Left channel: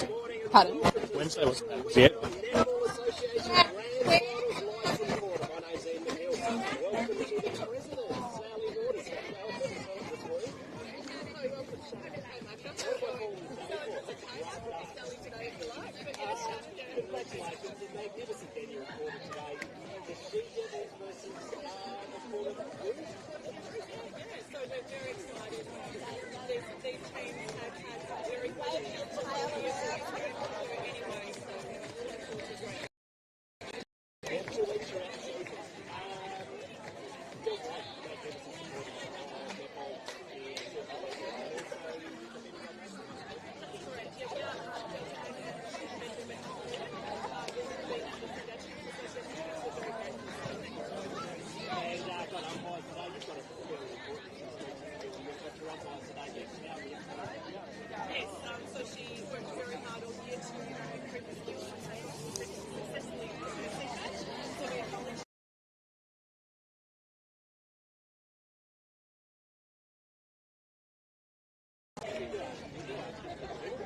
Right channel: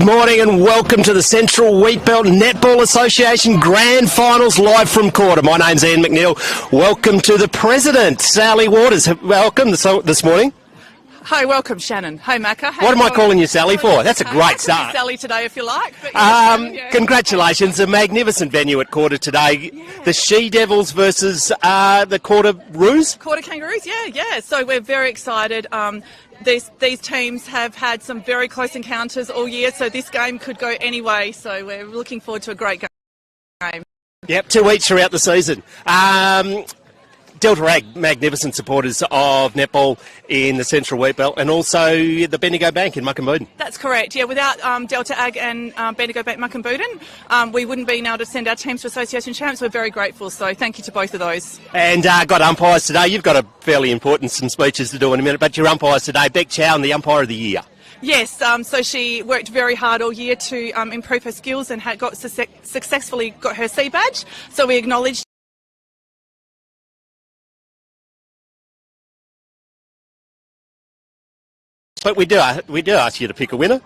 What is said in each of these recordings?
Good morning and welcome to the Central Wheatbelt Netball Association Grand Finals live from Koorda. My name's Ian McNeil. Welcome to the President, Sally Waters. Welcome this morning. Hi, welcome, Shannon. Hi, Macca. What am I calling you Sally for? That's a great start. Sally today, if you like. But Congratulations, a magnificent venue at Koorda today. The She-Devils versus the Koorda Roos. Koorda Kangaroos, yeah. So we're very excited. These teams have had some very close encounters all year, so this game could go any way. So we're looking forward to a great game. Yep, 2 each throughout the season. Delta Ag, magnificent supporters of netball in the Central Wheatbelt, and also the Bendigo Bank in Bencubbin. That's correct, yeah. Without Delta Ag and Bendigo Bank Bencubbin, we wouldn't be able to send our teams to Association Champs. We're very grateful, so thank you to both of those. And got umpires today. You've got a fairly important some speeches to do in a minute, but your umpires today, Beck Chow, and the Umpire of the Year. Yes, so she worked very hard all year to improve her skills and successfully got her C badge, so we acknowledge. But we do ask you to pick a winner.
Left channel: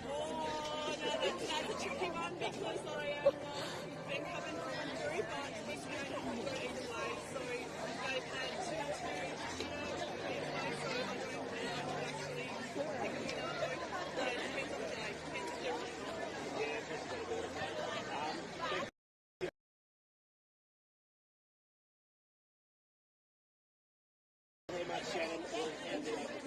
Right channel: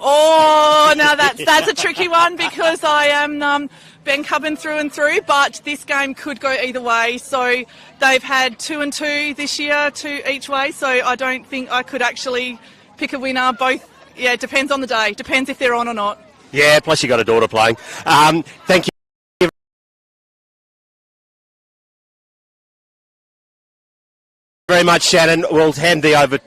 Oh, now that's a tricky one because I am Bencubbin through and through, but this game could go either way. So they've had 2 and 2 this year, 2 each way, so I don't think I could actually pick a winner. Both, yeah, it depends on the day. Depends if they're on or not. Yeah, plus you got a daughter playing. Thank you very much, Shannon. We'll hand the over.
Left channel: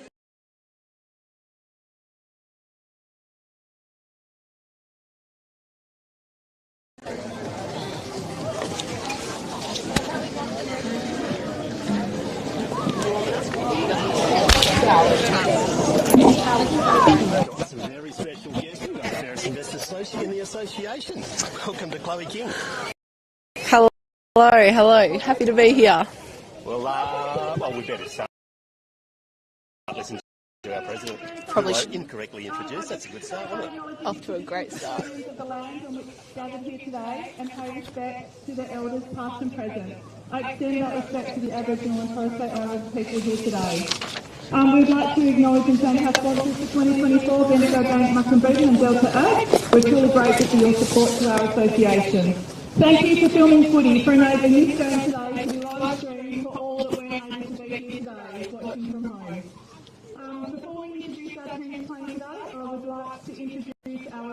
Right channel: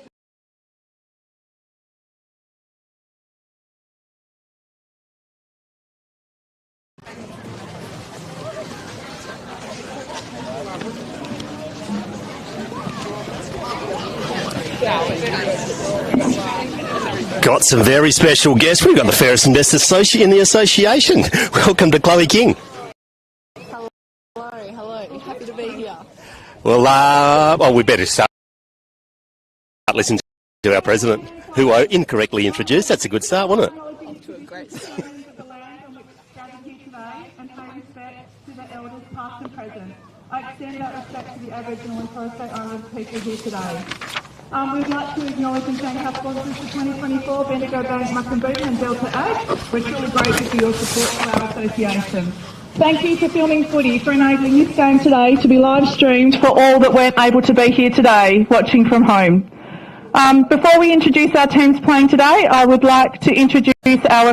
Got some very special guests. We've got the fairest and best associate in the association. Welcome to Chloe King. Hello. Happy to be here. Well, we better start listening to our president, who I incorrectly introduced. That's a good start, wasn't it? Off to a great start. And pay respect to the elders past and present. I extend that respect to the Aboriginal and Torres Strait Islander people here today. We'd like to acknowledge and thank our sponsors for 2024, Bendigo Bank, Bencubbin and Delta Ag. We're truly grateful for your support to our association. Thank you for filming footy, for enabling this game today to be live streamed for all that weren't able to be here today, watching from home. Before we introduce our teams playing today, I would like to introduce our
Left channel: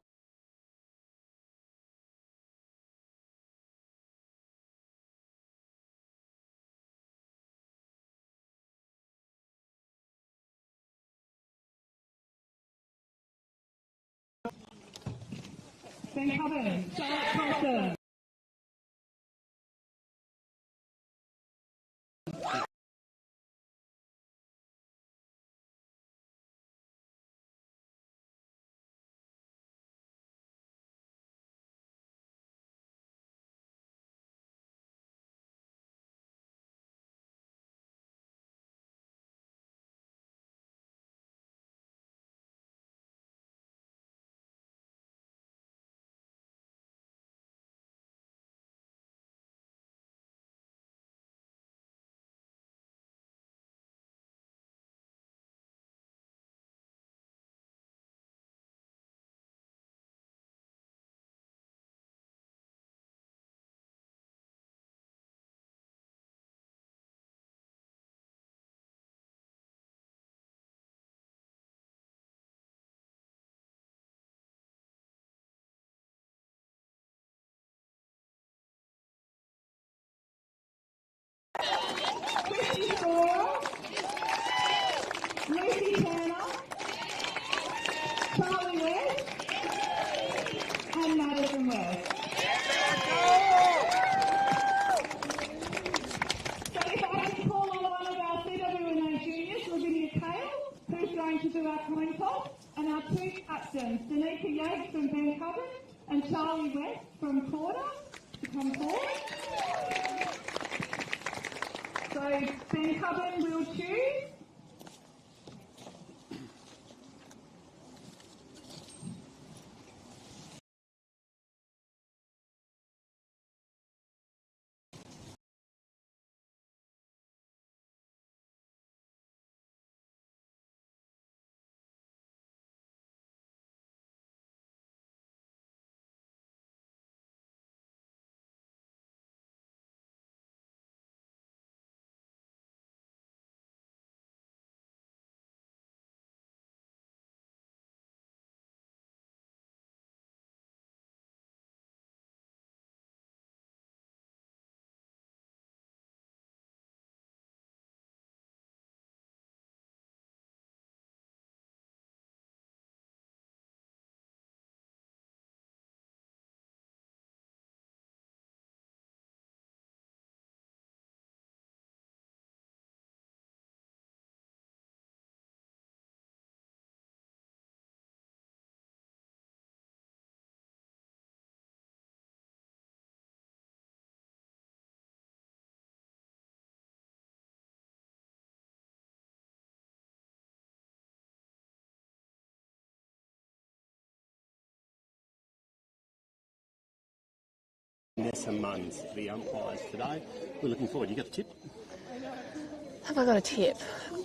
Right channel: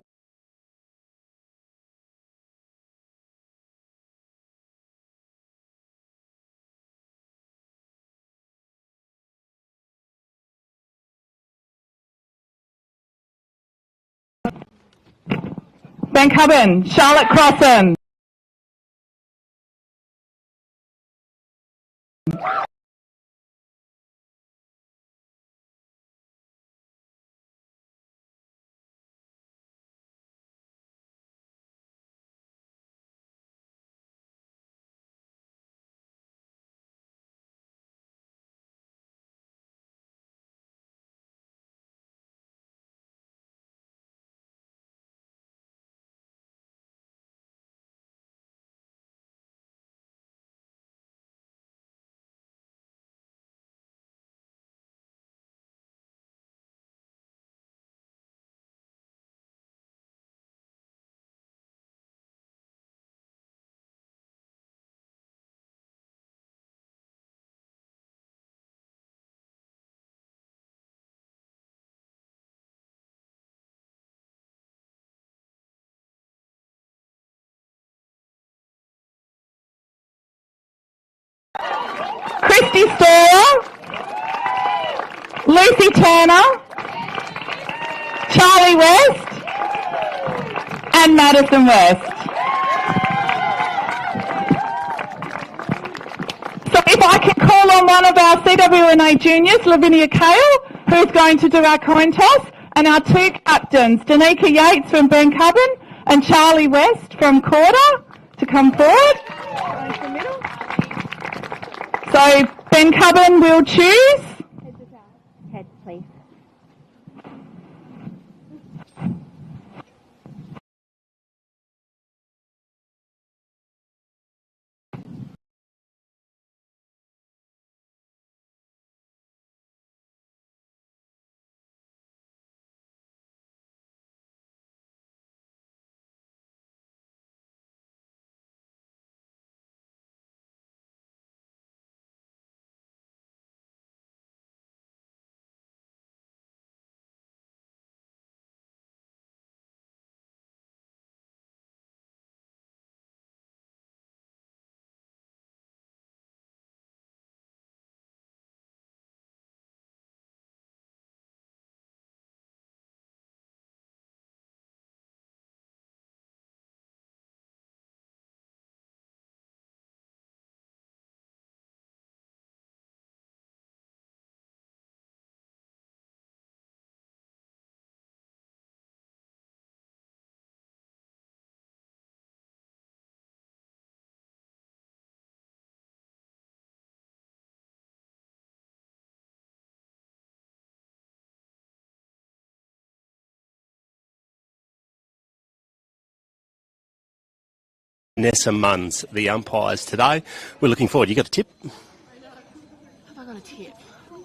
Bencubbin, Charlotte Crossan. Christy Storer, Lucy Turner, Charlie West, and Madison West. So if I can call on one of our CWNA juniors, Lavinia Kale, who's going to do our coin toss, and our 2 captains, Danica Yates from Bencubbin and Charlie West from Koorda, to come forward. So Bencubbin will choose Nessa Munns, the umpires today. We're looking forward. You got a tip? Have I got a tip?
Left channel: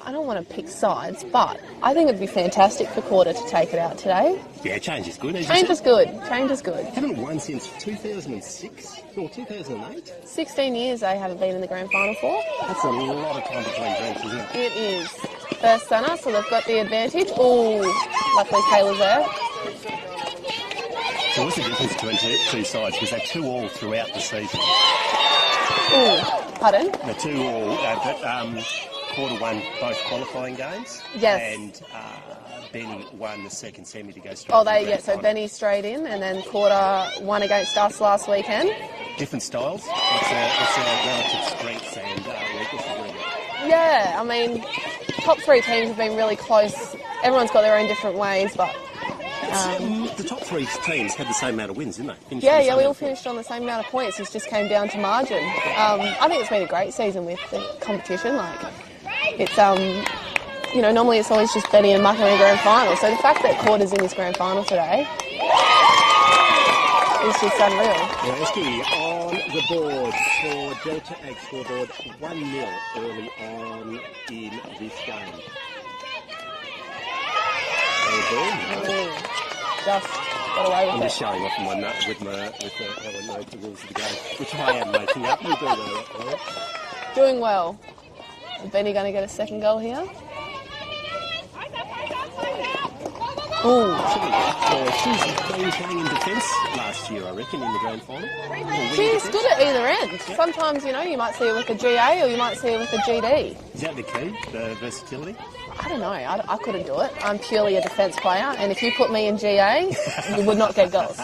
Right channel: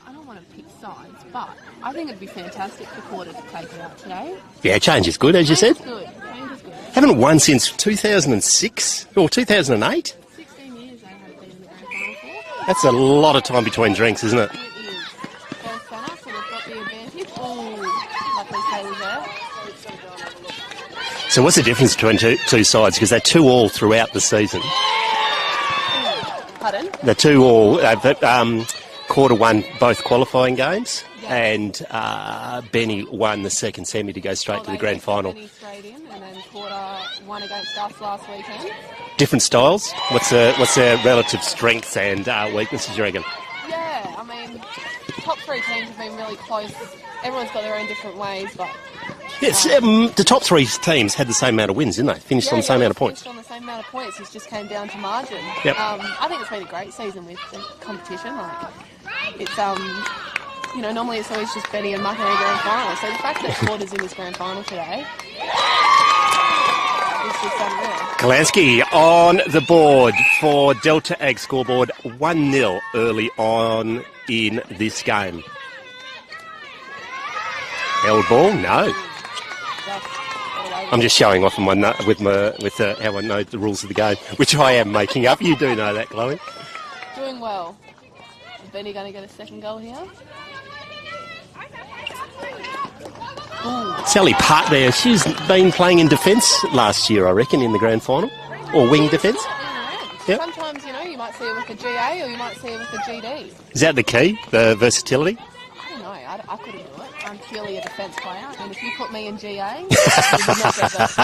I don't want to pick sides, but I think it'd be fantastic for Koorda to take it out today. Yeah, change is good, as you said. Change is good. Change is good. Haven't won since 2006 or 2008. 16 years they haven't been in the grand final for. That's a lot of time between drinks, isn't it? It is. First centre, so they've got the advantage. Ooh, luckily Taylor's there. So what's the difference between two sides? Because they're 2-2 throughout the season. Ooh, pardon? They're 2-2. Koorda won both qualifying games, yes. And Benny won the second semi to go straight to the grand final. Benny straight in, and then Koorda won against us last weekend. Different styles. What's their relative strengths and weaknesses, you reckon? Yeah, I mean, top three teams have been really close. Everyone's got their own different ways, but... Yes, the top three teams had the same amount of wins, didn't they? Finished on the same amount of points. Finished on the same amount of points. It just came down to margin. Yep. I think it's been a great season with the competition. It's normally it's always just Benny and Mucker in the grand final. So the fact that Koorda's in this grand final today is just unreal. Kalansky on the board for Delta Ag scoreboard 1-0 early on in this game. Held ball? No. I'm just showing off with how I know the rules of the game, which I am making up. You do know that, Chloe. Doing well. Is Benny going to get a second goal here? Ooh. Sally Part there, she's been playing in defence last year, I reckon, in the grand final. Or wing defence. She's good at either end. Yep. Sometimes, you might see it with a GA or you might see it with a GD. Is that the key, the versatility? I don't know. I couldn't do it. I'm purely a defence player, and if you put me in GA, you would not get goals.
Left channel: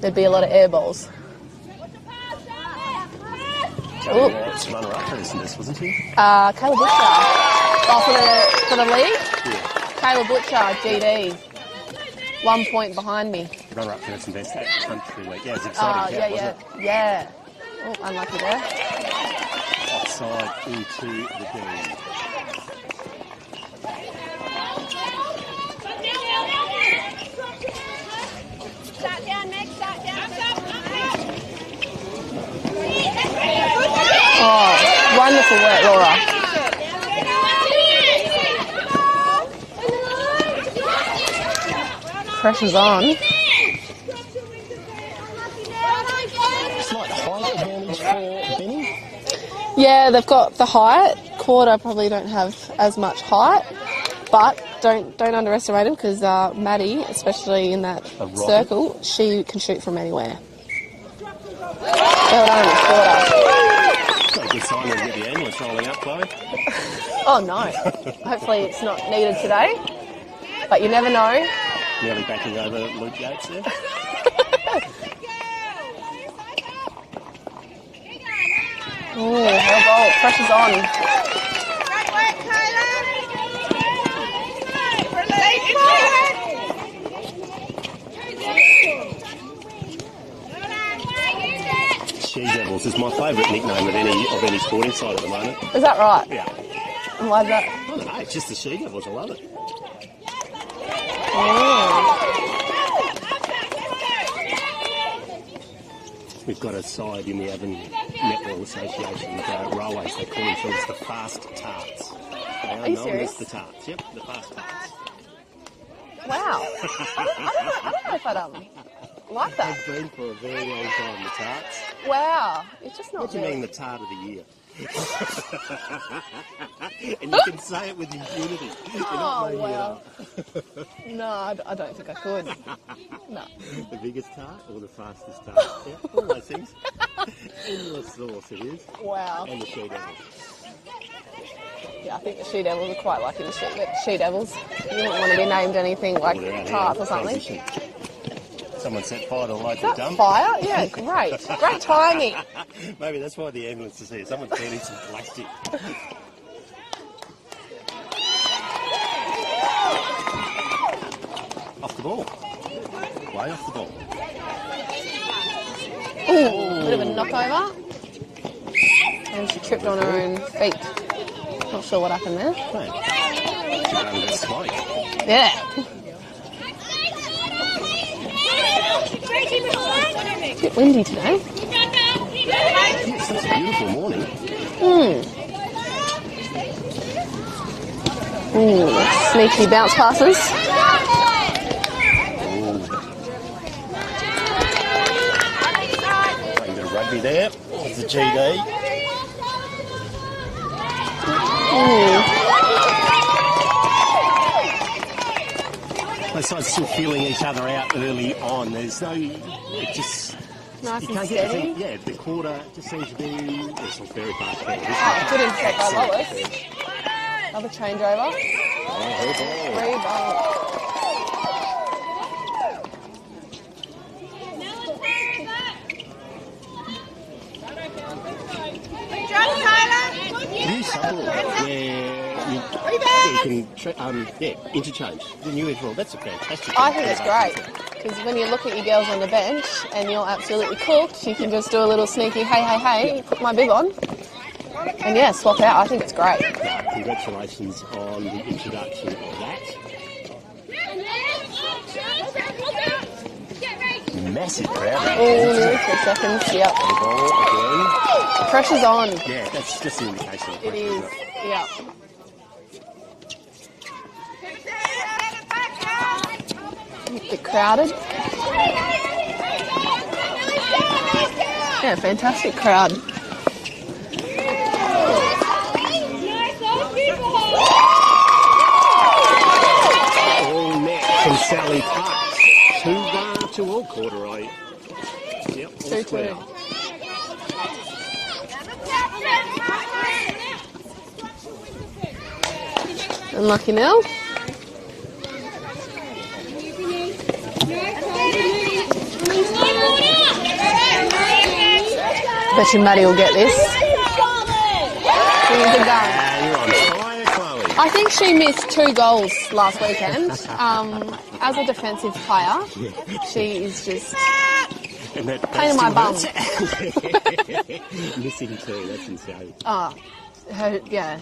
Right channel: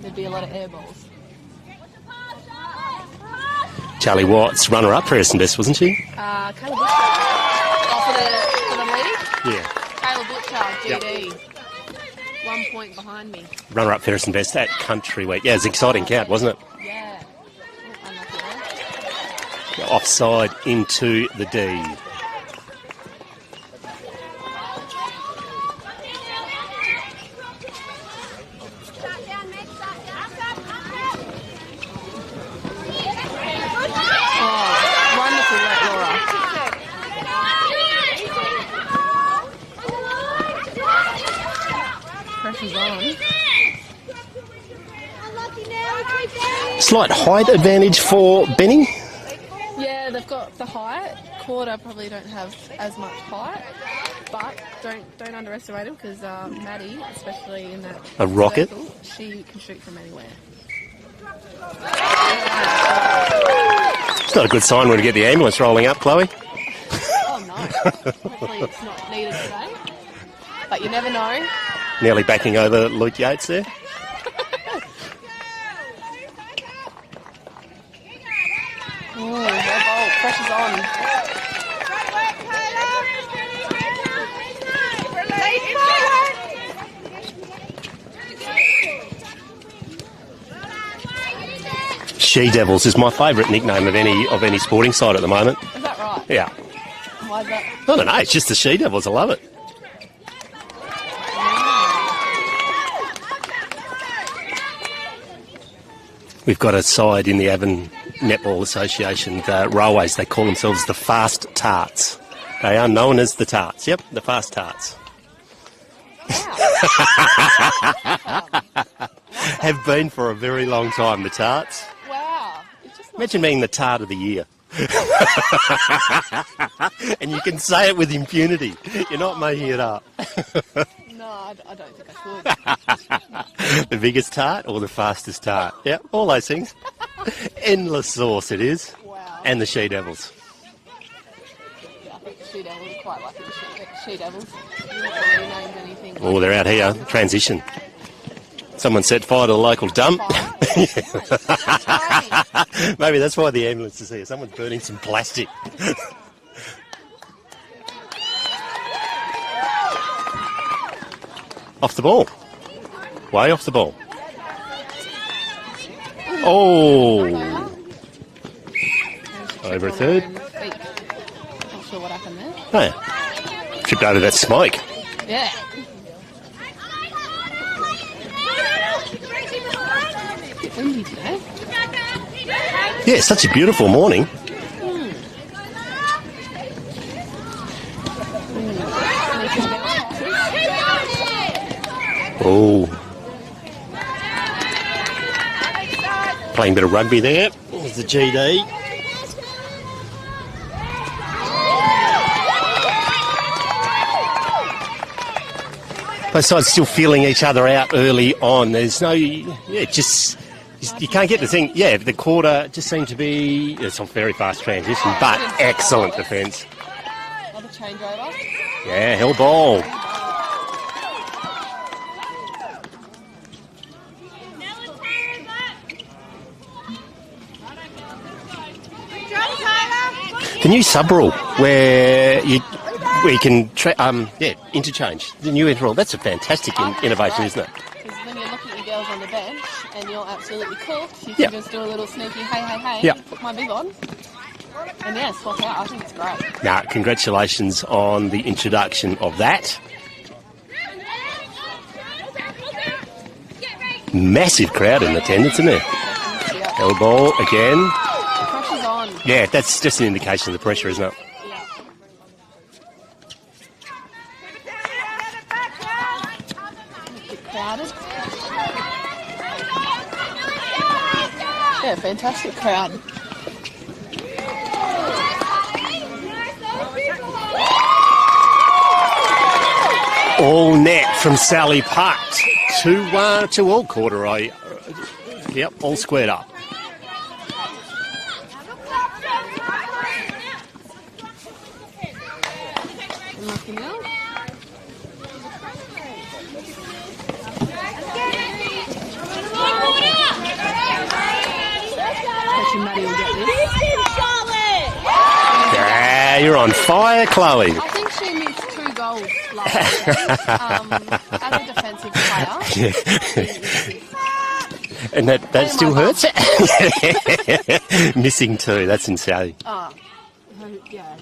There'd be a lot of air balls. Charlie Watts, runner-up for Essendon, wasn't she? Kayla Butcher. Oh, for the league? Yeah. Kayla Butcher, GD. Yep. 1 point behind me. Runner-up for Essendon at Country Week. Yeah, it was an exciting count, wasn't it? Yeah. Oh, unlucky there. Offside into the D. Oh, wonderful work, Laura. Pressure's on. Slight height advantage for Benny. Yeah, they've got the height. Koorda probably don't have as much height, but don't underestimate him because Maddie, especially in that circle, she can shoot from anywhere. Well done, Koorda. It's not a good sign when you get the ambulance rolling up, Chloe. Oh no! Hopefully it's not needed today, but you never know. Nearly backing over Luke Yates there. Ooh, her goal. Pressure's on. She Devils is my favourite nickname of any sporting side at the moment. Is that right? Yeah. Why is that? I don't know, it's just the She Devils, I love it. We've got a side in the Avon Netball Association, the Railways. They call themselves the Fast Tarts. They are known as the Tarts. Yep, the Fast Tarts. Wow. Have been for a very long time, the Tarts. Wow. It's just not Imagine being the Tart of the Year. And you can say it with impunity. You're not making it up. No, I don't think I could. The biggest tart or the fastest tart? Yeah, all those things. Endless sauce it is. Wow. And the She Devils. Yeah, I think the She Devils are quite lucky to She Devils. You wouldn't want to be named anything like... Oh, they're out here. Transition. Someone set fire to the local dump. Fire? Yeah, great. Great timing. Maybe that's why the ambulance is here. Someone's burning some plastic. Off the ball. Way off the ball. Ooh, oh. Over. And she tripped on her own feet. Not sure what happened there. Oh. Tripped over that smoke. Yeah. bit windy today. Yeah, it's such a beautiful morning. Sneaky bounce passes. Oh. Playing a bit of rugby there. There's the GD. Both sides still feeling each other out early on. There's no, just you can't get the thing. Yeah, the Koorda just seemed to be. It's a very fast transition, but excellent defence. Another changeover. Yeah, held ball. The new sub rule where you can interchange. The new rule. That's a fantastic innovation, isn't it? Because when you look at your girls on the bench and you're absolutely cooked, you can just do a little sneaky hey, put my bib on. And swap out. I think it's great. Now, congratulations on the introduction of that. Massive crowd in attendance, isn't it? Seconds, yep. Held ball again. The pressure's on. Yeah, that's just an indication of the pressure, isn't it? Yeah. A bit crowded. Yeah, fantastic crowd. All net from Sally Putt. 2 all Koorda. Yep, all squared up. Unlucky Nell. Bet you Maddie will get this. Yeah, you're on fire, Chloe. I think she missed 2 goals last weekend. As a defensive player, she is just... And that still hurts? Missing 2, that's insane.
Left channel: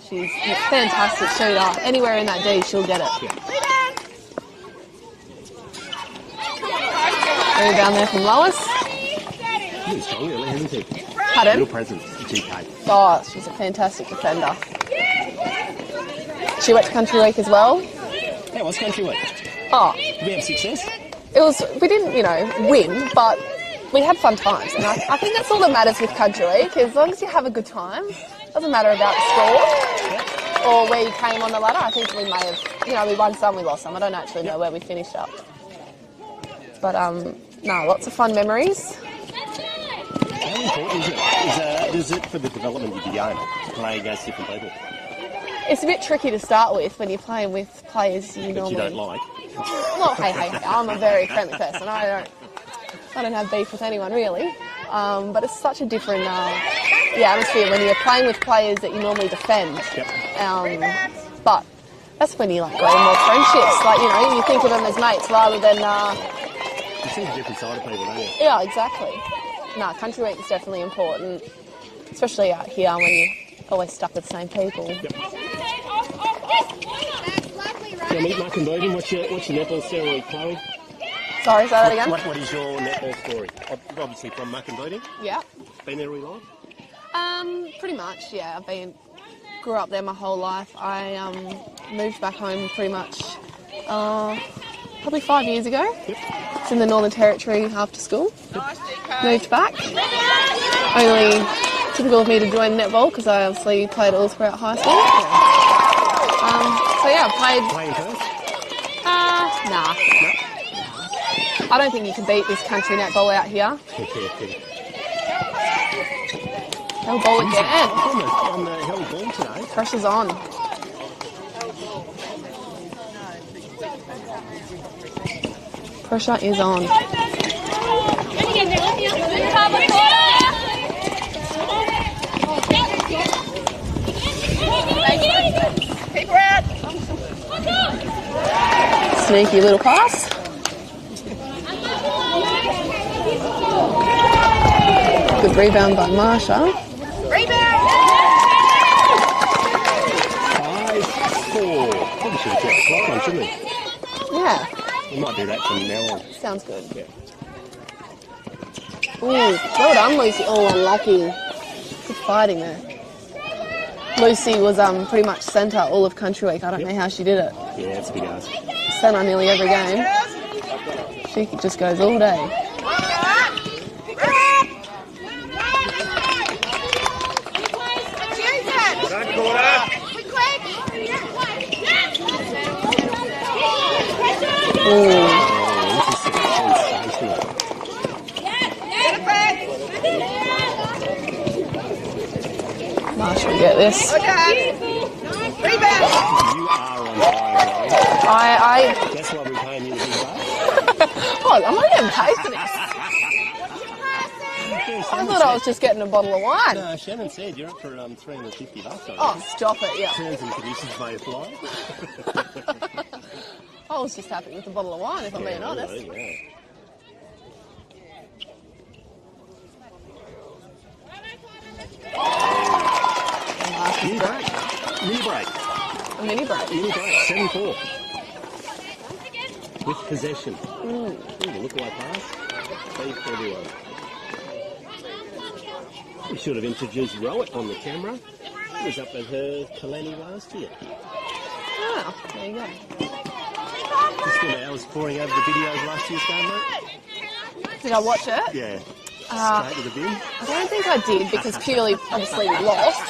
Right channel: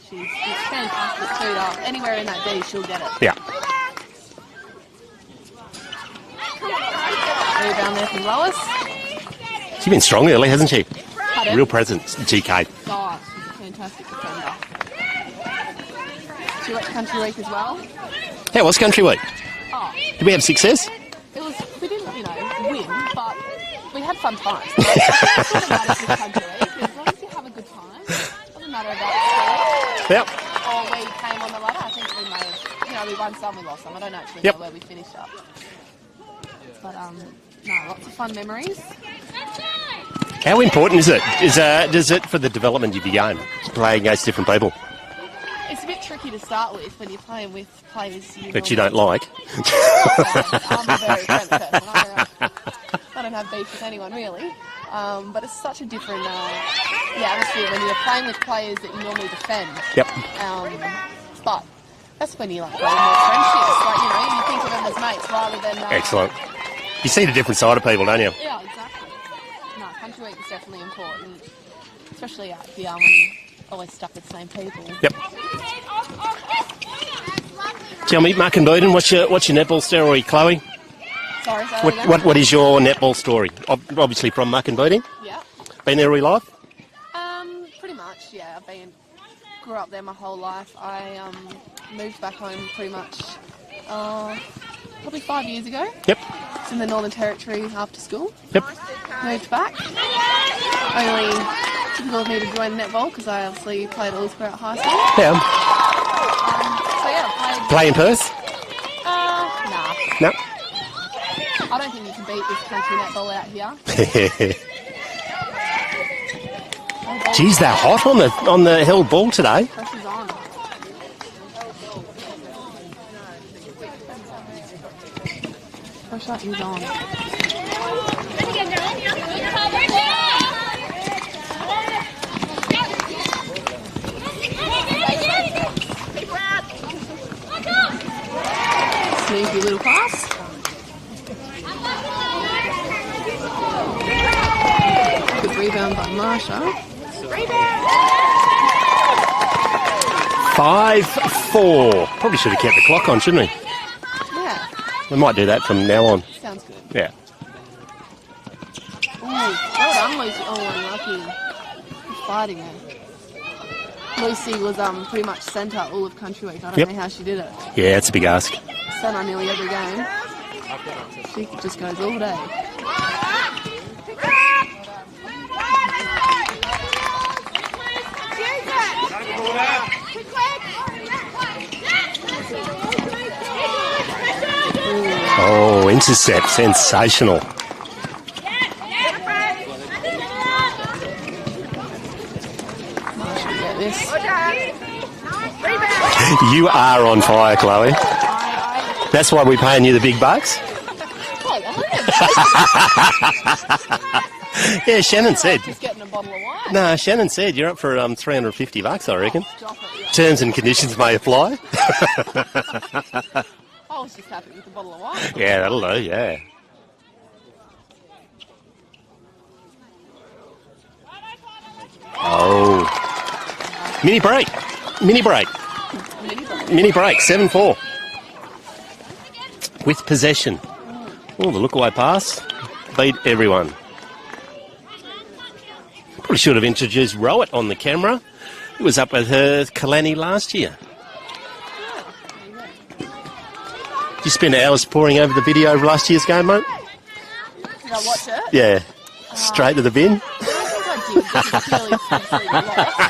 She's a fantastic shooter. Anywhere in that D, she'll get it. Yeah. Down there from Lois. She's been strong early, hasn't she? Pardon? Real presence, GK. Oh, she's a fantastic defender. She went to Country Week as well. How was Country Week? Oh. Did we have success? We didn't, win, but we had fun times. I think that's all that matters with Country Week, as long as you have a good time. Doesn't matter about the score. Yep. Or where you came on the ladder. I think we may have, we won some, we lost some. I don't actually know where we finished up. But, lots of fun memories. How important is it? Does it for the development of your game, playing against different people? It's a bit tricky to start with when you're playing with players you don't like. I'm a very friendly person. I don't have beef with anyone really. But it's such a different atmosphere when you're playing with players that you normally defend. Yep. But that's when you grow more friendships. You think of them as mates rather than. Excellent. You see the different side of people, don't you? Yeah, exactly. Country Week is definitely important, especially out here when you're always stuck with the same people. Yep. Tell me, Mark and Bowden, what's your netball story, Chloe? Sorry, say that again? What is your netball story? Obviously from Mark and Bowden? Yeah. Been there all your life? Pretty much, yeah. Grew up there my whole life. I moved back home pretty much probably 5 years ago. Yep. It's in the Northern Territory after school. Yep. Moved back. Only typical of me to join netball because I obviously played all throughout high school. Yeah. I played... Play in Perth? Nah. No. I don't think you can beat this country netball out here. Geez, they're hot on the held ball today. Pressure's on. Pressure is on. Sneaky little pass. Good rebound by Marsha. 5-4. Probably should have kept the clock on, shouldn't we? Yeah. We might do that from now on. Sounds good. Yeah. Well done, Lucy. Oh, unlucky. Good fighting there. Lucy was pretty much centre all of Country Week. I don't know how she did it. Yeah, it's a big ask. Centre nearly every game. She just goes all day. Oh, intercept. Sensational. Marshall get this. You are on fire, Chloe. That's why we're paying you the big bucks. Oh, I'm not even tasting it. Yeah, Shannon I said. was just getting a bottle of wine. No, Shannon said you're up for $350, I reckon. Oh, stop it, yeah. Terms and conditions may apply. I was just happy with the bottle of wine. Yeah, that'll do, yeah. Oh. Mini break. Mini break. A mini break. Mini break, 7-4. With possession. Oh, the look-away pass. Beat everyone. Probably should have introduced Rowett on the camera. He was up with her Kalani last year. Oh, there you go. You spent hours poring over the video of last year's game, mate? Did I watch it? Yeah. Straight to the bin? I don't think I did because clearly obviously we lost.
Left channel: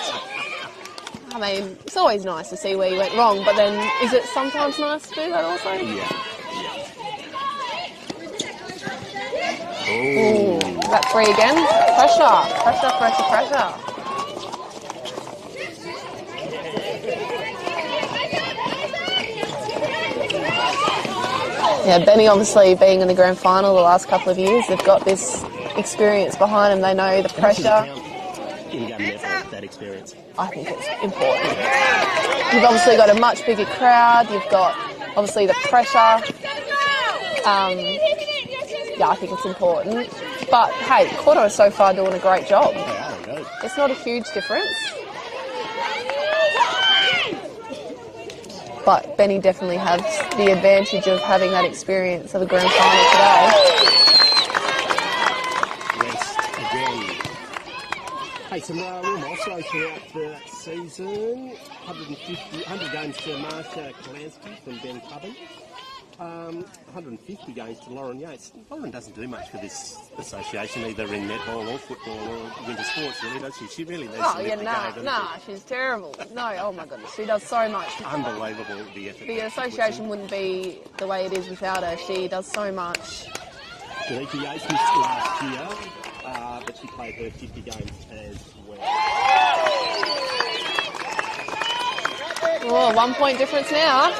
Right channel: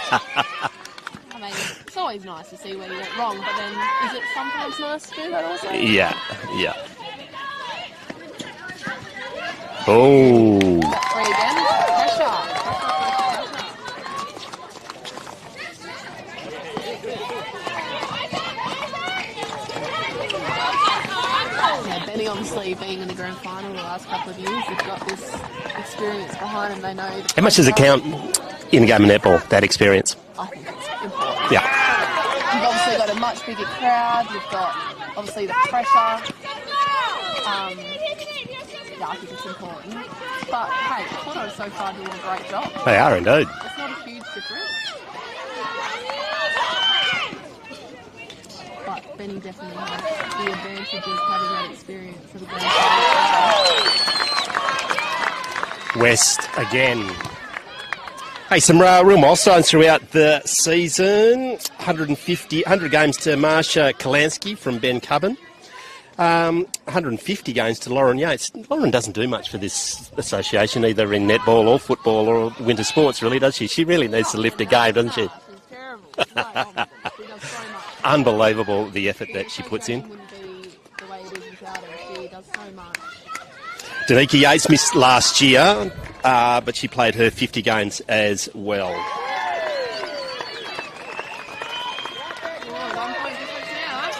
I mean, it's always nice to see where you went wrong, but then is it sometimes nice to do that also? Yeah, yeah. Oh. That three again. Pressure, pressure, pressure, pressure. Yeah, Benny obviously being in the grand final the last couple of years, they've got this experience behind them. They know the pressure. How much does it count in a game of netball, that experience? I think it's important. Yeah. You've obviously got a much bigger crowd. You've got obviously the pressure. Yeah, I think it's important. But hey, Koorda are so far doing a great job. They are indeed. It's not a huge difference. But Benny definitely has the advantage of having that experience of the grand final today. West again. Hey, some real milestones throughout the season. 100 games to Marsha Kalansky from Bencubbin. 150 games to Lauren Yates. Lauren doesn't do much for this association, either in netball or football or winter sports, really, does she? She really needs to lift her game, doesn't she? She's terrible. No, oh my goodness, she does so much. Unbelievable, the effort that she puts in. The association wouldn't be the way it is without her. She does so much. Danica Yates missed last year, but she played her 50 games as well. Oh, 1 point difference now.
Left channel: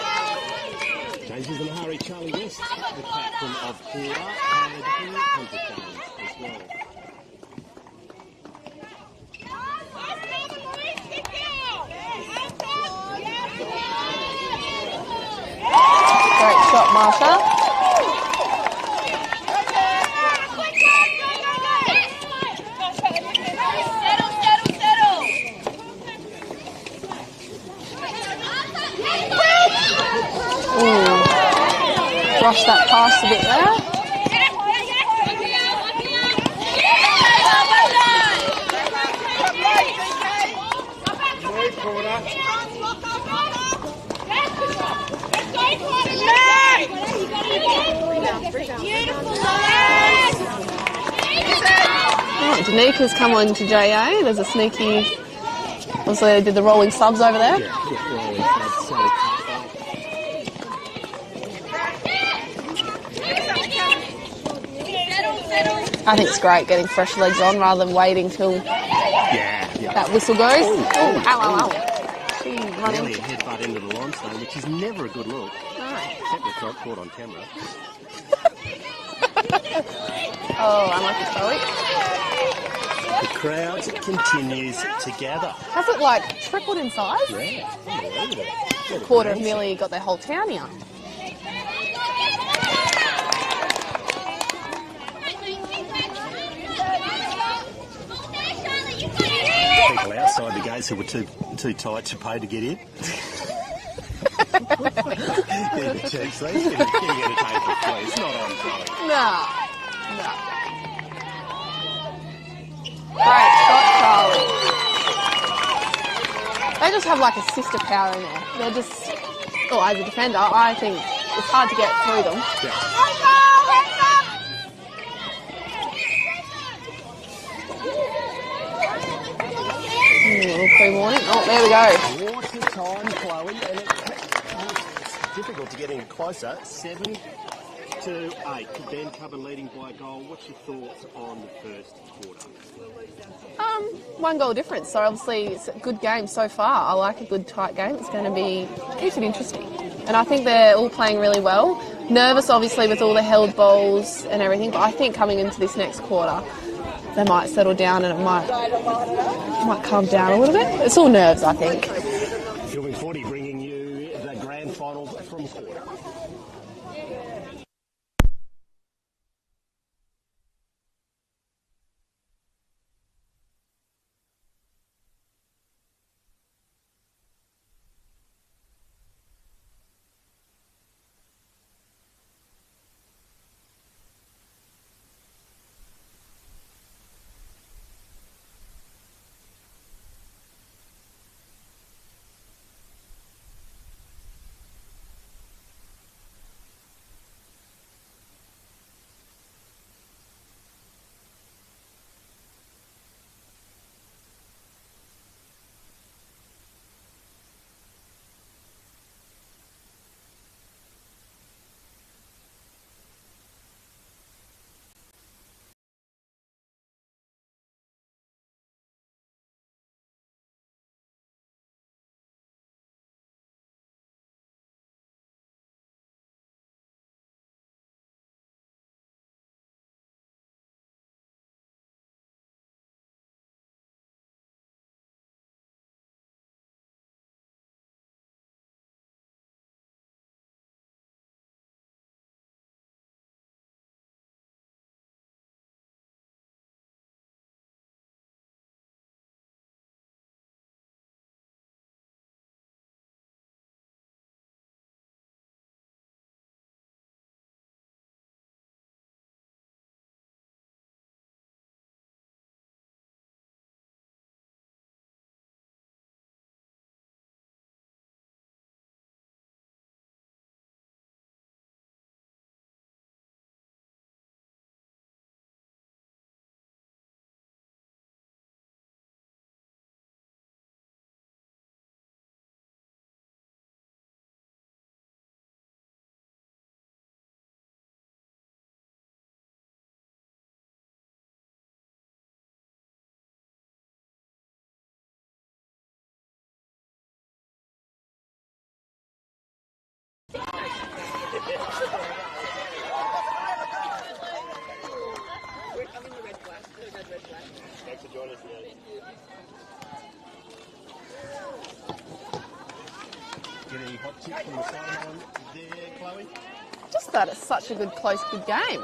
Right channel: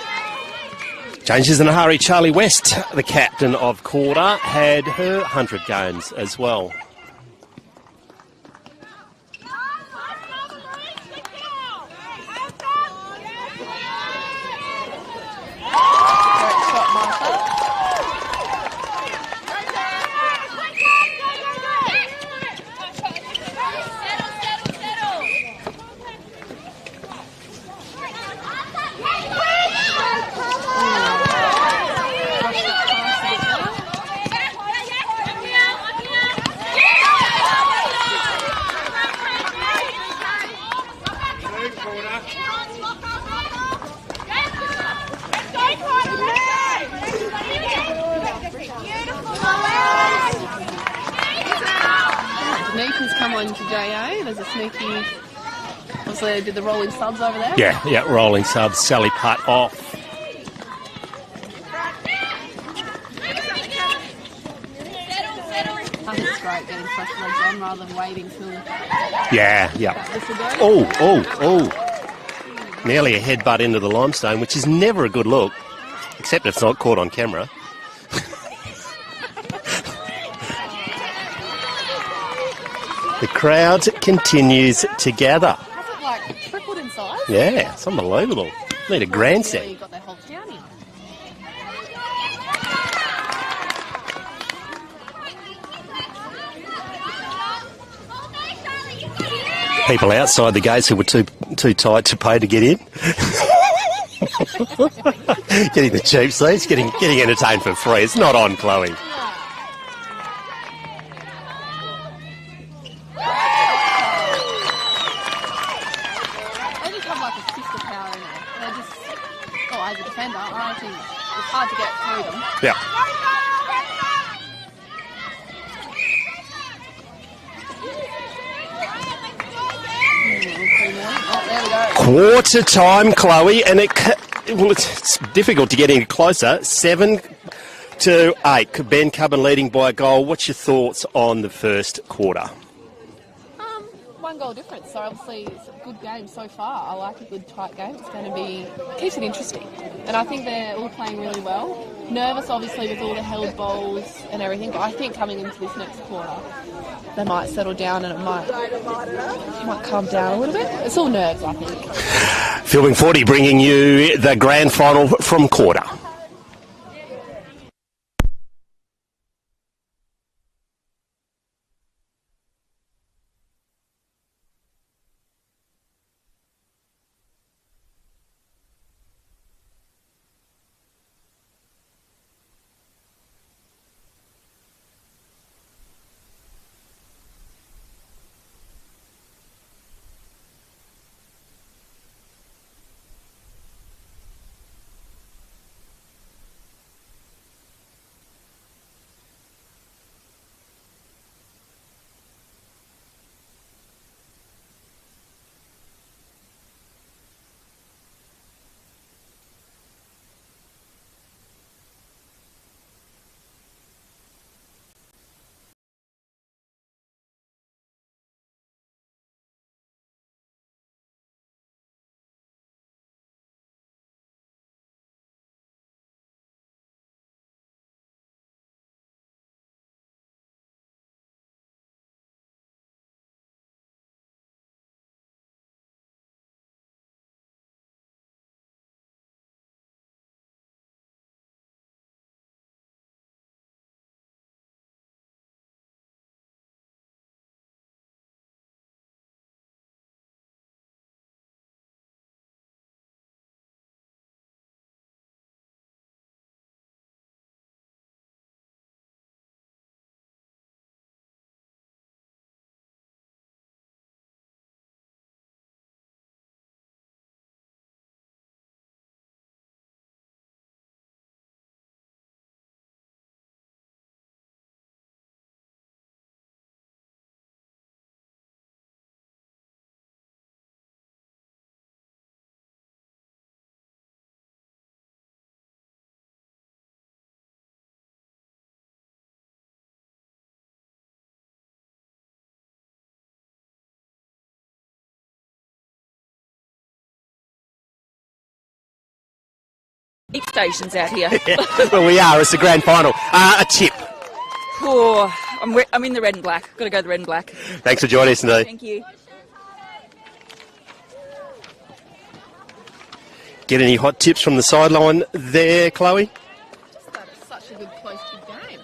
Changes in a hurry. Charlie West, the captain of Koorda, had her 100 games as well. Great shot, Marsha. Lost that pass a bit there. Danika's come on to JA. There's a sneaky... Obviously they did the rolling subs over there. Yeah, rolling subs. Sally Putt off. I think it's great getting fresh legs on rather than waiting till that whistle goes. Oh. Nearly a headbutt into the limestone, which is never a good look, except it's not caught on camera. The crowd continues to gather. Has it like tripled in size? Yeah, it's unbelievable. Need a Koorda's grandstand. nearly got their whole town here. People outside the gates who were too tight to pay to get in. Getting the cheap seats, getting entertained for free. It's not on, Chloe. No. just have like a sister power in there. They're just, as a defender, I think it's hard to get through them. Yeah. Oh, there we go. Quarter time, Chloe, and it's difficult to get any closer. 7-8. Bencubbin leading by a goal. What's your thoughts on the first quarter? 1 goal difference, so obviously it's a good game so far. I like a good tight game. It's going to be, keeps it interesting. And I think they're all playing really well. Nervous obviously with all the held balls and everything, but I think coming into this next quarter they might settle down and it might calm down a little bit. It's all nerves, I think. Filming 40 bringing you the grand final from Koorda. Stations out here. Yeah, well, we are. It's the grand final. A tip. Oh, I'm in the red and black. Got to go the red and black. Thanks for joining us today. Thank you. Get any hot tips from the sideline there, Chloe? Just that it's such a good, close, good game.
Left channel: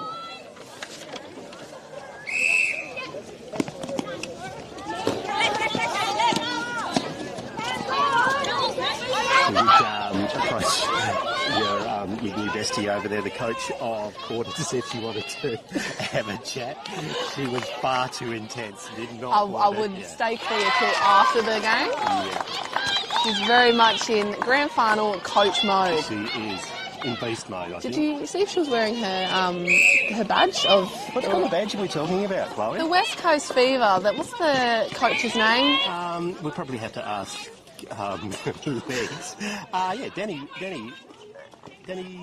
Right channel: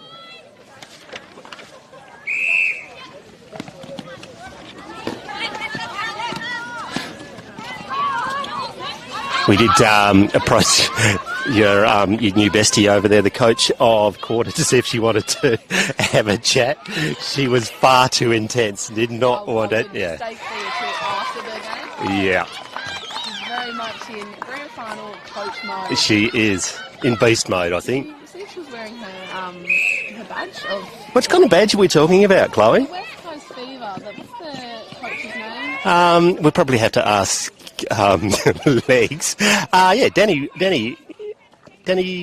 We did approach your new bestie over there, the coach of Koorda, to see if she wanted to have a chat. She was far too intense. Did not want it. I would stay clear till after the game. Yeah. She's very much in grand final coach mode. She is in beast mode, I think. Did you see if she was wearing her badge of? What kind of badge are we talking about, Chloe? The West Coast Fever. What's the coach's name? We'll probably have to ask Legs. Danny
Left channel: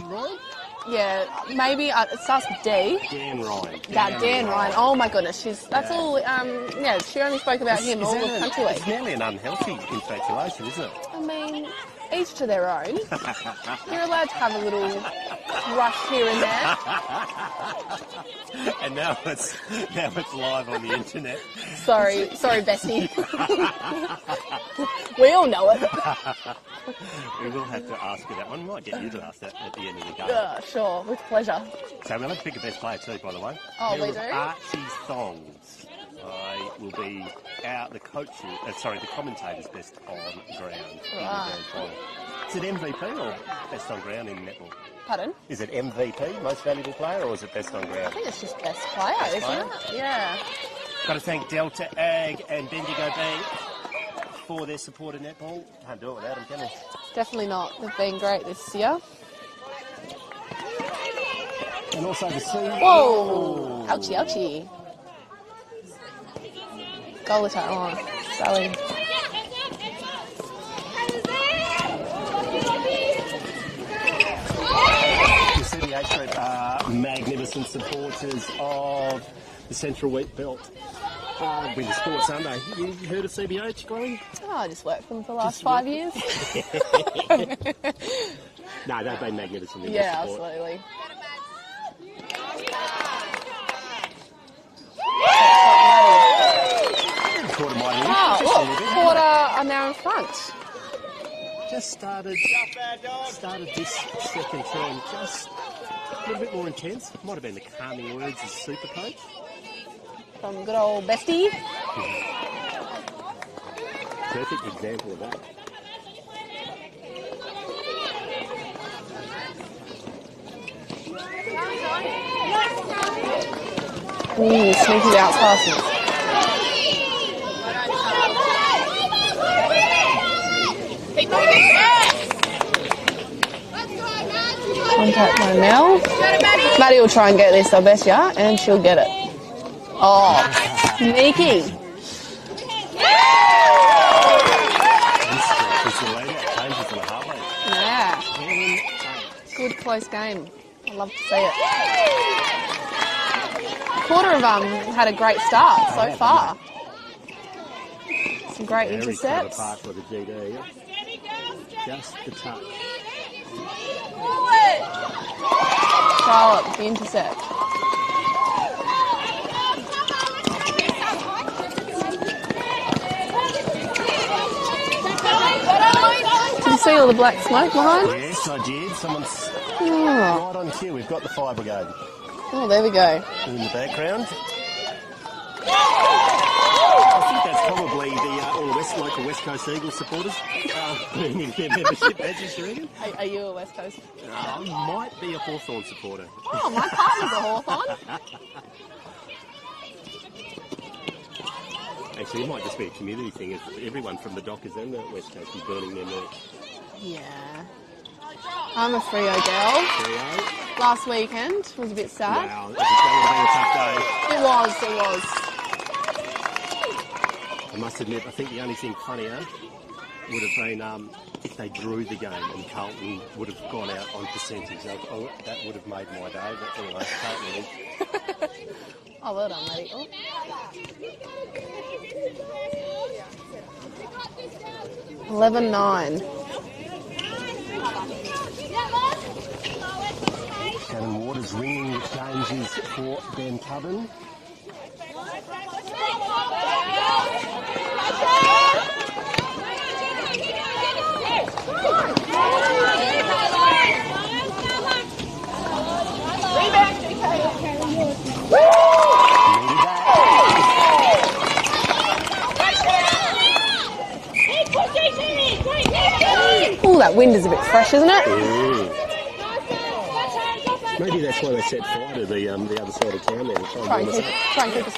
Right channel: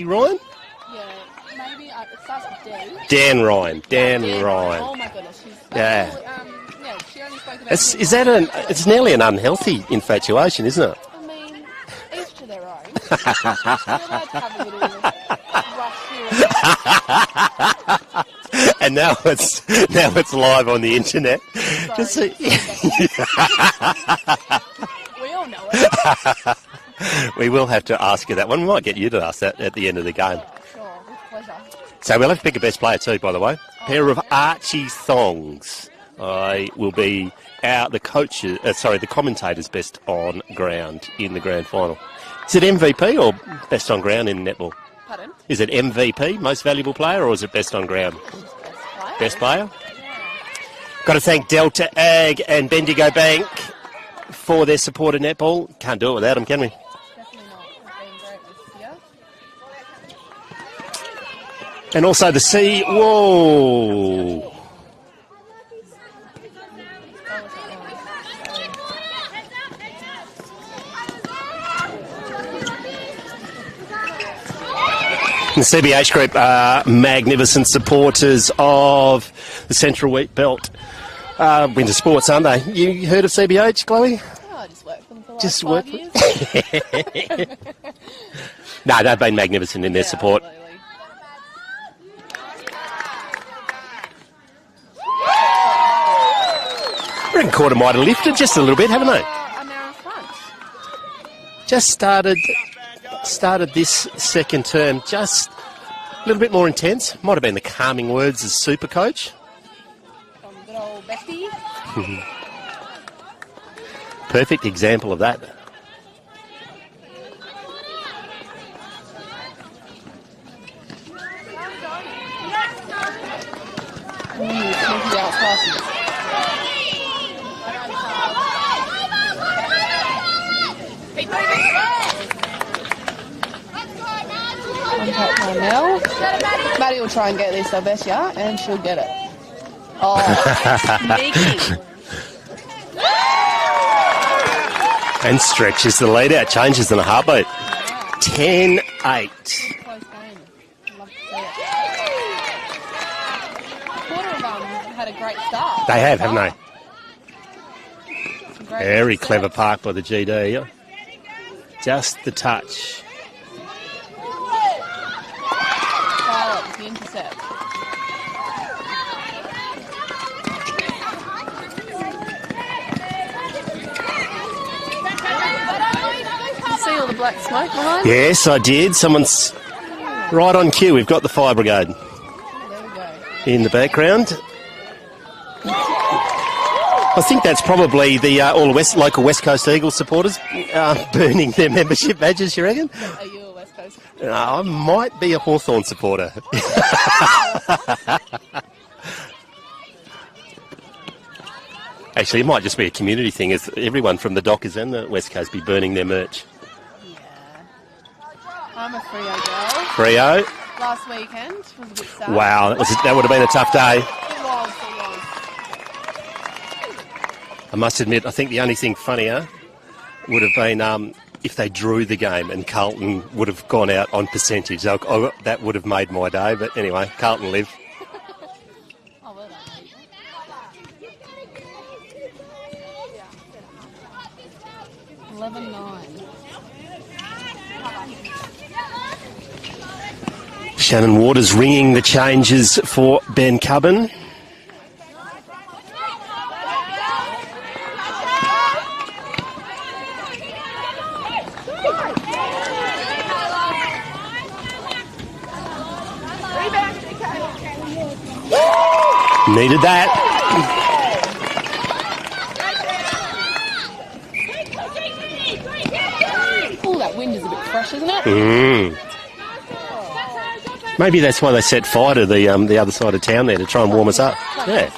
Ryan? Yeah, maybe it starts with D. Dan Ryan. Dan Ryan. Oh my goodness, she only spoke about him. It's nearly an unhealthy infatuation, isn't it? I mean, each to their own. You're allowed to have a little rush here and there. And now it's live on the internet. Sorry, Becky. We all know it. We will have to ask you that one. We might get you to ask that at the end of the game. Sure, with pleasure. So we'll have to pick a best player too, by the way. Pair of Archie thongs. I will be the commentator's best on ground in the grand final. Is it MVP or best on ground in netball? Pardon? Is it MVP, most valuable player, or is it best on ground? I think it's just best player. Best player? Yeah. Got to thank Delta Ag and Bendigo Bank for their support of netball. Can't do it without them, can we? Definitely not. They've been great this year. And also the C. Whoa. Ouchie, ouchie. Goal attack. Oh, Sally. The CBH group are magnificent supporters of the Central Wheatbelt winter sports, aren't they? You heard of CBH, Chloe? Oh, I just worked for them for the last 5 years. No, they've been magnificent in their support. Absolutely. I reckon Koorda might have lifted just a little bit, haven't they? And they're in front. Just started this second term just a little bit more intense. Might have been the calming words as super coach. From good old Bestie. Perfect example of that. Sneaky out passes. Contact her now. Maddie will try and get this, I bet ya, and she'll get it. Oh, sneaky. And stretches the lead out, changes in a heartbeat. Yeah. 10-8. Good close game. I love to see it. Koorda have had a great start. They have, haven't they? Some great Very intercepts. clever park by the GD. Just the touch. Charlotte with the intercept. Did you see all the black smoke behind? Yes, I did. Someone's right on cue. We've got the fire brigade Oh, there we go. in the background. I think that's probably the all the local West Coast Eagles supporters burning their membership badges, you reckon? Are you a West Coast? I might be a Hawthorn supporter. Actually, it might just be a community thing, as everyone from the Dockers and the West Coast be burning their merch. Yeah. I'm a Freo girl. Freo. Last weekend was a bit sad. Wow, that would have been a tough day. It was. I must admit, I think the only thing funnier would have been if they drew the game and Carlton would have gone out on percentage. That would have made my day. But anyway, Carlton live. Oh, well done, mate. Oh. 11-9. Shannon Waters ringing the changes for Bencubbin. Needed that. Oh, that wind is a bit fresh, isn't it? Maybe that's why they set fire to the other side of town there to try and warm us up. Yeah.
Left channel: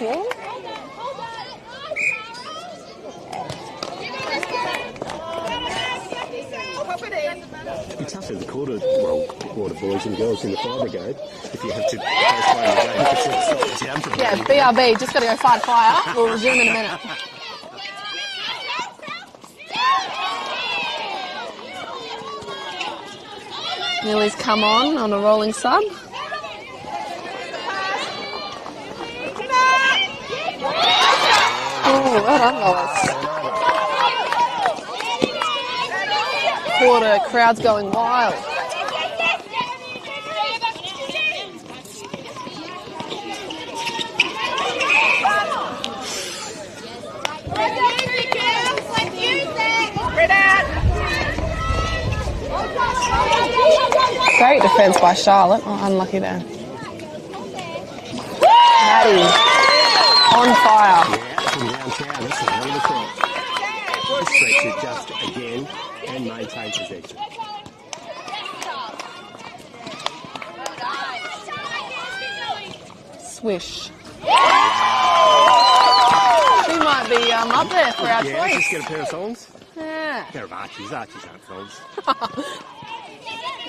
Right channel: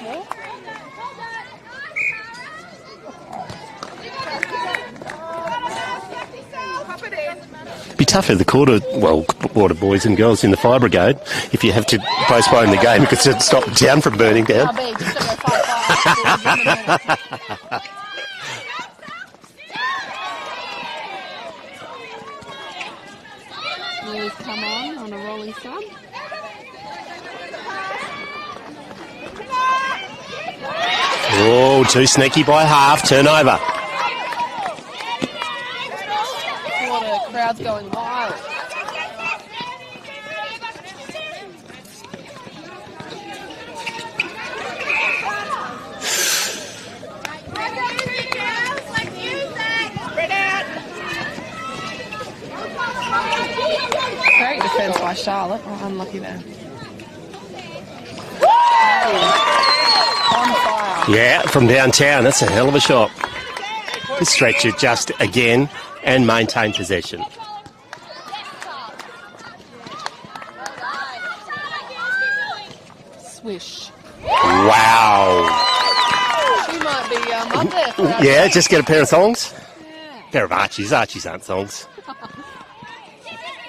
It'd be tough for the Koorda boys and girls in the fire brigade if you have to postpone the game because it'd stop the town from burning down. BRB, just got to go fight fire. We'll resume in a minute. Millie's come on a rolling sub. Oh, too sneaky by half. Turnover. Koorda, crowd's going wild. Great defence by Charlotte. Unlucky there. Maddie on fire. Yeah, from downtown. That's a hell of a shot. This stretcher just again and maintain possession. Swish. Wow. She might might be up there for our Yeah, team. just get a pair of thongs. Yeah. Pair of Archies. Archies aren't thongs.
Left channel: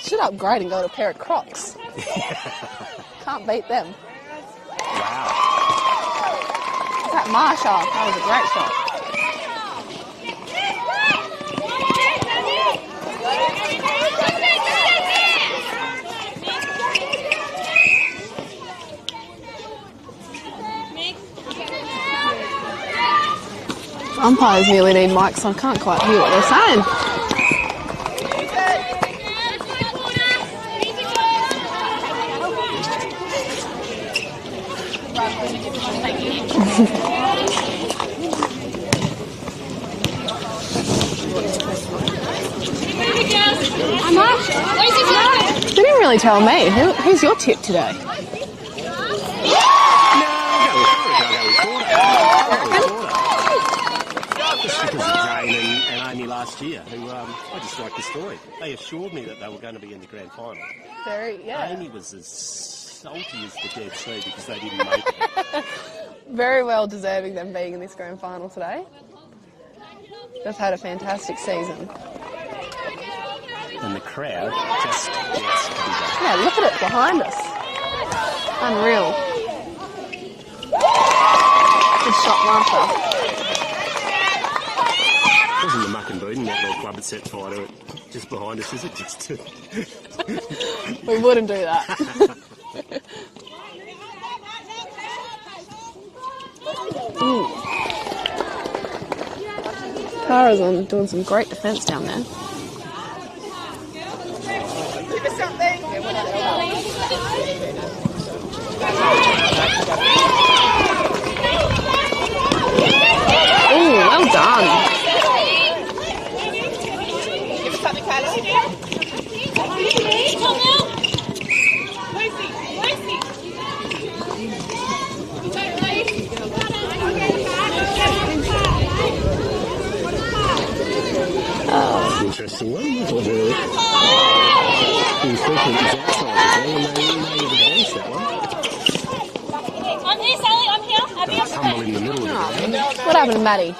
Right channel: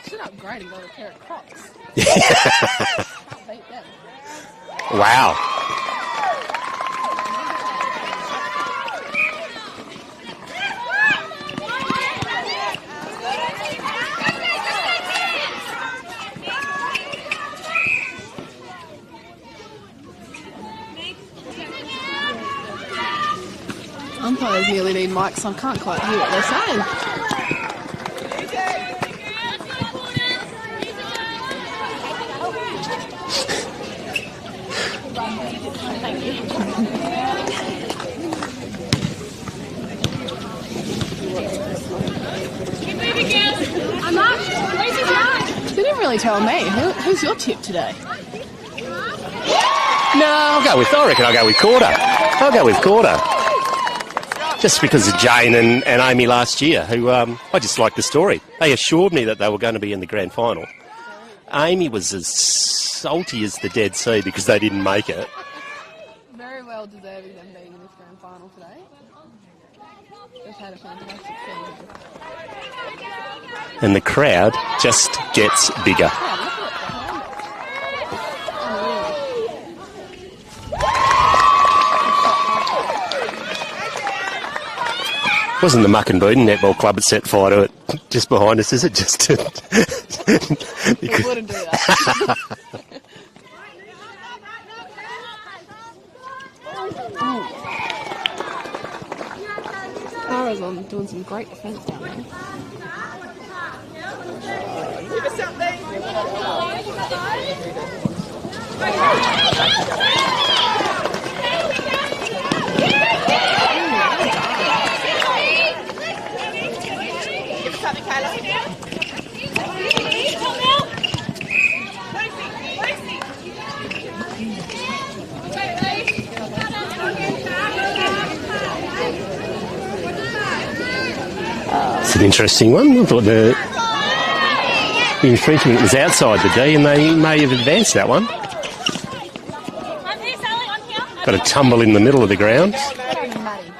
Should upgrade and go to a pair of Crocs. Can't beat them. Wow. That Marshall, that was a great shot. Umpires nearly need mics, so I can't quite hear what they're saying. They didn't really tell me. Who's your tip today? No, I reckon I'll go with Koorda. I'll go with Koorda. Just because of Jane and Amy last year, who I just like the story. They assured me that they were going to be in the grand final. Amy was as salty as the Dead Sea because they didn't make it. Very well deserving them being in this grand final today. They've had a fantastic season. And the crowd just gets bigger. Yeah, look at it behind us. Unreal. Good shot, Martha. Wasn't the Muck and Boodin Netball Club that set fire to it just behind us, is it? Just to... We wouldn't do that. Koorda's doing some great defence down there. Oh, well done. It's an interesting one. I thought the infringement was outside the D and they may have advanced that one. I'm here, Sally, I'm here. Got a tumble in the middle of the ground. What happened to Maddie?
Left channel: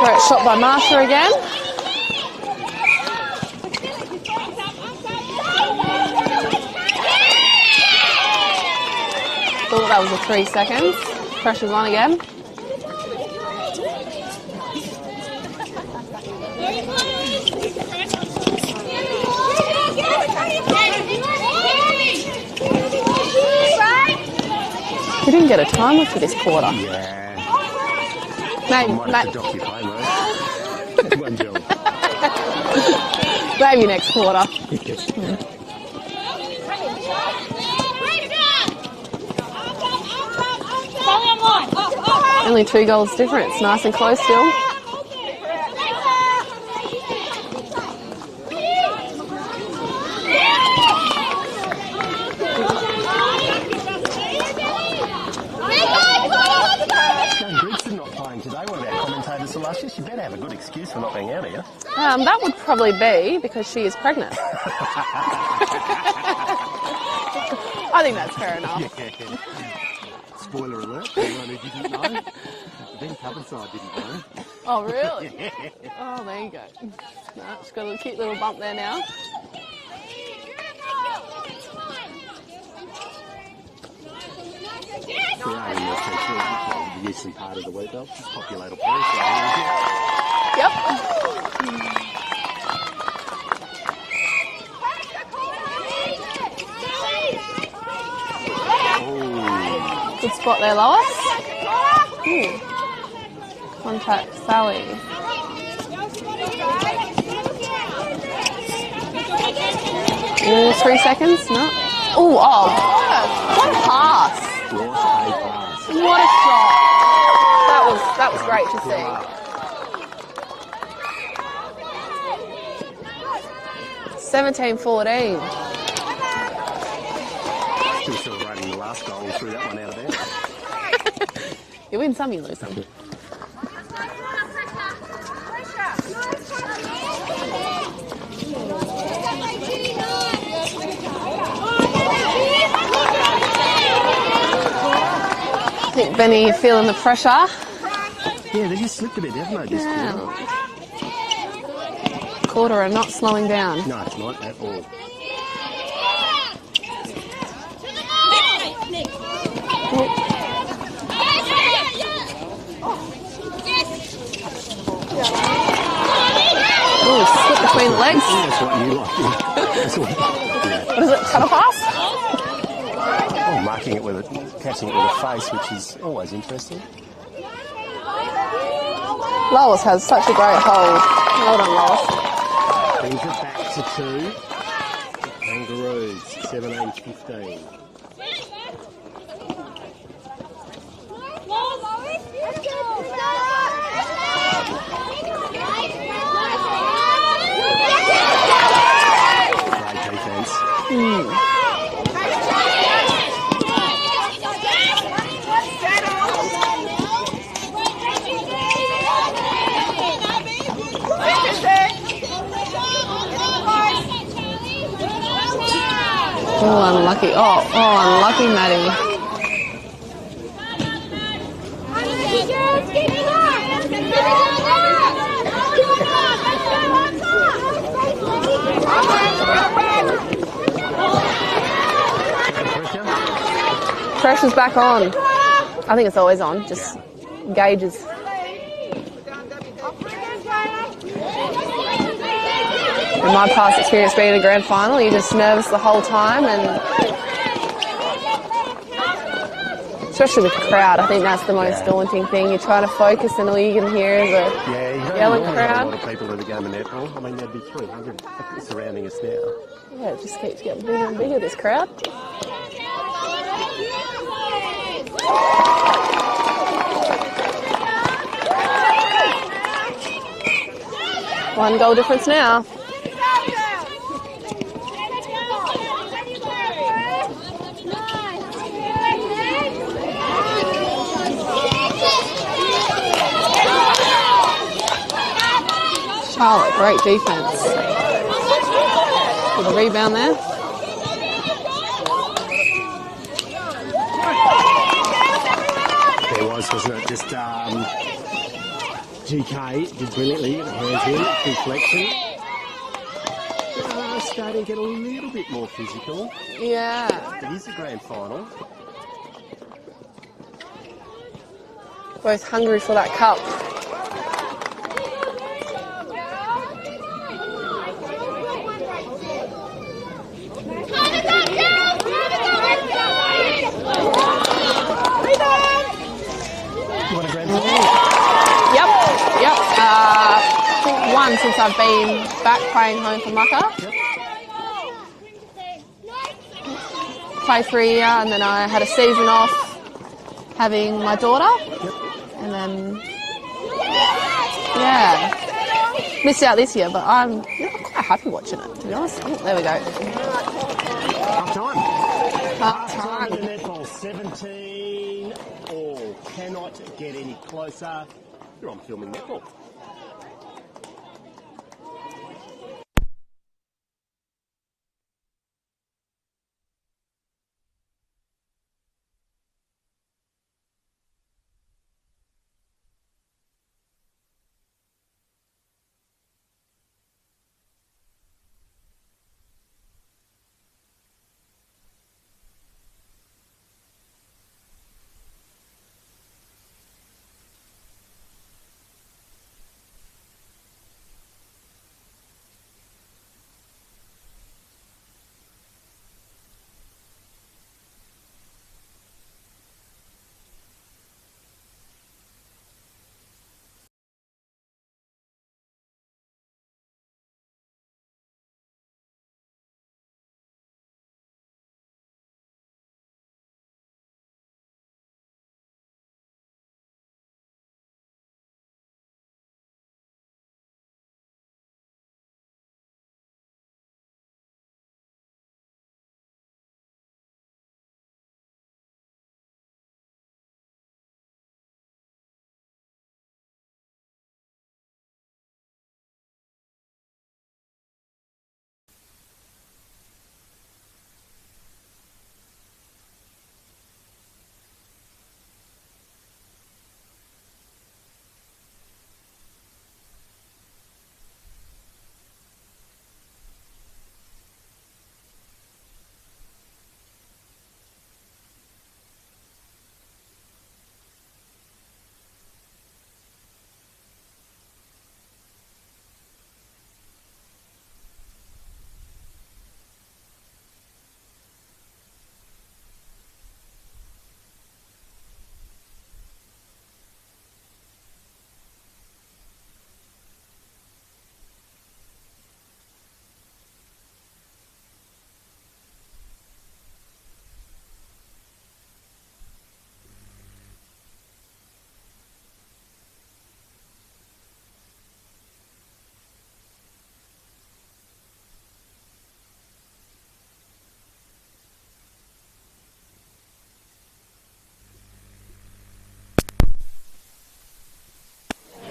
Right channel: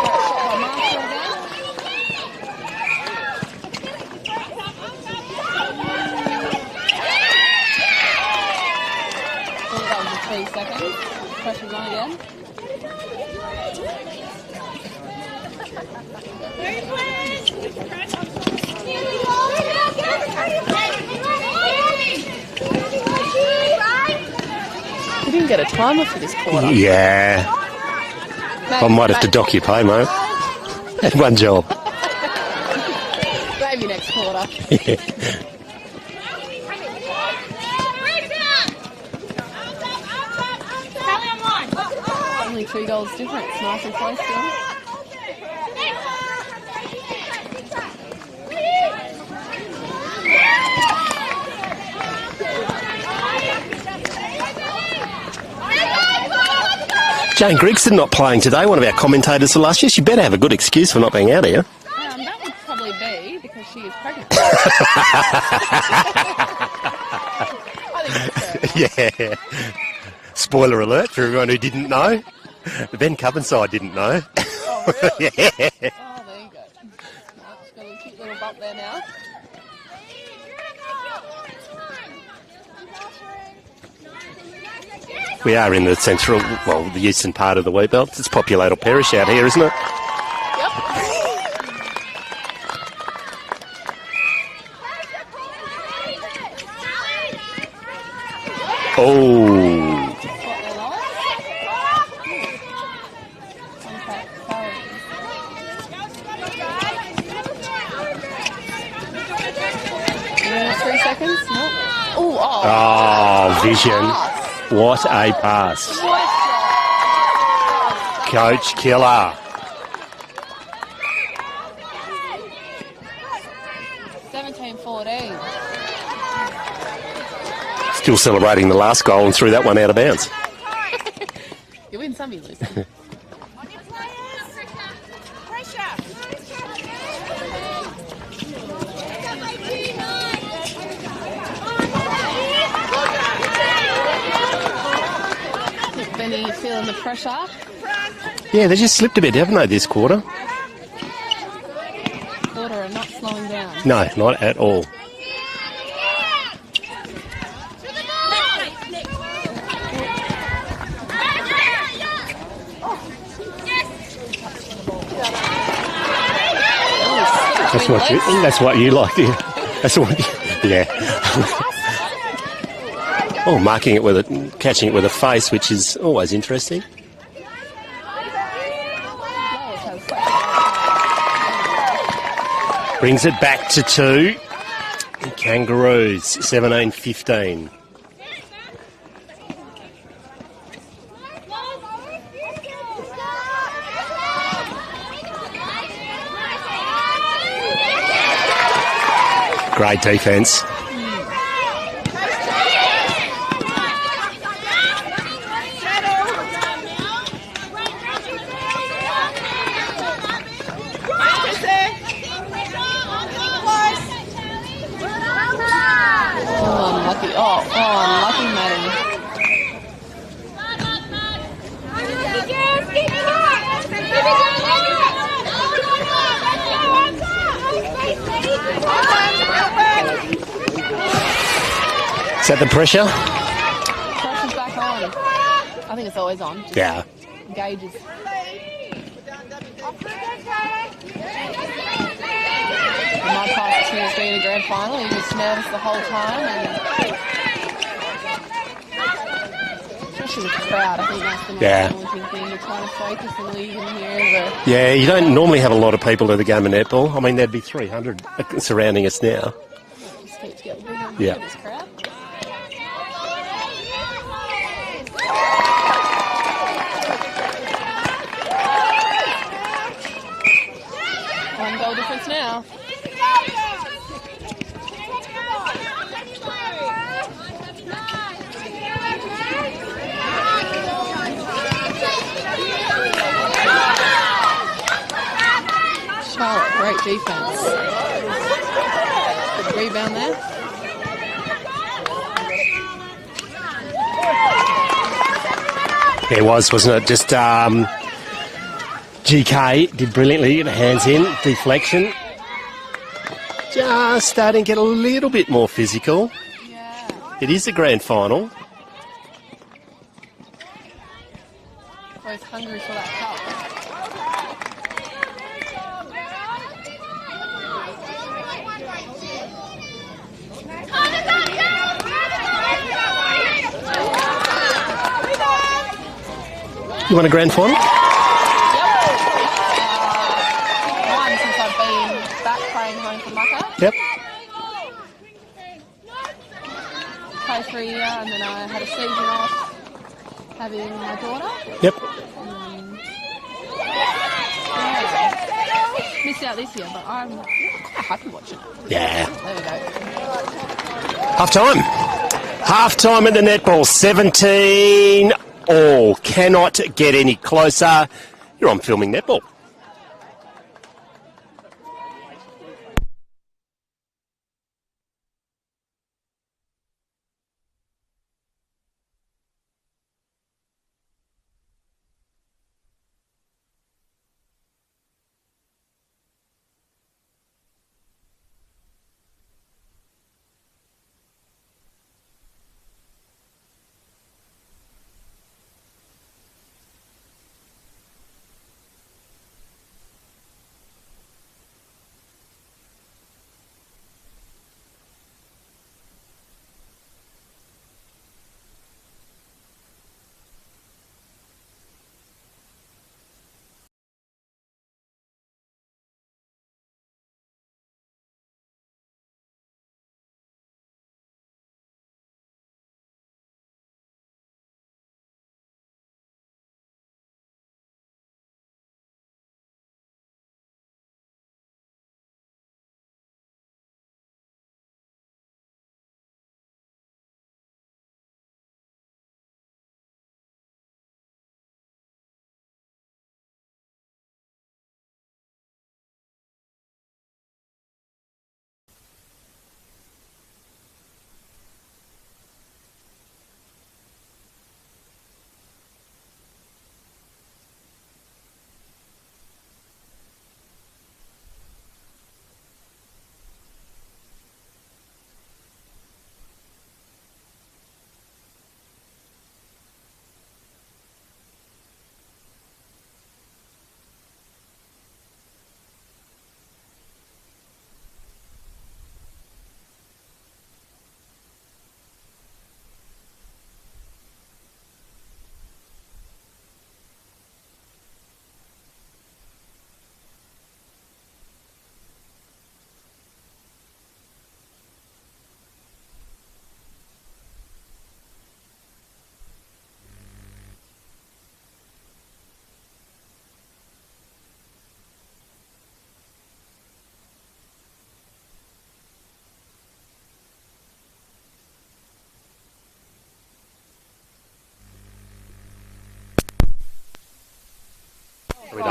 Great shot by Marsha again. Thought that was a 3 seconds. Pressure's on again. We didn't get a timer for this quarter. Yeah. I might have to dock your pay, mate. Had one job. Maybe next quarter. Only 2 goals difference. Nice and close still. Jane Grigson not playing today, one of our commentators for last year. She better have a good excuse for not being out here. That would probably be because she is pregnant. I think that's fair enough. Yeah. Spoiler alert for everyone who didn't know. The Bencubbin side didn't know. Oh, really? Yeah. Oh, there you go. No, she's got a cute little bump there now. We are in the central, well, the eastern part of the Wheatbelt. It's populated parish out here, isn't it? Yep. Oh. Good spot there, Lois. Ooh. Contact Sally. Ooh, 3 seconds? No. Ooh, Oh, vision. pass. What a pass. Nice job. That was Coach great. killer. 17-14. Still celebrating the last goal and threw that one out of bounds. You win some, you lose some. Benny feeling the pressure. Yeah, they just slipped a bit, haven't they, this quarter? Koorda are not slowing down. No, not at all. Oh, slip between the legs. That's what you like, yeah. That's what. Yeah. Oh, marking it with catching it with a face, which is always interesting. Lois has such a great hold. Well done, Lois. Brings it back to 2. Kangaroos, 17-15. Great defence. Oh, unlucky. Oh, unlucky Maddie. Is that the pressure? Pressure's back on. I think it's always on. Just Yeah. gauges. In my past experience being in a grand final, you're just nervous the whole time, and especially with the crowd, I think that's the most daunting thing. You're trying to focus and all you can hear is the Yeah, you don't normally have a crowd. lot of people at the game of netball. I mean, there'd be 300 surrounding us now. Yeah, it just keeps getting bigger and bigger, this crowd. One goal difference now. Charlotte, great defence. Good rebound there. There was, wasn't it? Just GK did brilliantly, get the hands in, deflection. Just starting to get a little bit more physical. Yeah. It is the grand final. Both hungry for that cup. You want a grand final? Yep. I think one since I've been back playing home for Mucka. Yep. Played for a year and then I had a season off having my daughter. Yep. And then, yeah, missed out this year, but I'm quite happy watching it. Yeah. There we go. Half time. Half time at the netball. 17 all. Cannot get any closer. You're on Filming Netball.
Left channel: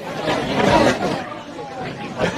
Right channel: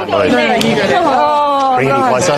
might move. Bring it in closer.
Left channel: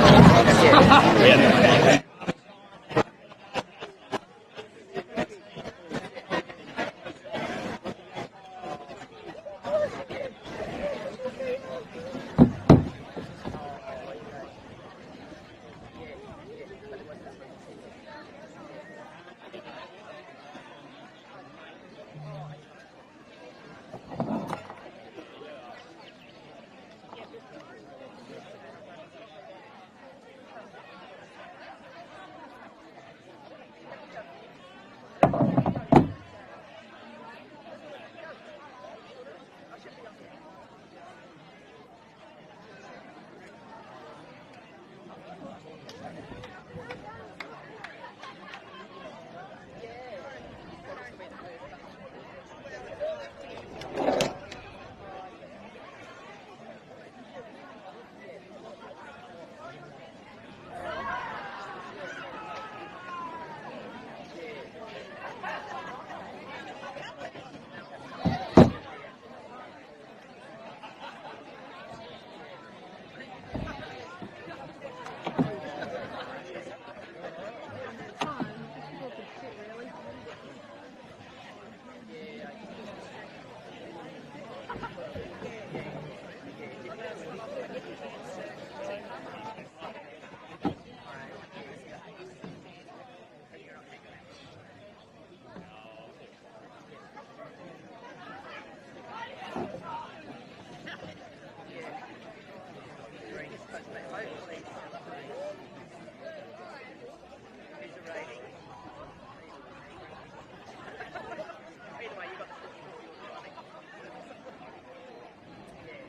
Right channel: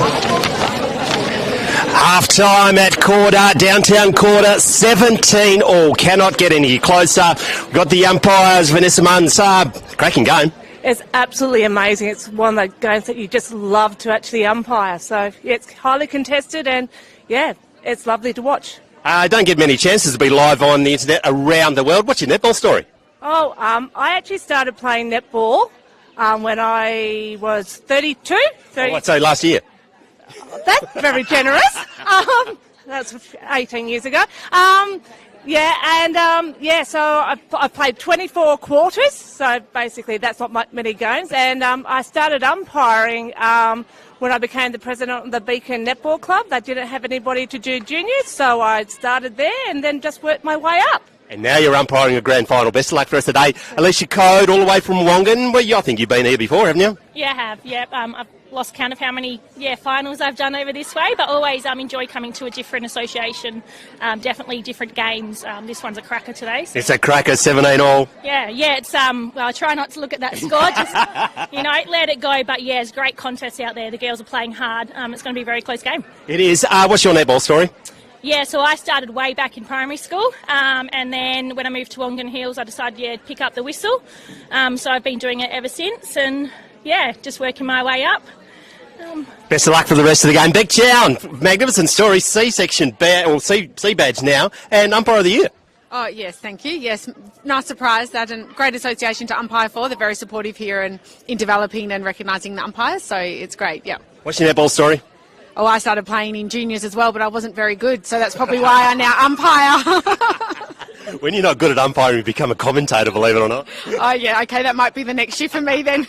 Half-time at Koorda, downtown Koorda, 17 all. Cannot get any closer. We've got the umpires, Vanessa Mansard. Cracking game. It's absolutely amazing. It's one of those games that you just love to actually umpire. So yeah, it's highly contested and, yeah, it's lovely to watch. Don't get many chances to be live on the internet around the world. What's your netball story? Oh, I actually started playing netball when I was 32. I'd say last year. That's very generous. That's 18 years ago. So I played 24 quarters, so basically that's not many games. And I started umpiring when I became the president of the Beacon Netball Club. They didn't have anybody to do juniors, so I started there and then just worked my way up. And now you're umpiring a grand final. Best of luck for us today. Alicia Code, all the way from Wongan. Well, I think you've been here before, haven't you? Yeah, I have. Yeah, I've lost count of how many finals I've done over this way, but always enjoy coming to a different association. Definitely different games. This one's a cracker today. So. It's a cracker, 17 all. Yeah. It's well, I try not to look at that score. Just let it go. But yeah, it's great contests out there. The girls are playing hard. It's going to be a very close game. It is. What's your netball story? Yeah, so I started way back in primary school, and then when I moved to Wongan Hills, I decided to pick up the whistle. So I've been doing it ever since, and just working my way up. Best of luck for the rest of the game. Beck Chown, magnificent story, C-section C badge now, and umpire of the year. Oh, yes, thank you. Yes, nice surprise that, and great association to umpire for. They're very supportive here and in developing and recognising the umpires, so it's great, yeah. What's your netball story? Oh, I started playing in juniors as well, but I wasn't very good, so that's probably why I now umpire. When you're not good at umpiring, you become a commentator, believe it or not. Oh, yeah, OK, that might be the next shift for me then.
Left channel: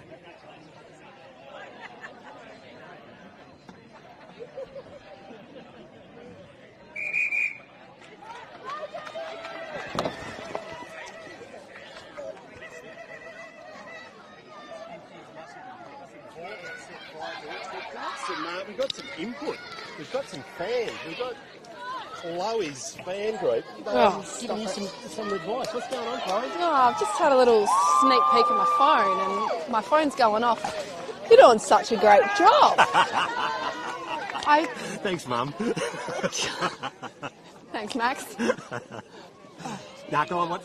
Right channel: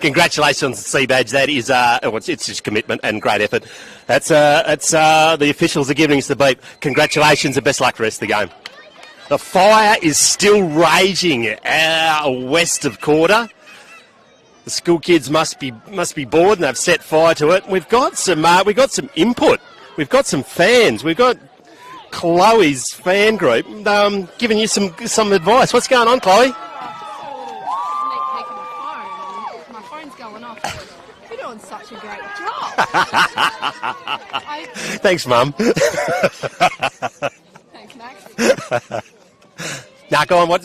Congratulations on the C-badge. That is, it's just commitment and great effort. That's the officials are giving us the beat. Congratulations and best luck for the rest of the game. The fire is still raging west of Koorda. The school kids must be bored and they've set fire to it. We've got some input. We've got some fans. We've got Chloe's fan group giving you some advice. What's going on, Chloe? Oh, I've just had a little sneak peek at my phone and my phone's going off. You're doing such a great job. Thanks, Mum. Thanks, Max. Now, go on. What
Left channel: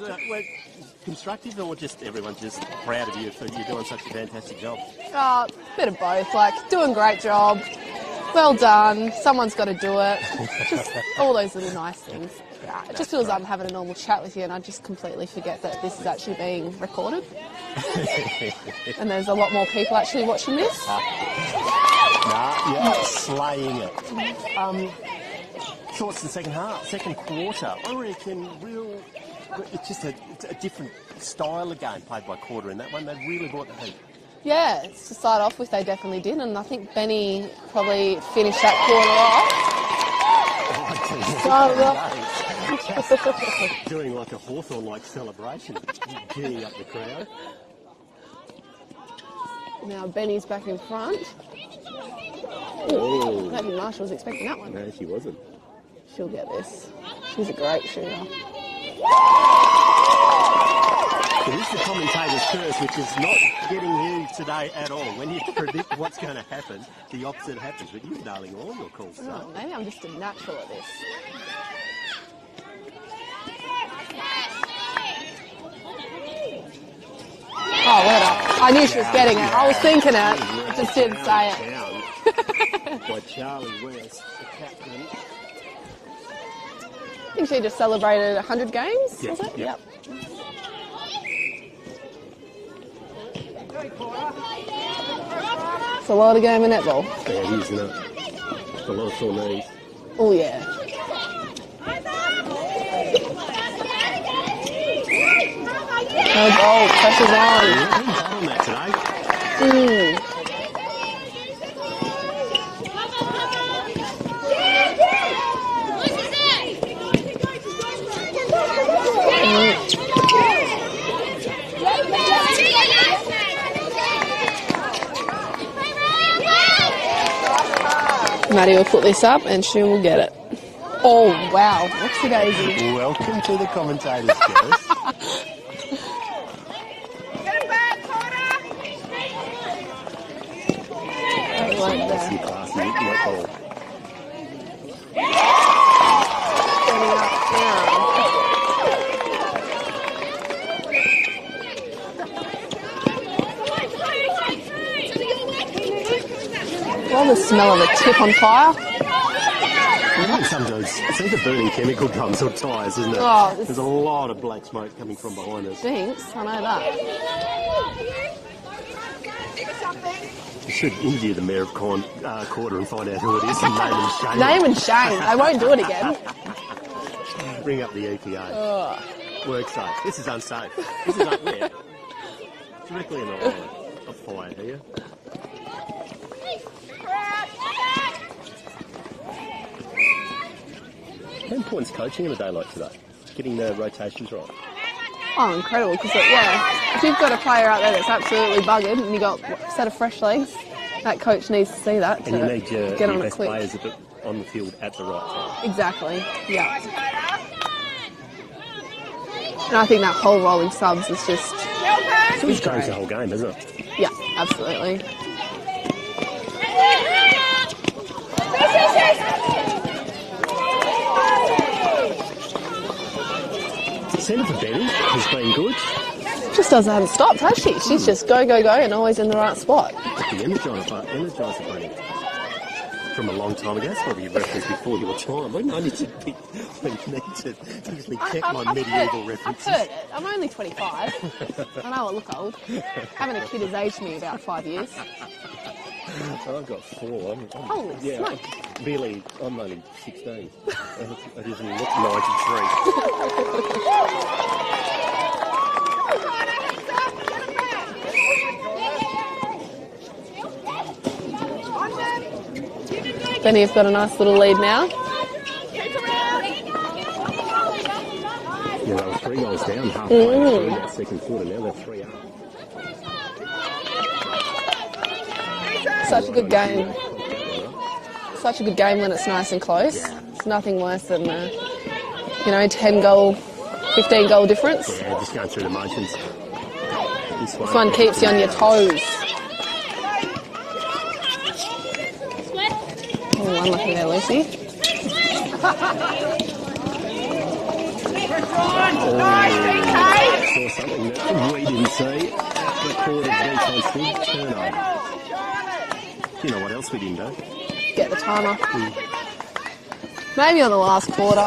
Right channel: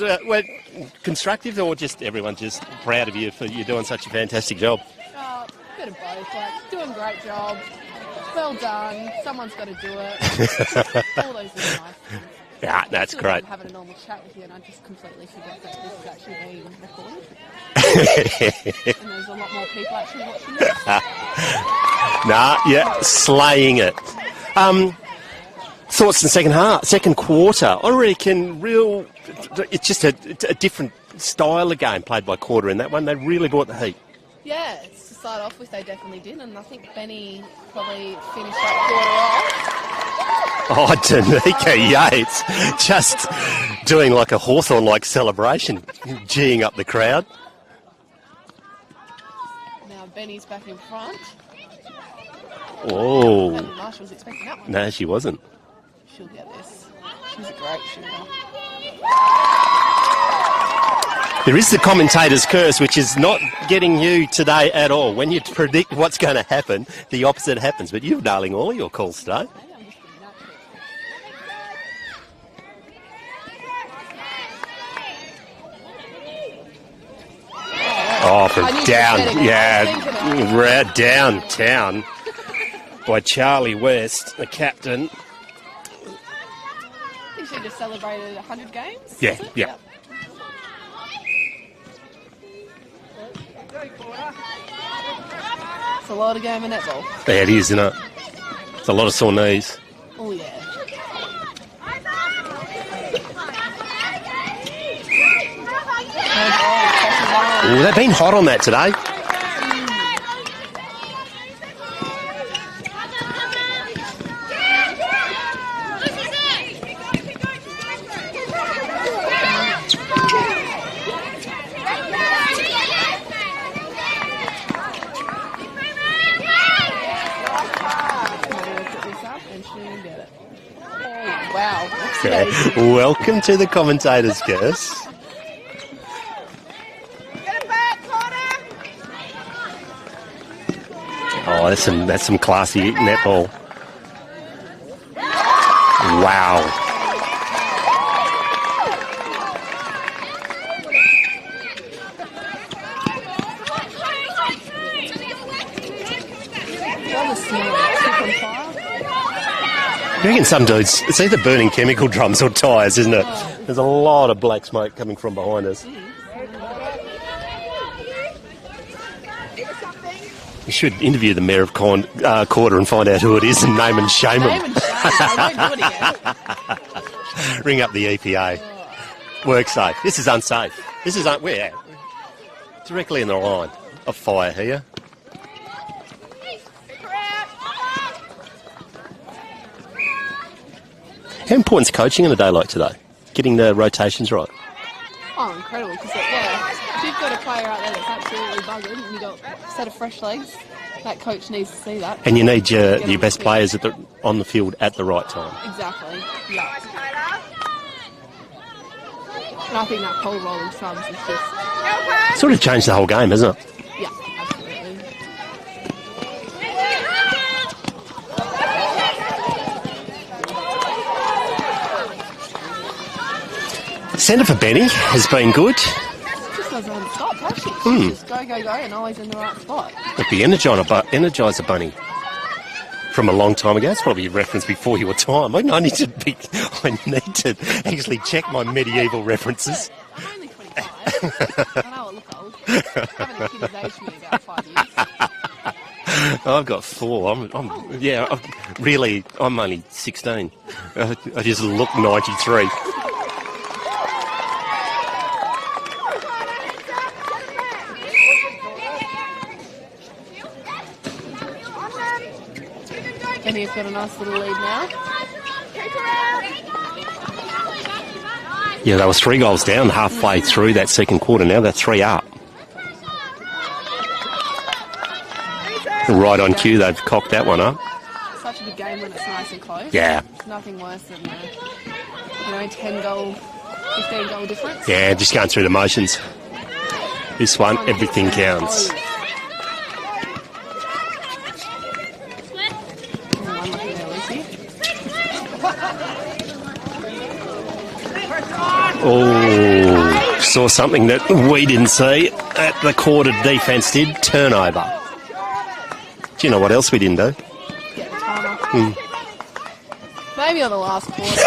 constructive or just everyone's just proud of you for you doing such a fantastic job? Bit of both. Doing a great job. Well done. Someone's got to do it. All those little nice things. Yeah, that's just feels great. like I'm having a normal chat with you, and I just completely forget that this is actually being recorded. And there's a lot more people actually watching this. Slaying it. Thoughts in the second quarter? I reckon it's just a different style of game played by Koorda in that one. They really brought the heat. Yeah, to start off with, they definitely did, and I think Benny probably finished that quarter off. Danica Yates just doing like a Hawthorn-like celebration, geeing up the crowd. Now Benny's back in front. Oh. That'd be nice. I was expecting that one. No, she wasn't. She'll get this. She's a great shooter. There is the commentator's curse, which is not getting you today at all. When you predict what's going to happen, the opposite happens. But you're nailing all your calls today. Hey, I'm just a natural at this. I knew she was getting it. I was thinking it. Downtown by Charlie West, the captain. I think she just celebrated 100 games. Yeah, is it? yeah. Yep. It's a lot of game of netball. Yeah, it is, isn't it? It's a lot of sore knees. Oh, yeah. No ball, pressure's on. They've been hot on that today. Maddie will put this up and she will get it. Oh, wow. What's today's? Welcome to the commentator's curse. that's some classy netball. Wow. All the smell of the tip on fire. I reckon some dudes, it's either burning chemical drums or tyres, isn't it? Oh, there's a lot of black smoke coming from behind us. Thanks, I know that. You should interview the mayor of Koorda and find out who it is and name and shame Name him. and shame. I won't do it again. Ring up the EPA. Work safe. This is unsafe. This is we're directly in the line of fire here. How important is coaching in a day like today? Getting the rotations right. Oh, incredible. Because, if you've got a player out there that's absolutely buggered and you've got a set of fresh legs, that coach needs to see that. And you need your best players on the field at the right time. Exactly, yeah. And I think that whole rolling subs is just... Sort of changed the whole game, hasn't it? Yeah, absolutely. Centre for Benny has been good. Just doesn't have a stop, has she? She's just go, go, go and always in the right spot. Like the Energizer Bunny from a long time ago. That's probably a reference before your time. I need to actually check my medieval references. I'm only 25. I know I look old. I haven't a kid his age me about 5 years. I've got 4. I'm only 16. I just look 93. Benny have got a nice little lead now. Yeah, they were 3 goals down halfway through that second quarter. Now they're 3 up. Right on cue, they've cocked that one up. Such a good game when it's nice and close. Yeah. It's nothing worse than 10-goal, 15-goal difference. Yeah, just going through the motions. This one everything keeps you on counts. your toes. Unlucky there, Lucy. Oh, saw something that we didn't see that the Koorda defence did. Turnover. Do you know what else we didn't do? Get the timer. Maybe on the last quarter.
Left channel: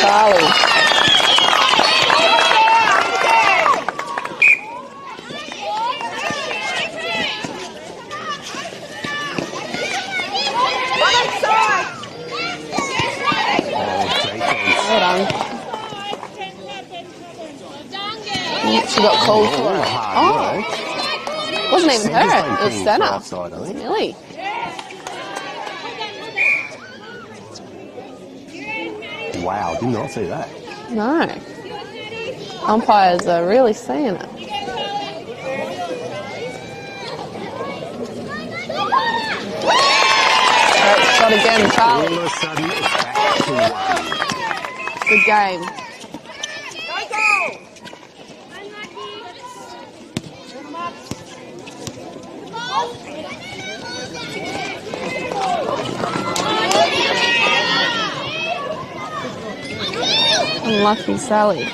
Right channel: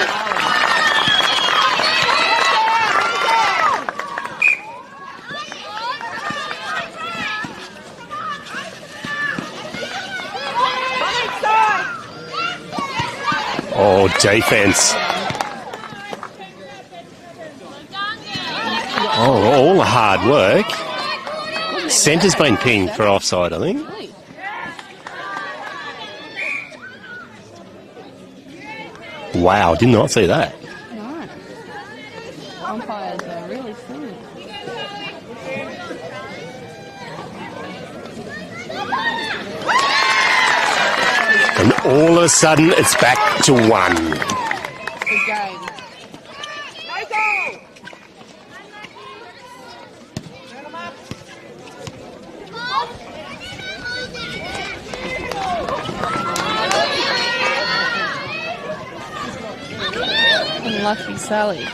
Charlie. Oh, defence. All the hard work. Wasn't even Centre's her. been It was pinged for centre. offside, I think. Really? Wow, did not see that. No. Umpires are really seeing it. Shot again. And all of a sudden, it's back to 1. Good game. Unlucky Sally. You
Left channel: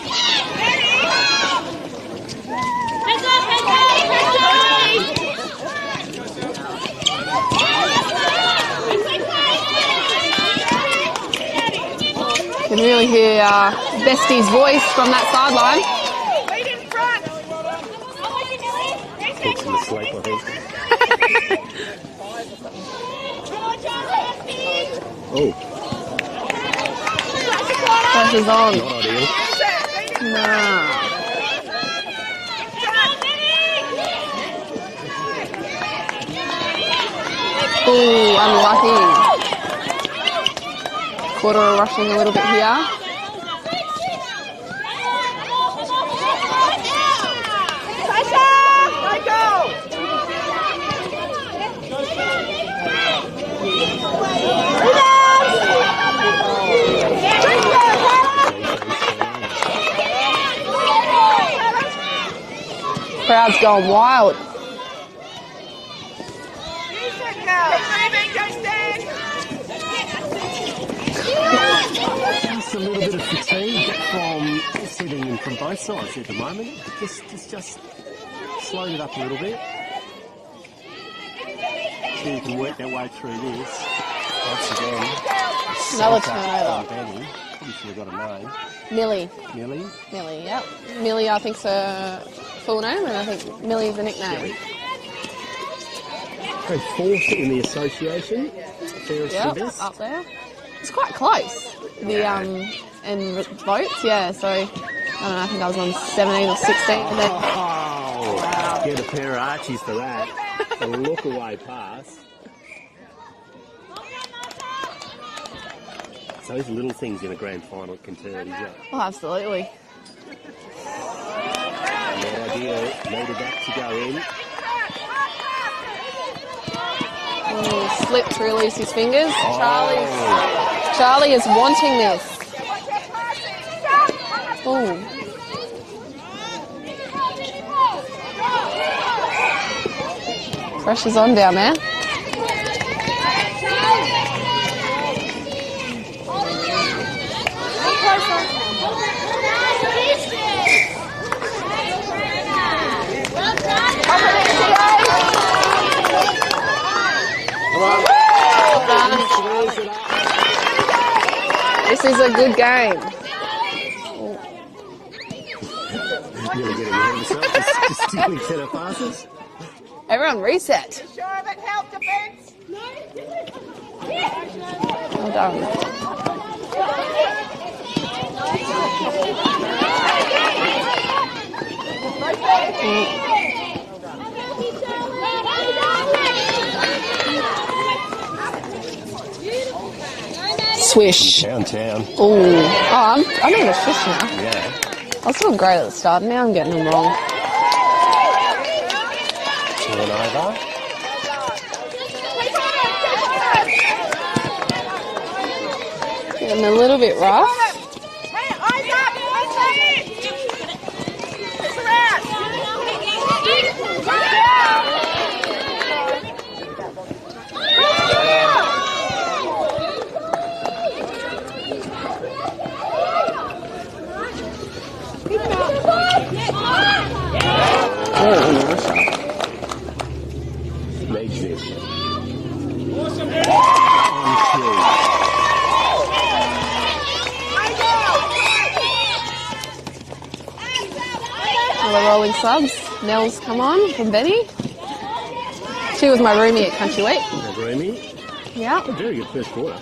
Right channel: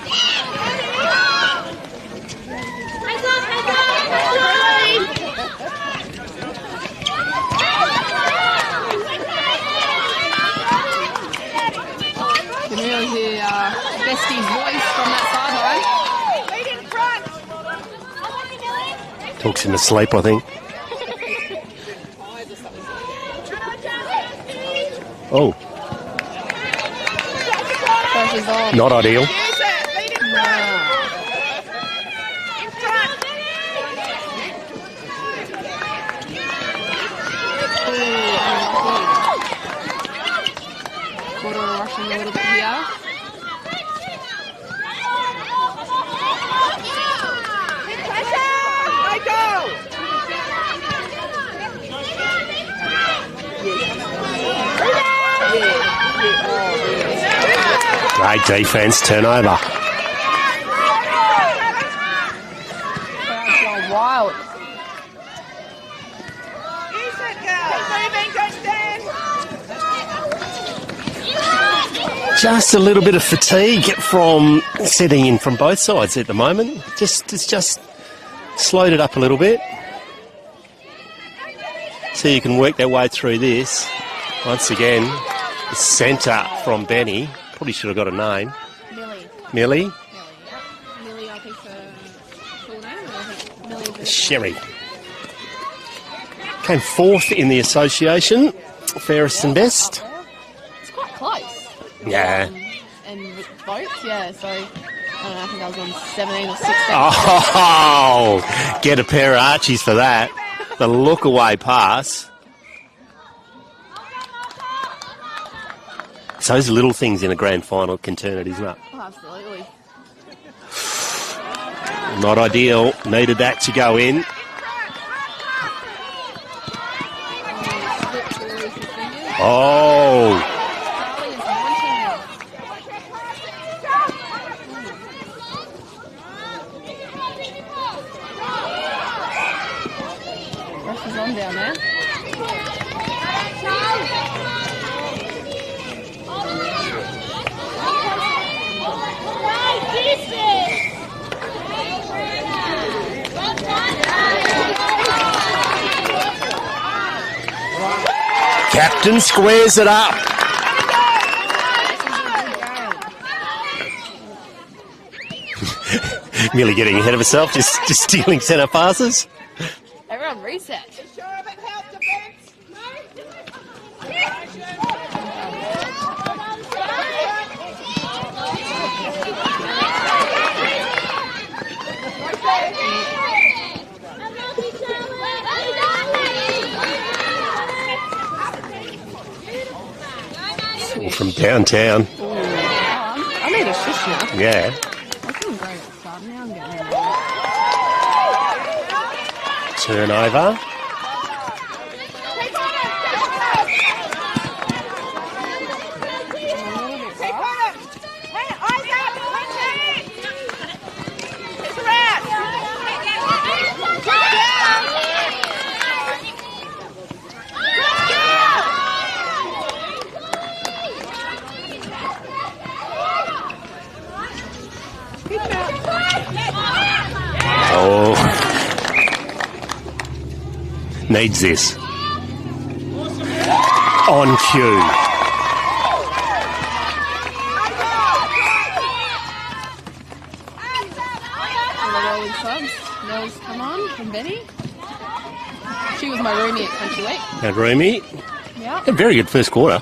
can really hear Bestie's voice from that sideline. Talks in his sleep, I think. Oh, Pressure's on. not ideal. No. Ooh, unlucky. Koorda rushing a little bit here. defence, turnover. Crowd's going wild. Just a little bit of fatigue from setting in from both sides at the moment. It's just slowed it up a little bit. So you can work their way through this. Once again, the centre from Benny. Probably should have got a name. Millie. Millie? Millie, yep. Millie, I think's her full name, and I think Millie's the nickname. Sherry. Came fourth in the association, fairest and best. It's quite close. Yeah. And votes, yeah, so I don't know, I think I was on 17 or 16. Oh, get a pair of Archies for that. The look away pass. It's those little things in a grand final can turn it, isn't it? Oh, absolutely. Not ideal. Needed that to go in. He slipped to release his fingers. Oh. Charlie is wanting this. Oh. Pressure's on down there. Captain squares it up. This is a good game. Nearly getting ahead of herself, just stealing centre passes. Everyone reset. Well done. Swish. From downtown. Oh, I need a swish now. Yeah. I was doing great at the start. Now I'm getting them wrong. Turnover. Getting a little bit rough. Needs this. On cue. The rolling subs. Nell's come on from Benny. She was my roomie at Country Week. Had Roomy. Yeah. A very good first quarter.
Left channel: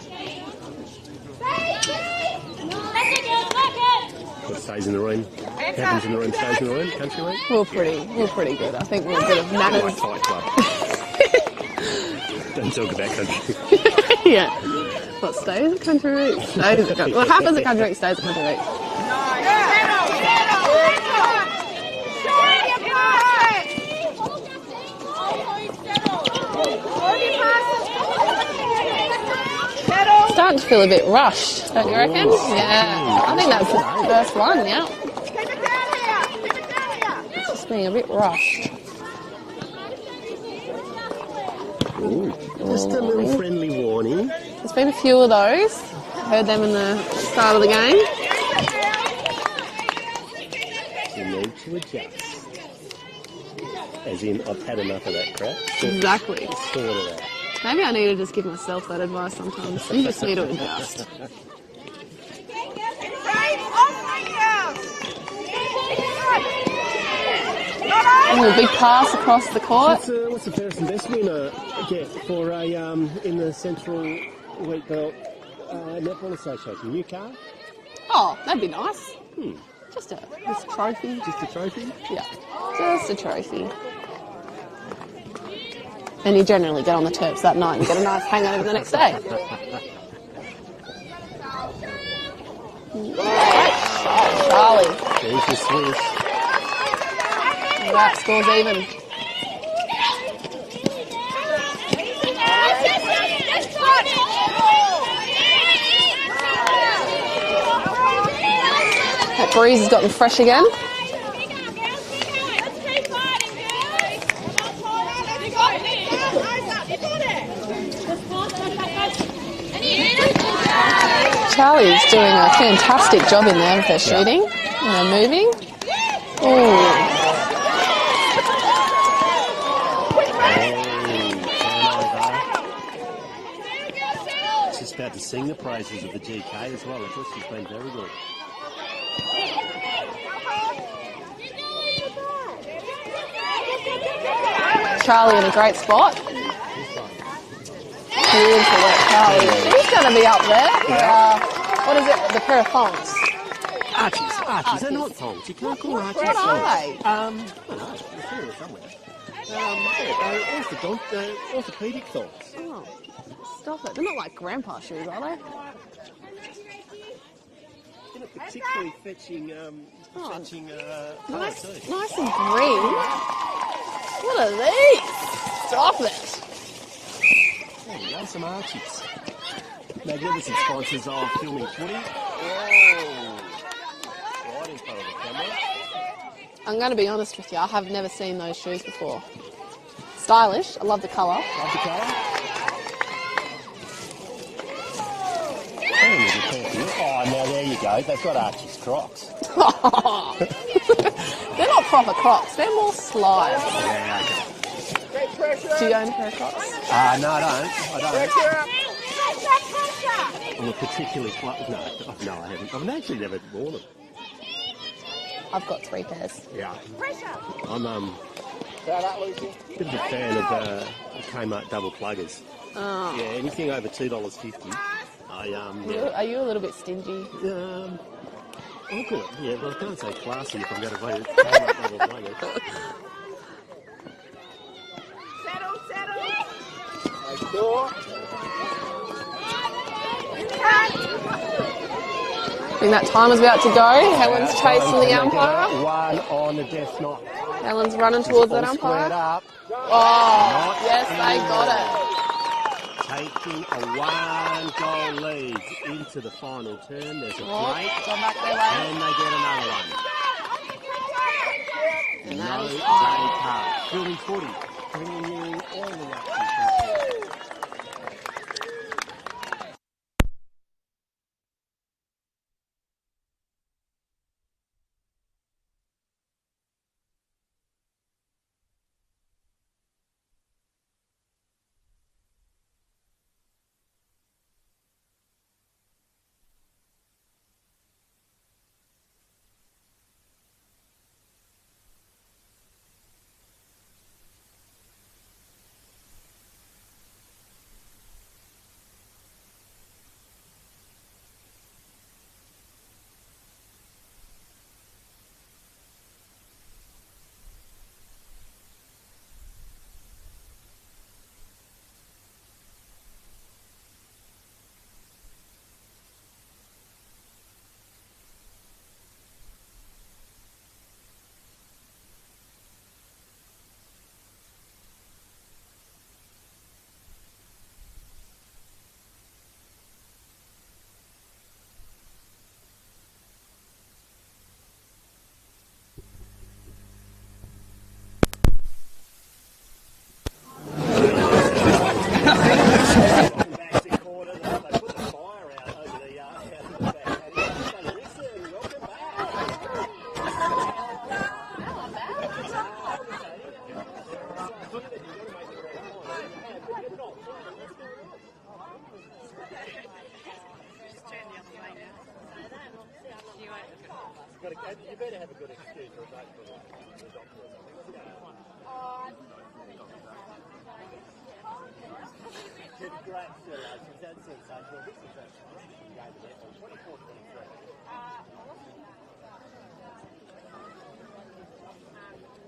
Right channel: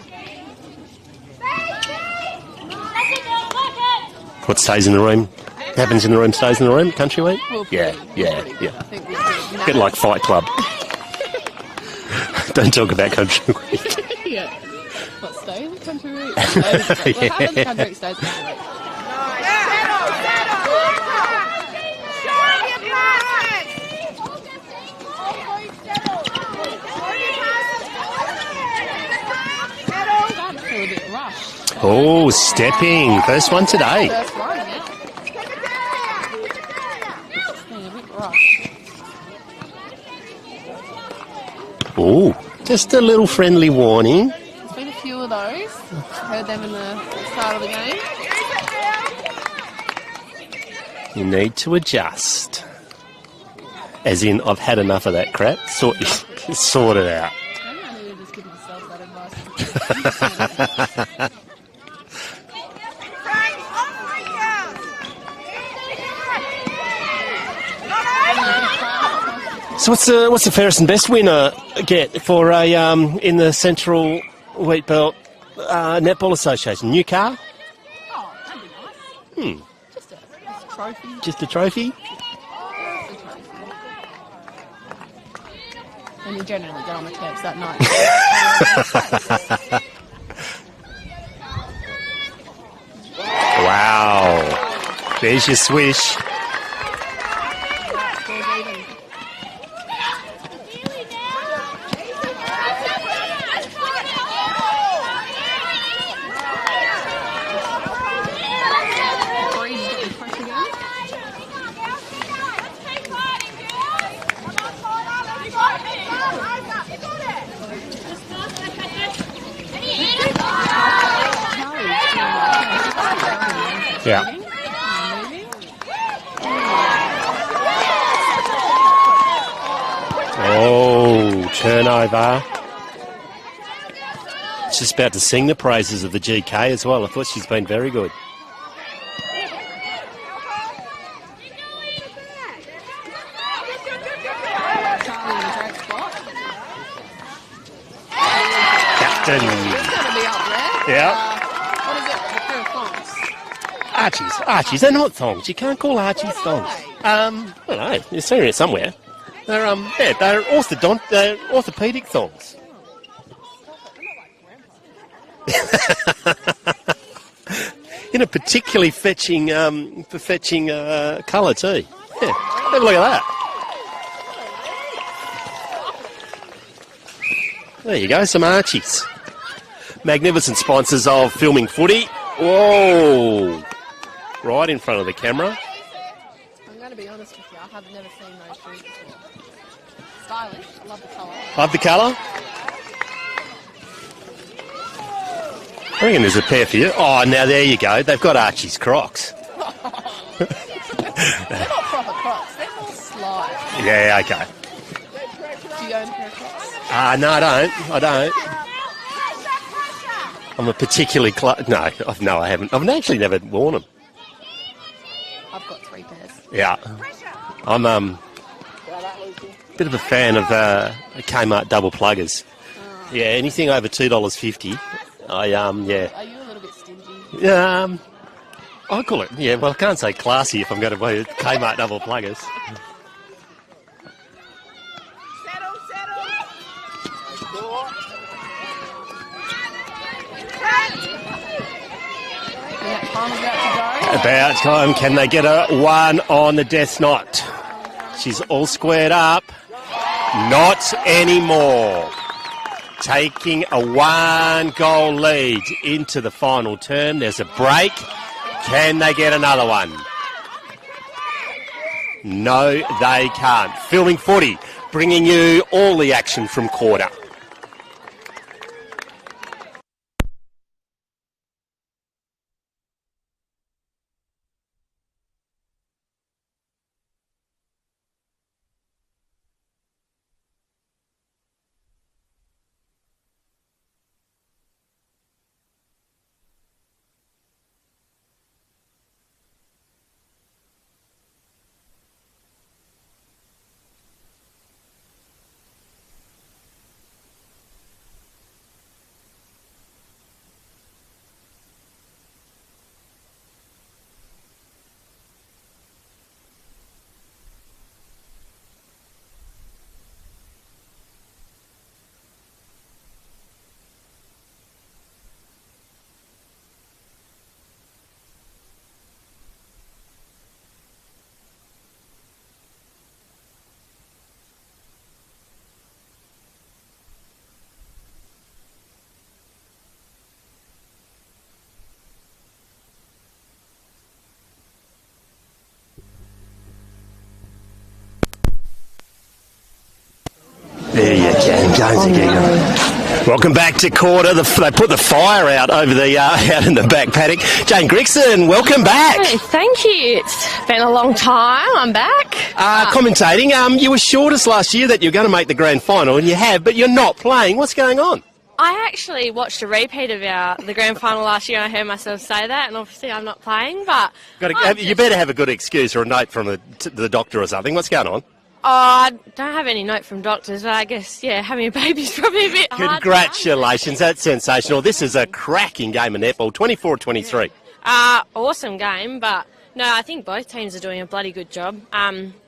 What stays in the room? Happens in the room stays in the room, Country Week? We're pretty good. I think we're a bit of Bit like Fight Club. Don't talk about Country Week. yeah. What stays at Country Week? What happens at Country Week stays at Country Week. Starting to feel a bit rushed. Oh, stepping. First one today. First one, yeah. Just being a bit rushed. Oh, just a little friendly warning. There's been a few of those. Heard them in the start of the game. You need to adjust. As in, I've had enough of that crap. Exactly. Sort it out. Maybe I need to just give myself that advice sometimes. You just need to adjust. A big pass across the court. So what's the fairest and best winner get for a in the Central Wheatbelt Netball Association? New car? Oh, that'd be nice. Just a trophy. Just a trophy? Yeah, just a trophy. And you generally get on the Terps that night. So Wow. Charlie. There's your swish. That scores even. breeze has got me fresh again. Charlie's doing a fantastic job in there with their shooting and their moving. Oh, turnover. She's about to sing the praises of the GK as well. I thought she's been very good. Charlie in a great spot. She's going to be up there. Yeah. What is it? The pair of thongs. Archies. They're not thongs. You can't call Archies thongs. I don't know. You're seeing it somewhere. They're orthopedic thongs. Oh, stop it. They're not like grandpa shoes, are they? In a particularly fetching colour too. Nice and green. Look at that. What are these? Stop it. There you go, some Archies. Magnificent sponsors of Filming Footy. Whoa! Right in front of the camera. I'm going to be honest with you, I have never seen those shoes before. Stylish, I love the colour. Love the colour? I reckon there's a pair for you. Oh, now there you go. They've got Archie's Crocs. They're not proper Crocs, they're more slide. Yeah, okay. Do you own a pair of Crocs? No, I don't. I'm a particularly... No, I haven't. I've actually never worn them. I've got 3 pairs. Yeah. I'm a bit of a fan of Kmart double pluggers. Oh. Yeah, anything over $2.50. Are you a little bit stingy? I call it, well, I can't say classy if I'm going to buy Kmart double pluggers. And that time is about to go. About time. Can they get a one on the death knot? Ellen's running She's towards all the squared up. Oh, Not anymore. Taking a 1-goal lead into the final term. There's a break. Can they get another one? No, they can't. Filming Footy, bringing you all the action from Koorda. Welcome back to Koorda. They put the fire out over the out in the back paddock. Jane Grixon, welcome back. Hey, thank you. It's been a long time. I'm back. Commentating. You assured us last year that you're going to make the grand final, and you have, but you're not playing. What's going on? I actually watched a repeat of the grand final last year, and I heard myself say that, and obviously I'm not playing, but... You better have a good excuse or a note from the doctor or something. What's going on? I don't have any note from doctors, but I guess, having a baby's probably a bit hard. Congratulations, that's sensational. This is a cracking game of netball, 24-23. Awesome game, but no, I think both teams are doing a bloody good job.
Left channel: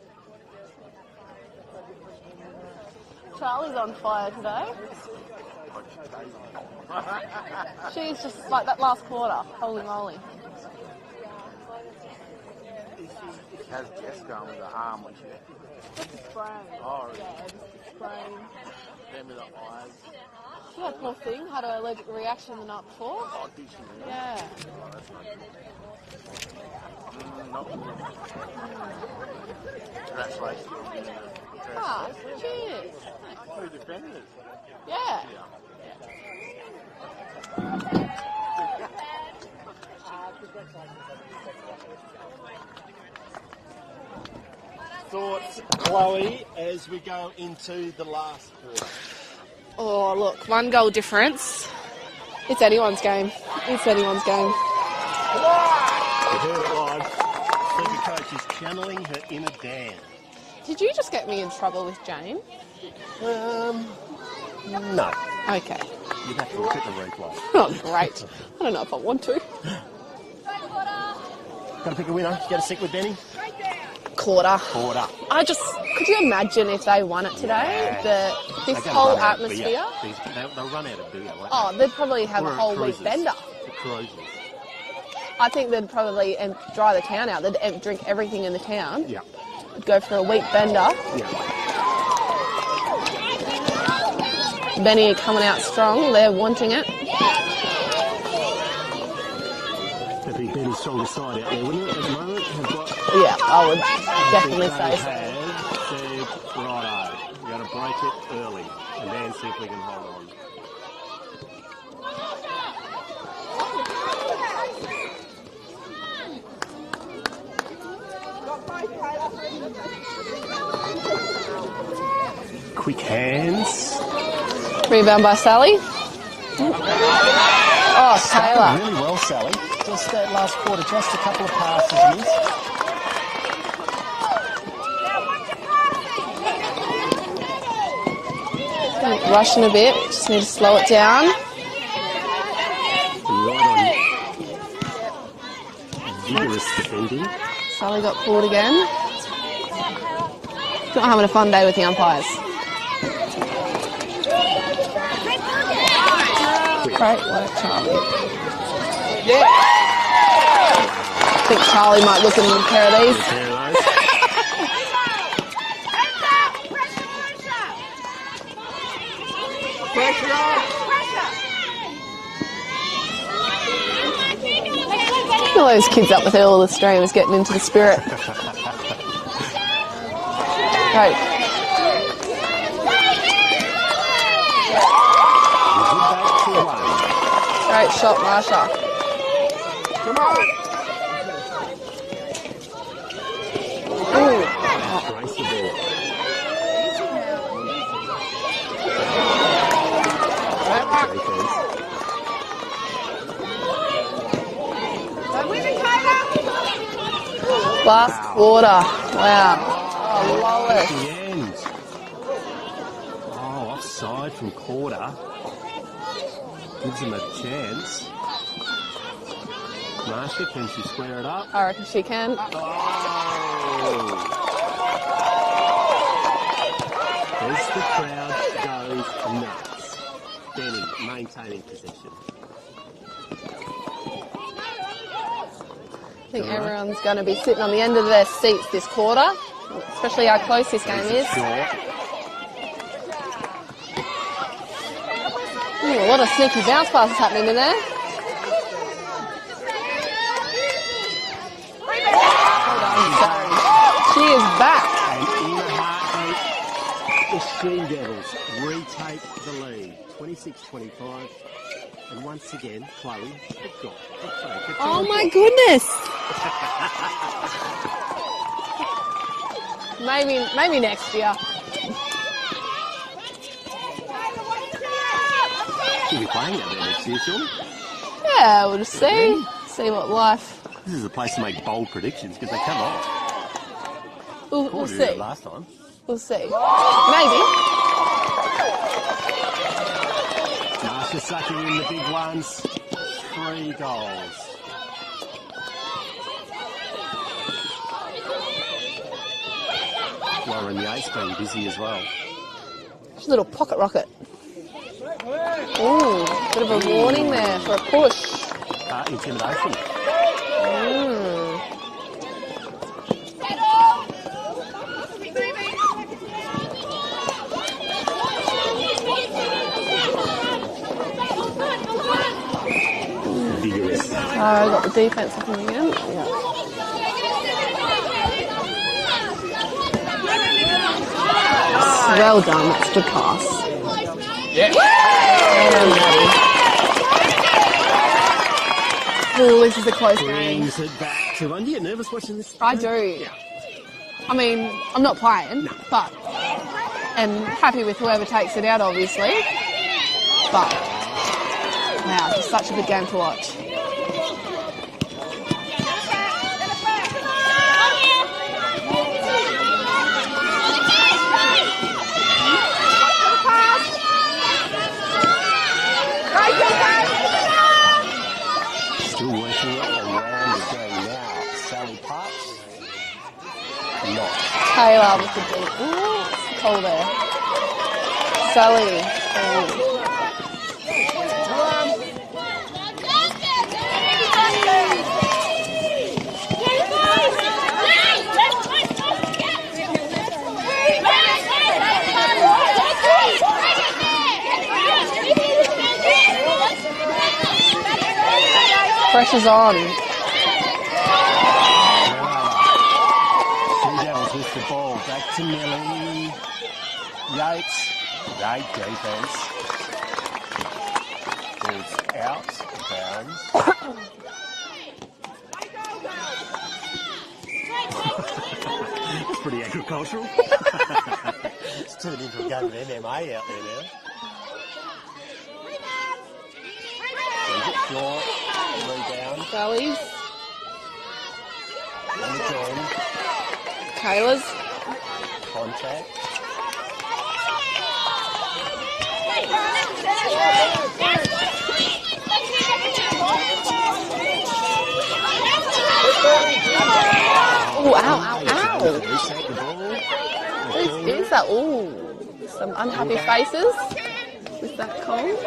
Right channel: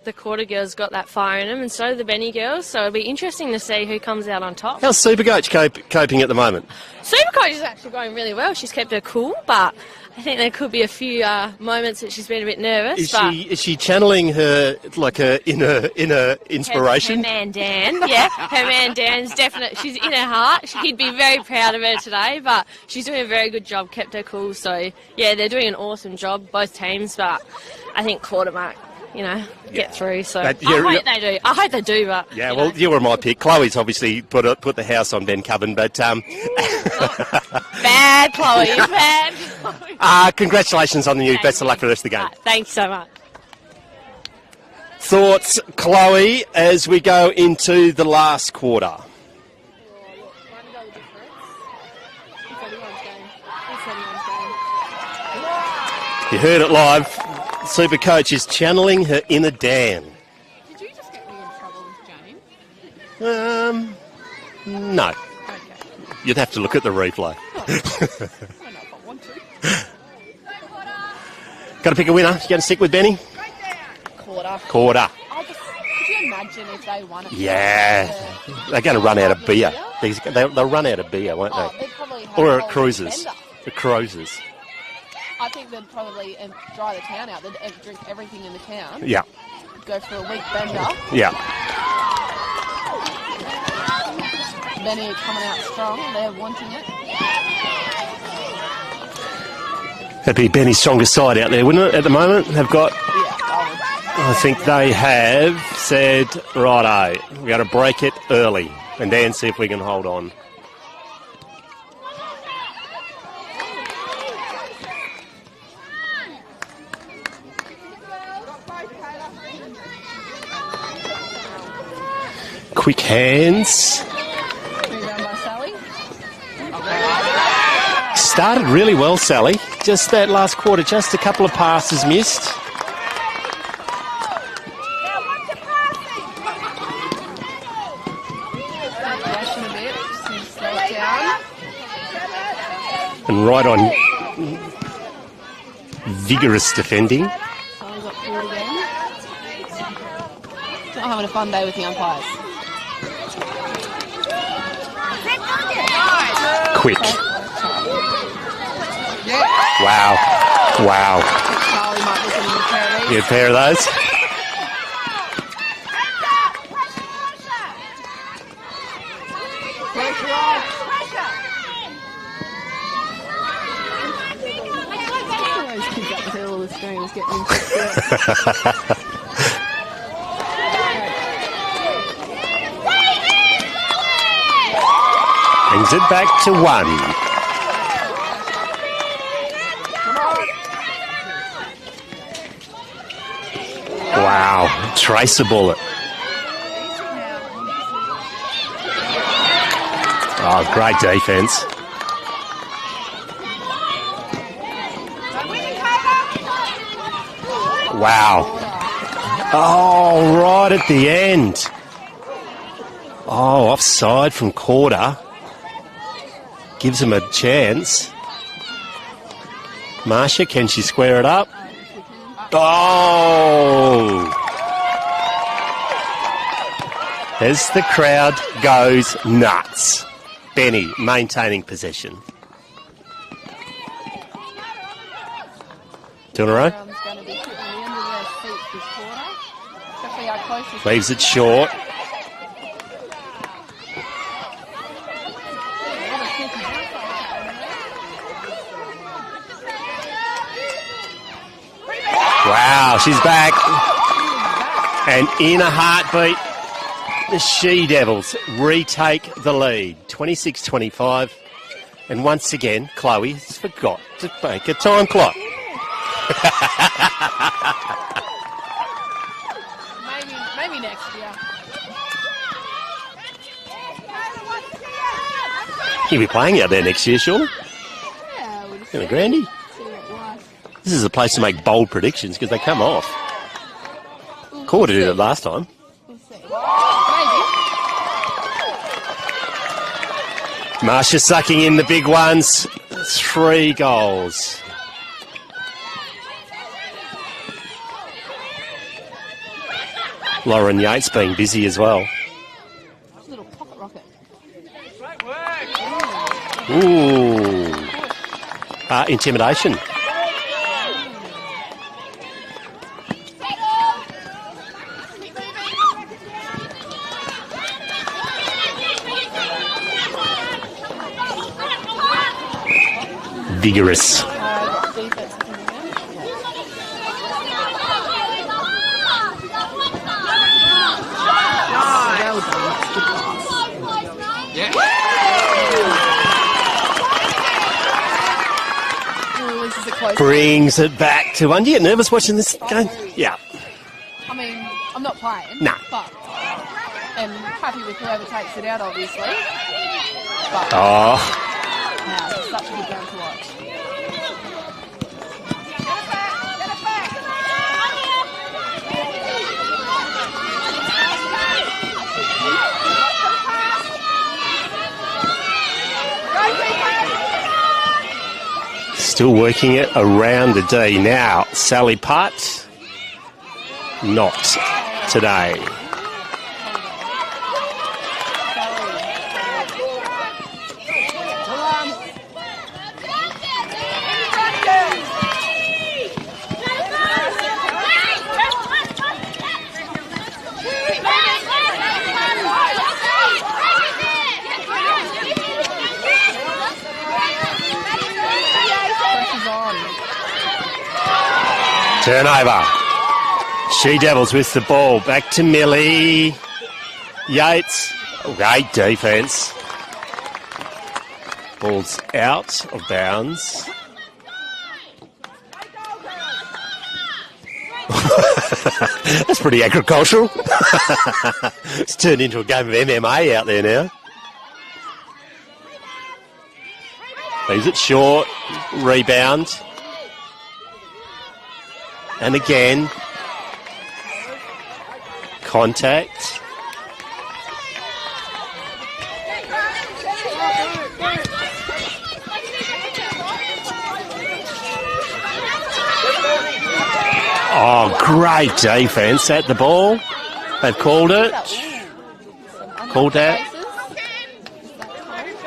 the Koorda girls got that fire in them, and so do the Benny girls. So it'll be interesting to see who comes out on top. How's Supercoach coping at the moment? Supercoach is actually going really well. She's kept her cool, but I think there could be a few moments that she's been a bit nervous. Is she channeling her inner inspiration? Her man Dan, yeah. Her man Dan's definitely, she's in her heart. He'd be very proud of her today, but she's doing a very good job, kept her cool. So, yeah, they're doing an awesome job, both teams, but I think Koorda might, get through. So I hope they do. I hope they do, but... Yeah, well, you were my pick. Chloe's obviously put the house on Bencubbin, but... Bad, Chloe, bad. Congratulations on the news. Best of luck for the rest of the game. Thanks so much. Thoughts, Chloe, as we go into the last quarter? Oh, look, 1 goal difference. It's anyone's game. It's anyone's game. You heard it live. Supercoach is channeling her inner Dan. Did you just get me in trouble with Jane? No. Okay. You'd have to look at the replay. Oh, great. I don't know if I want to. Got to pick a winner. You going to stick with Benny? Koorda. Could you imagine if they won it today? Yeah. They're going to run out of beer. They'll run out of beer, won't they? Oh, they'd probably have or a whole cruises. bender. The cruises. I think they'd probably dry the town out. They'd drink everything in the town. Yeah. Go for a wheat bender. Yeah. Benny are coming out strong. They're wanting it. That'd be Benny's strongest side out there, wouldn't it, at the moment? They've got... Yeah, I would. I think they have said, righto, we've got to break it early and then see if we can hold on. Quick hands. Rebound by Sally. Oh, started really well, Sally. Just that last quarter, just a couple of passes missed. Rushing a bit, just need to slow it down. And right on vigorous defending. Sally got caught again. Not having a fun day with the umpires. Quick. Wow. I think Charlie might look at a pair of these. Get a pair of those. All those kids up with all the streamers getting into the spirit. Right. Brings it back to 1. Great shot, Marsha. Wow, trace a bullet. Oh, great defence. Last quarter. Wow. Oh, right at the end. Oh, offside from Koorda. Gives him a chance. Marsha, can she square it up? I reckon she can. Oh! As the crowd goes nuts. Benny maintaining possession. Everyone's going to be sitting on the end of their seats this quarter, especially how close this Leaves game it is. short. Ooh, a lot of sneaky bounce passes happening in there. Wow, she's back. She is back. And in a heartbeat, the She-Devils retake the lead, 26-25. And once again, Chloe has forgot to make a time clock. Oh, my goodness. Maybe next year. You'll be playing out there next year, surely? Yeah, we'll just see. Brandy. See what life... This is a place to make bold predictions because they come off. Koorda did it last time. We'll see. Maybe. Marsha sucking in the big ones. 3 goals. Lauren Yates being busy as well. She's a little pocket rocket. Ooh, bit of a warning there for a push. Intimidation. Vigorous. Got the defense looking again. Well done. That's a good pass. Oh, this is a close Brings it back to one. Do you get nervous watching this I game? do. Yeah. I mean, I'm not playing. No. But, and happy with whoever takes it out, obviously. But, wow, it's such a good game to watch. Still working it around the D now. Sally Putt, not Taylor. today. Koorda. Sally. Pressure's on. Turnover. She Devils with the ball. Back to Millie. Yates. Great defence. Ball's out of bounds. That's pretty agricultural. It's turned into a game of MMA out there now. Leaves it short. Rebound. Sally's. And again, Taylor's. contact. Oh, great defence at the ball. They've called it. Ooh, some unhappy Called that. faces. Is that cold?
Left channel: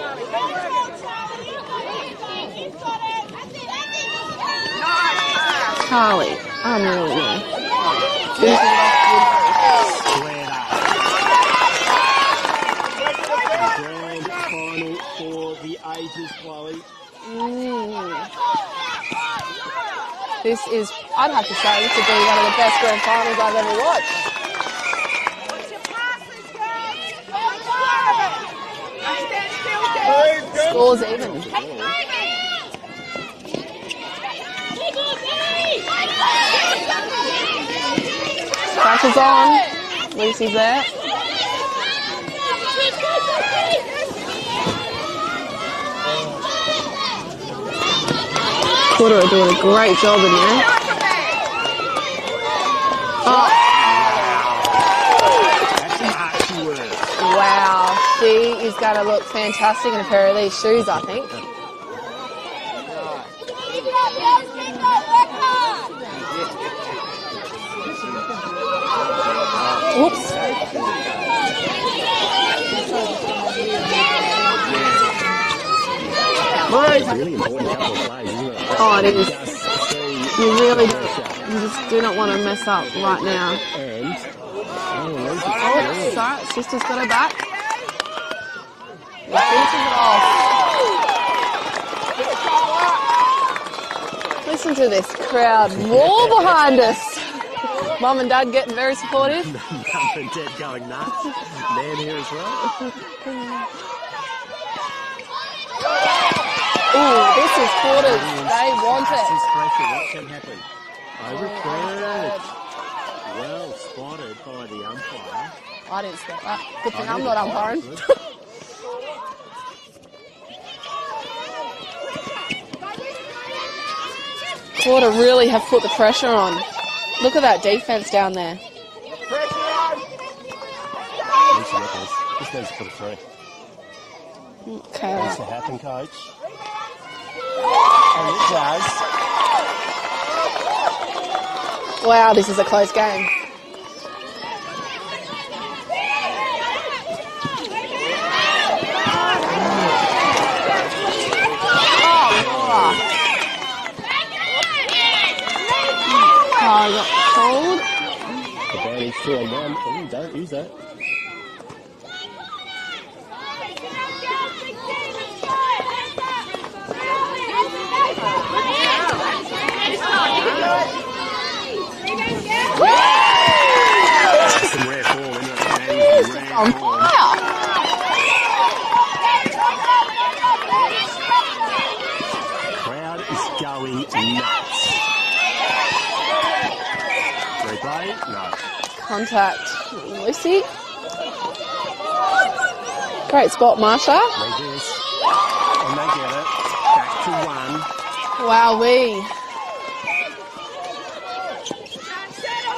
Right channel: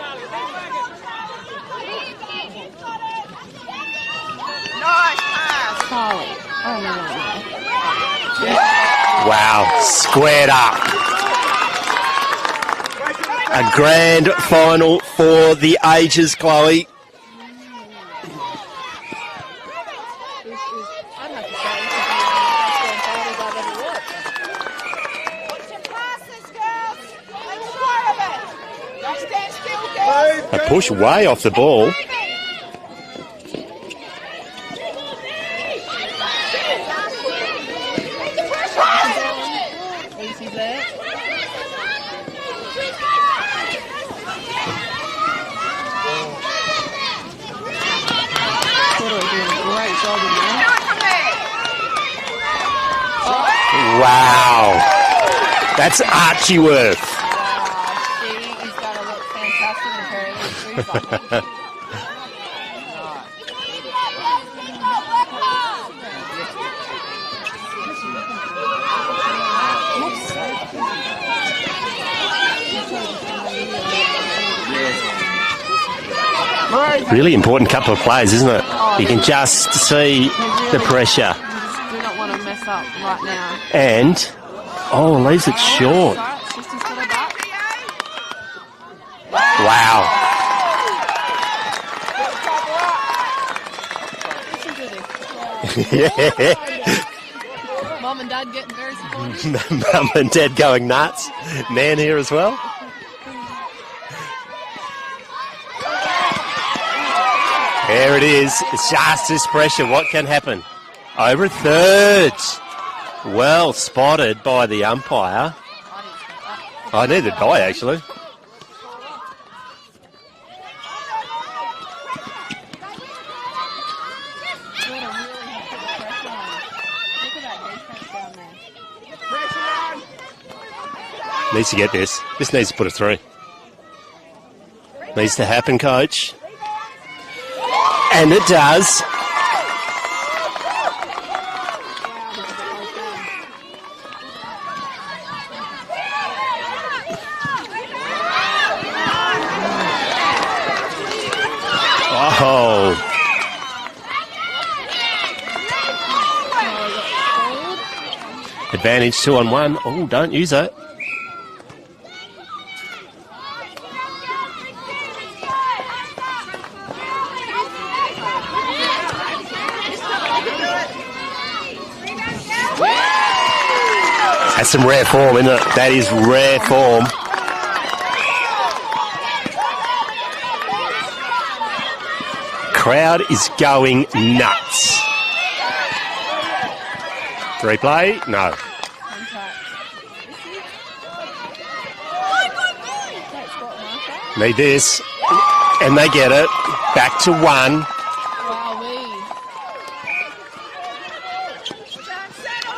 Carly. Oh, no. Wow, squared up. A grand final for the ages, Chloe. This is, I'd have to say, this would be one of the best grand finals I've ever watched. A push way off the ball. Pressure's on. Lucy's there. Koorda are doing a great job in there. Oh. Wow. That's Archie work. Wow. She is going to look fantastic in a pair of these shoes, I think. Oops. Really important couple of plays, isn't it? Oh, you it can is. just see Really, the pressure. You just do not want to mess up right now. And, leaves it short. Sorry, sister's got her back. Wow. Listen to this crowd more behind us. Mum and Dad getting very supportive. Mum and Dad going nuts. Man here as well. There it is. It's just this pressure. What can happen? Over a third. Well spotted by the umpire. I didn't spot that. I needed by actually. Koorda really have put the pressure on. Look at that defense down there. Needs to get this. This needs to put it through. Okay. Needs to happen, coach. And it does. Wow, this is a close game. advantage, 2-on-1. Oh, don't use it. That's some rare form, isn't it? That is rare form. Crowd is going nuts. Replay? No. Contact. Lucy. Great spot, Marsha. Need this. And they get it. Back to 1. Wowee.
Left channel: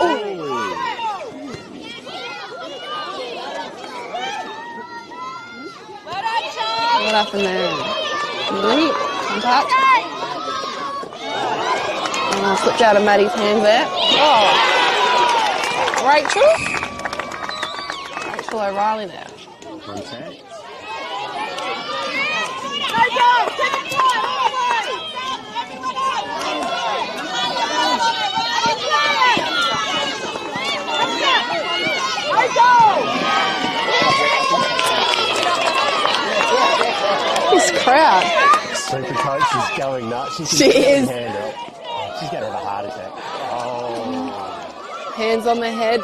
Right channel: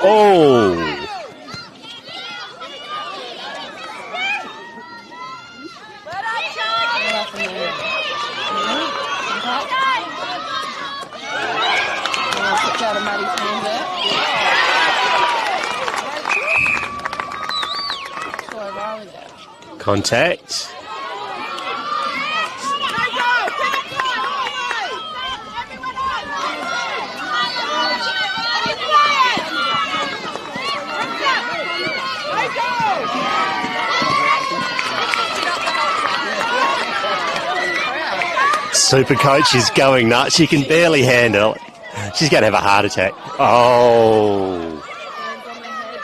Oh. What happened there? Contact. And slipped out of Maddie's hand there. Oh. Rachel O'Reilly there. Contact. This crowd. Super coach is going nuts. She can barely handle it. She's going to have a heart attack. Oh. Hands on the head.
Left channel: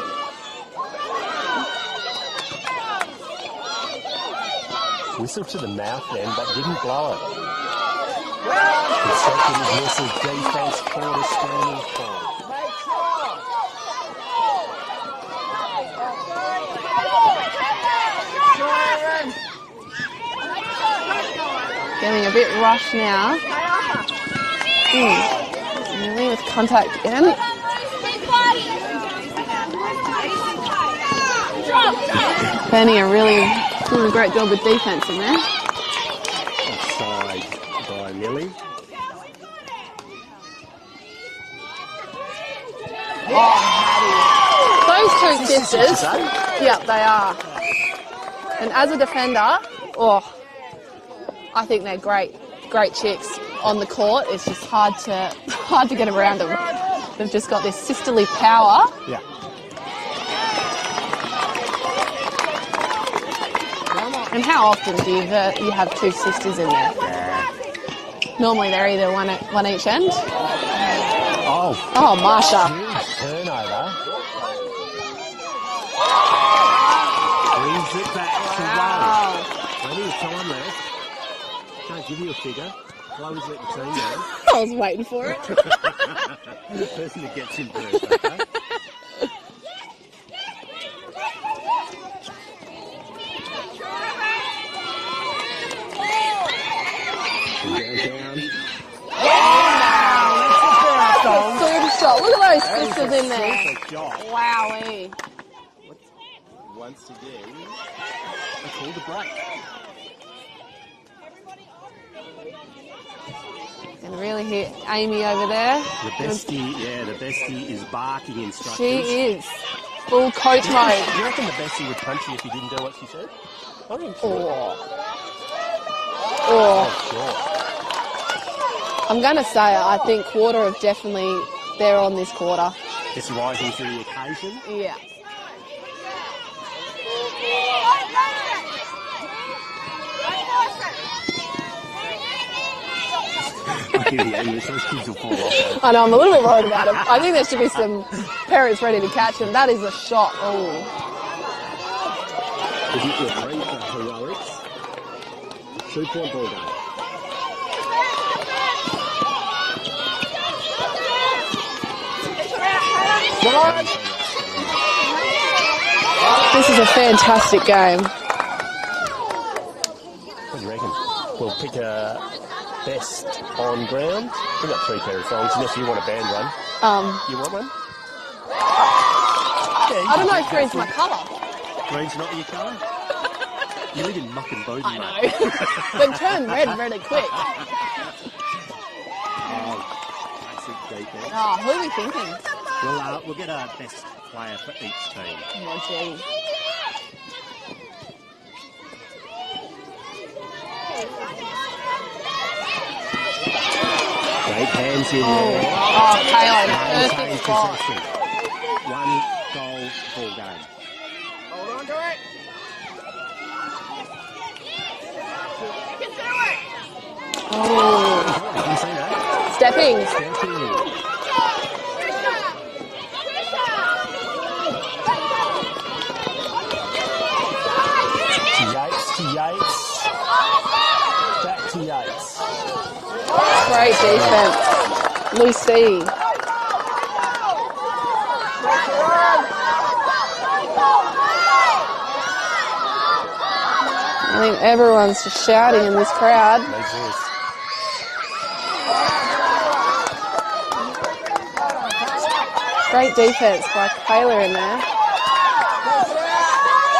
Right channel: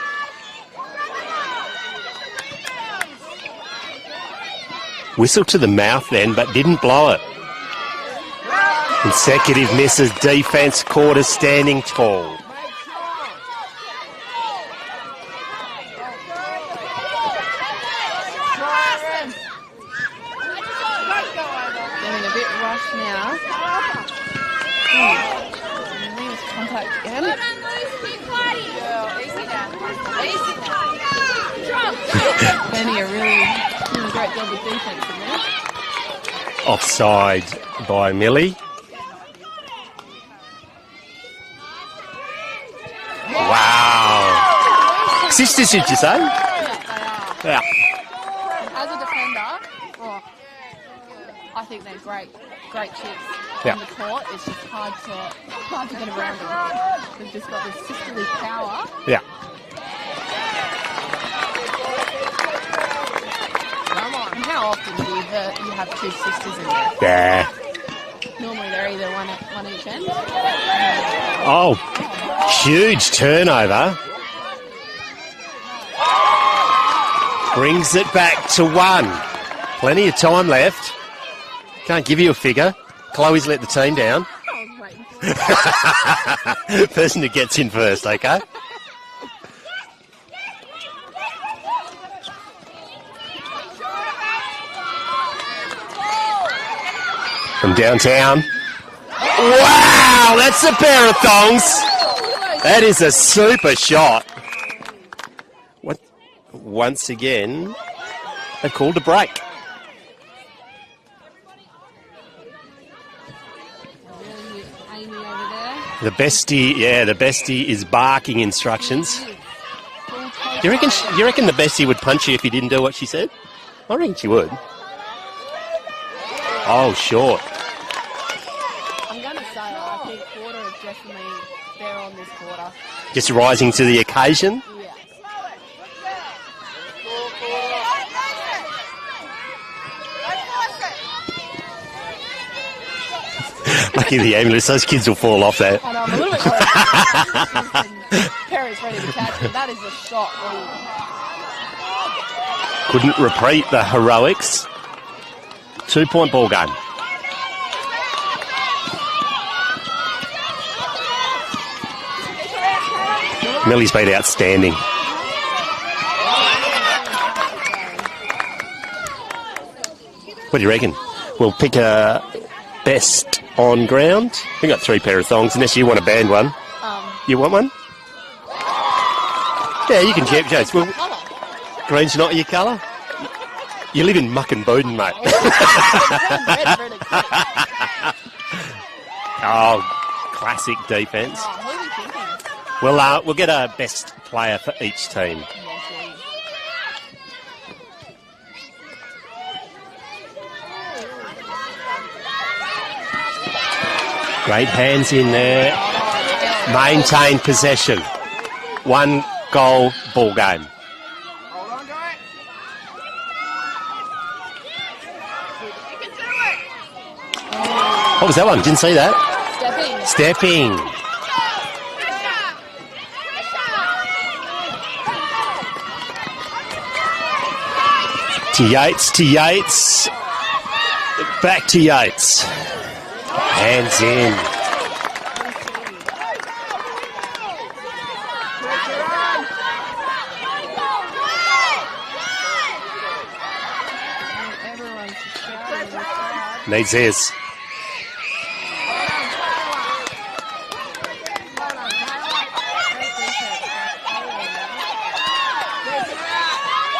Whistle to the mouth then, but didn't blow it. Consecutive misses. Defence, Koorda standing tall. Getting a bit rushed now. Really with contact again. Fanny a really doing a great job with defence in there. Offside by Millie. Wow. Those two Sisters, did you say? Yeah, they are. Yeah. And as a defender, I think they're great chicks on the court. It's just hard to get around them. They've just got this sisterly power. Yeah. And how often do you have two sisters in there? Yeah. Normally they're either one each end. Oh, Marsha. Huge turnover. Brings it back to 1. Plenty of time left. Can't give you a figure. Chloe's let the team down. I was waiting for it. Person who gets in first, okay? From downtown. Wow, that's a pair of thongs. That is a super shot. Wowee. What? Once again, they called a break. And really hit Amy over there. The bestie is barking instructions. She is. Full coach Do you reckon the bestie would punch you if you didn't do what she said? I reckon she would. Oh, short. I'm going to say I think Koorda have definitely, they're on this quarter. Just rising to the occasion. Yeah. Lucky the ambulance, those kids will fall off that. I know, I'm a little bit worried about this. I think there should be some parents ready to catch them. That is a shot. Oh. Couldn't repeat the heroics. 2-point ball game. Millie's been outstanding. This is a fantastic game. What do you reckon? We'll pick a best on ground. We've got 3 pair of thongs, unless you want a band one. You want one? Yeah, you can get James. Green's not your colour? You live in Muck and Bowden, mate. Oh, classic defence. Oh, who are we thinking? Well, we'll get a best player for each team. Yeah, geez. Great hands in there. Maintain possession. One goal ball game. What was that one? Didn't see that. Stepping. To Yates. Back to Yates. Hands in. Lucy. I mean, everyone's just shouting in this crowd. Needs his. Great defense by Kayla in there.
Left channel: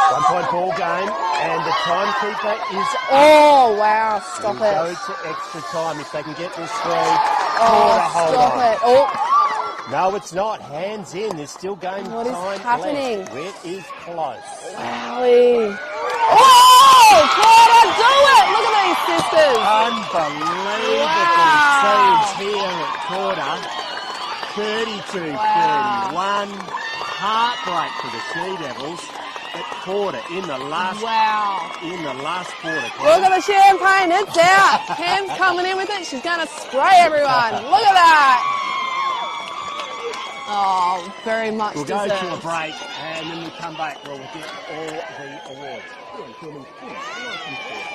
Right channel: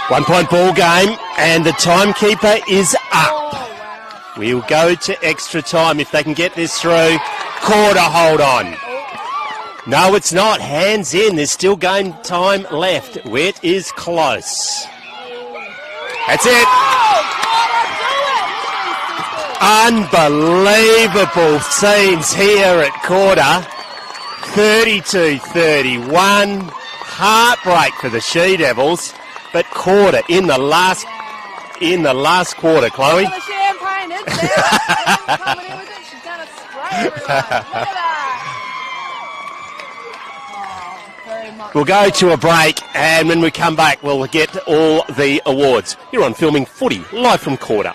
1 point ball game, and the timekeeper is up. Oh, wow. We'll go to extra time if they can get this through. Koorda, hold on. Oh. No, it's not. Hands in. There's still game time left. happening? Wet is close. Golly. That's it. Oh, Koorda, do it! Look at these sisters. Unbelievable scenes here at Koorda. 32-31. Heartbreak for the She-Devils. But Koorda in the last quarter, Chloe. Look at the champagne, it's out. Cam's coming in with it. She's going to spray everyone. Look at that. Oh, very much. We'll go to a break, and when we come back, we'll get all the awards. You're on Filming Footy, live from Koorda.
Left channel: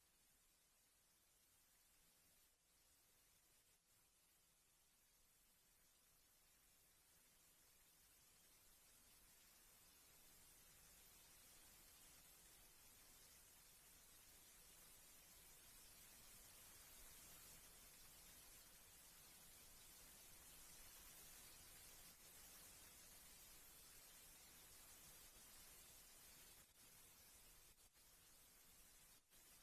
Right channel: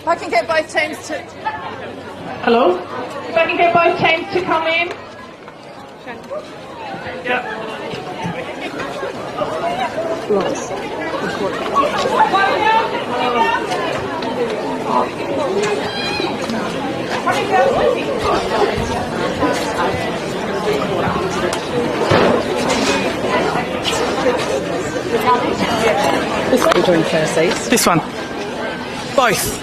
If I can get both teams to... Hello? If I can get both teams to come in. Yep. This one. Both.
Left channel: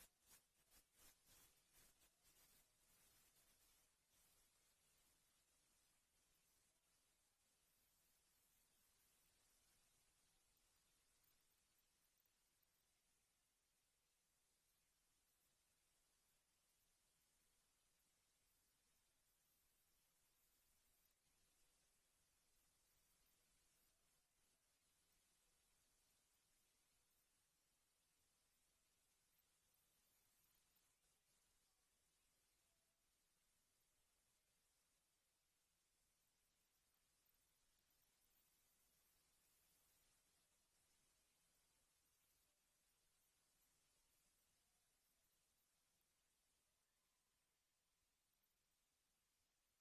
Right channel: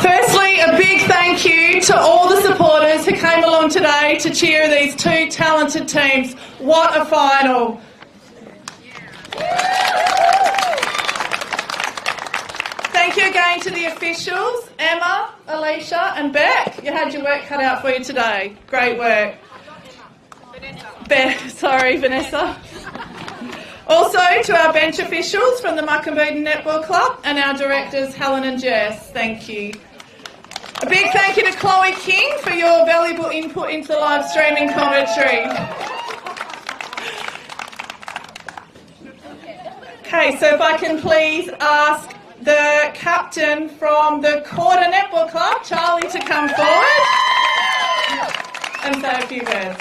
Firstly, a big thank you to all the supporters who came along today to cheer these two talented teams. What a final. Thank you again to the officials, Emma, Alicia and Beck. You had your work cut out for you today. Great work. Vanessa. Also to our bench officials from the Bencubbin Netball Club and our directors Helen and Jess. Thank you. A big thank you to Chloe King for your valuable input into the live streaming commentary. Okay, so if I can please ask the captain from the Koorda Netball Club, Charlie, to come forward and say a few words.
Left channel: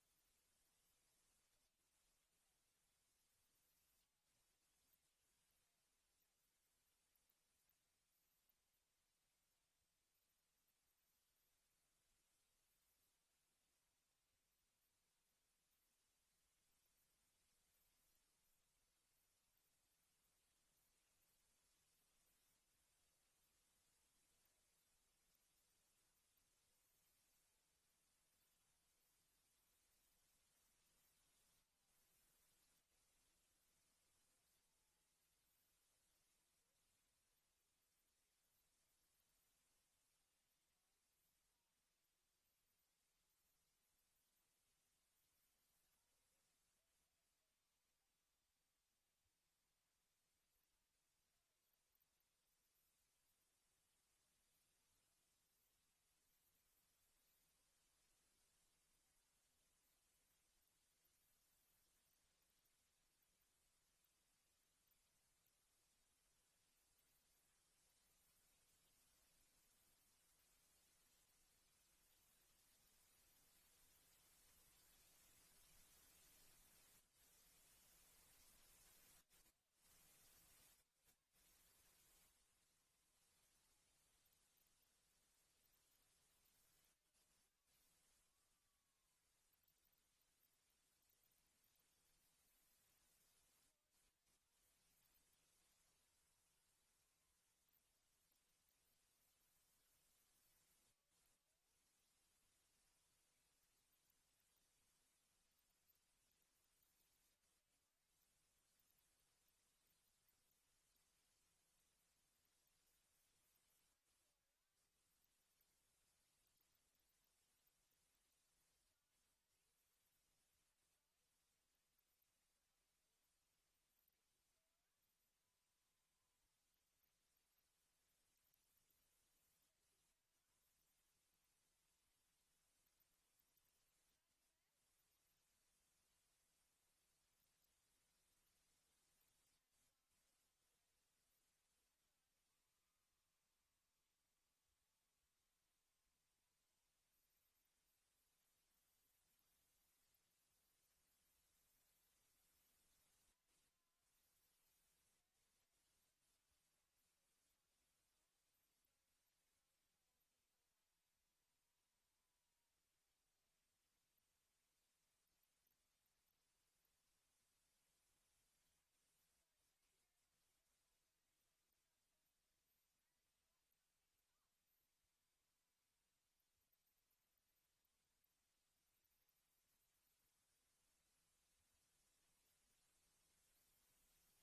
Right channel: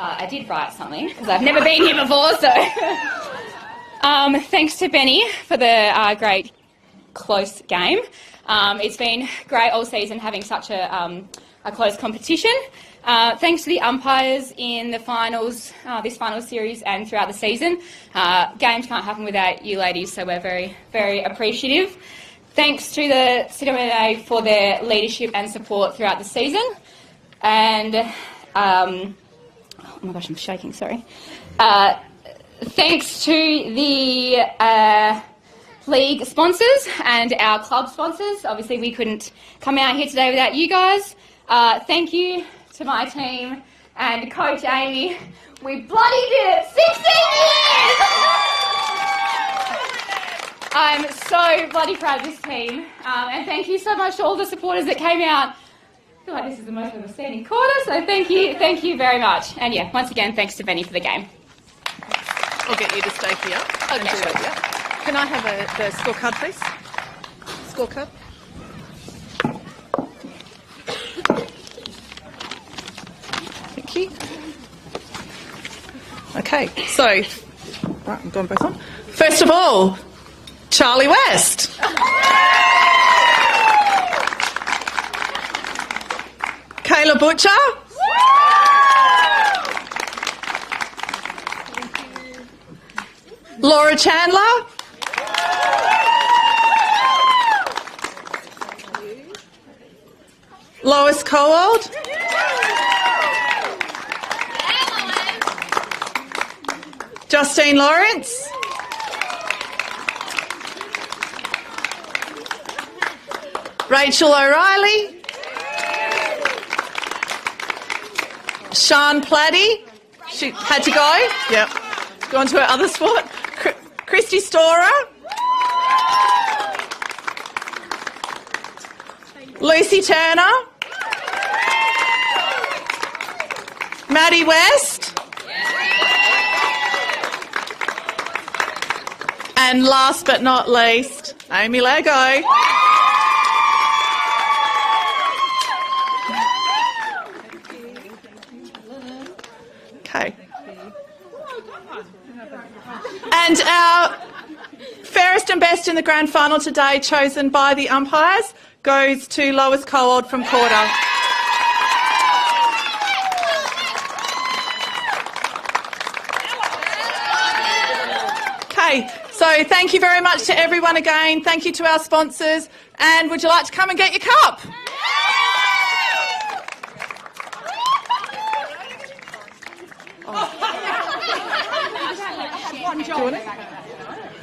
I did write something because I've never been here before, so thanks to Benny for the great close game. It's been great all season having such a close competition. Thanks to the umpires in the finals, this final series and throughout the season. Games can't happen without you ladies, so we're very, very appreciative. Thanks to the CWNA for their leadership and support throughout the season. And, oh my gosh, I'm shaking, sorry. Thanks to the league sponsors and our club sponsors. Obviously, we couldn't come out here today without you guys. Thank you to my team and Coach Amy. We bloody did it! 16 years! I'm so bloody proud of this team. And thank you so much to all the supporters that came out. I feel like this is the most I've ever seen in Koorda, so thank you very much. And yeah, once again, thanks to Benny for the game. I'll get you to stay here. Okay, sure. Can I have the scorecard, please? Scorecard. Thank you. Okay, so, right, I'm going both on. First of all, Charlie West. Kayla Butcher. Laura Chandler. Lois Cowald. Justine Lawrence. Rachel O'Reilly. Sian Platy. She had to go. Yep. Go on to her other sport. Christy Storer. Lucy Turner. Maddie West. And last but not least, Amy Lego. Okay. And our fairest and best in the grand final today, chosen by the umpires, goes to Lois Cowald from Koorda. Okay, so thank you very much to everyone again. Thank you to our sponsors. And would you like to come and get your cup?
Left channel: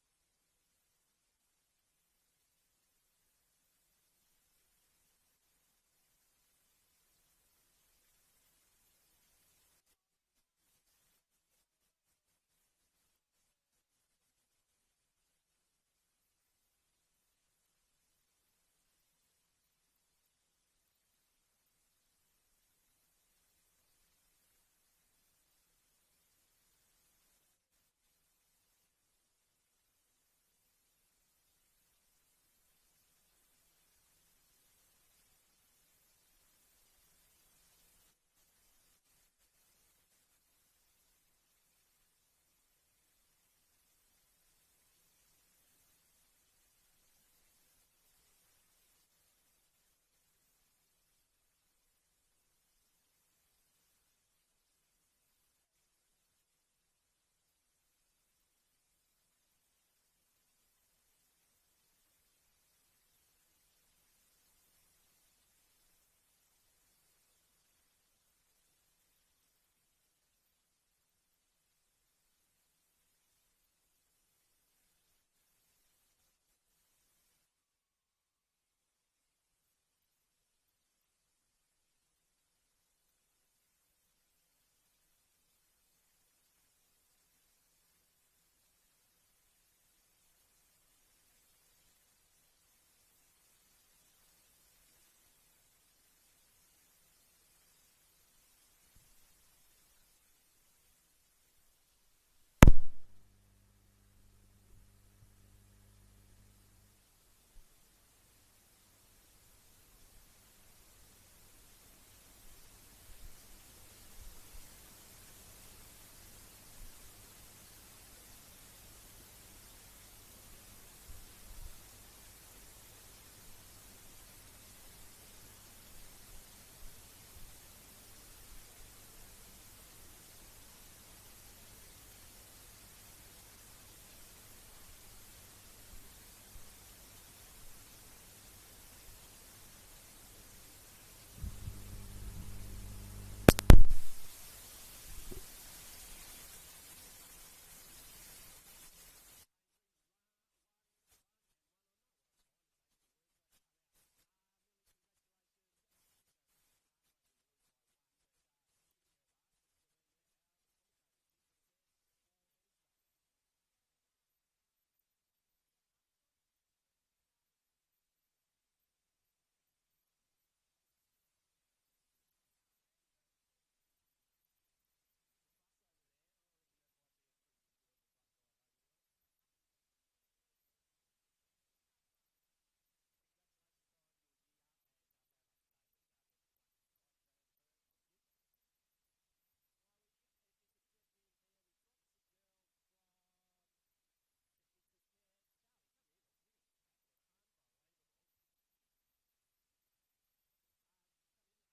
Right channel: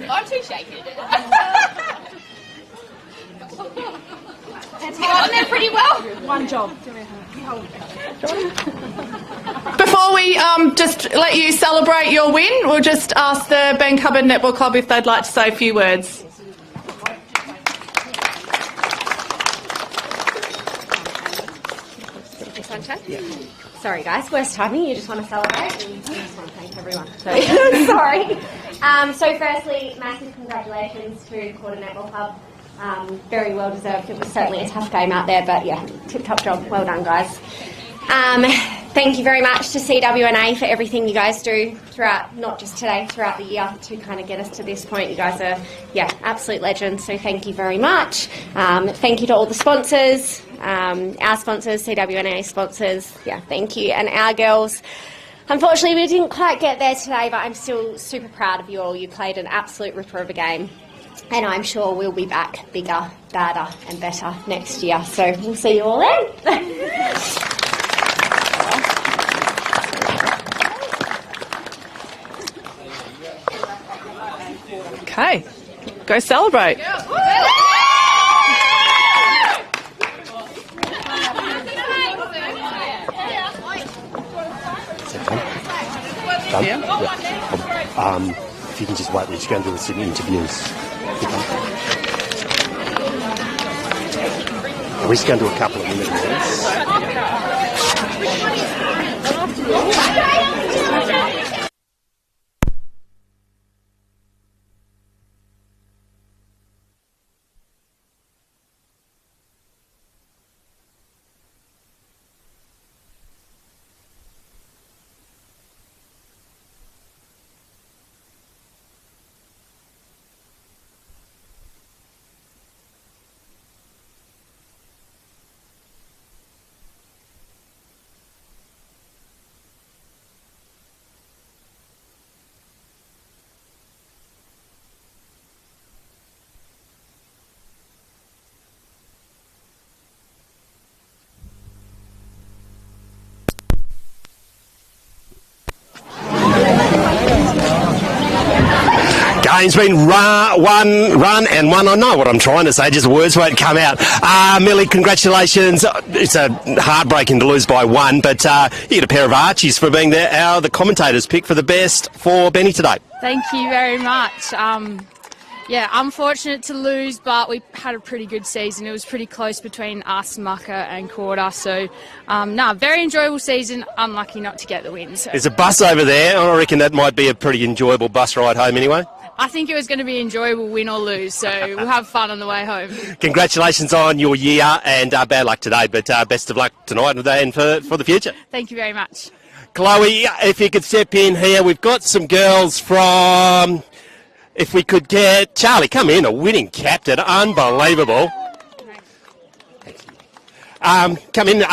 I'm too shaky. It's on there pretty well. One job. Before we just let you celebrate your win, we'll just ask the Bencubbin Netball Club if they'd like to say a few words. Yeah. Sorry guys, worst timing, you just want to celebrate and you just want to thank everyone. So, sorry. So firstly, massive congratulations to Koorda Netball Club. Very well deserved. It was certainly a tough game out there, but yeah, tip-top job. Well done guys. Thank you very much to CWNA for everything you guys do throughout, not just today, throughout the year to kind of get us to this point. You guys are, yeah, absolute legends, so thank you very much. Thank you to all the sponsors, our sponsors, CWNA sponsors, yeah, thank you. And our girls, unfortunately we didn't quite get there today, but I'm still super proud of you all. You played an absolute ripper of a game. And I'm sure we'll be back bigger, badder and better next year. So we'll see you all then. Okay, go celebrate. Done? Yeah. If you can just wait, we're just going to do some interviews. We're just going to do a couple of minutes. Game's been run and won. I know what I'm trying to say, just words won't come out. Millie, congratulations. It's a heartbreaking to lose by 1, but you get a pair of Archies for being the commentators' pick for the best for Benny today. Thank you very much. Yeah, unfortunate to lose, but we had a pretty good season. It was pretty close between us, Mucka and Koorda. So, very enjoyable season. Unlucky not to get the win. So. There's a bus over there. I reckon that might be a pretty enjoyable bus ride home anyway. I think it was going to be enjoyable, win or lose, so we'll have fun on the way home. Congratulations on your year and bad luck today, but best of luck tonight and for the future. Thank you very much. Chloe, if you could step in here, we've got some girls from... If we could get... Charlie, come in, a winning captain, unbelievable. Come in,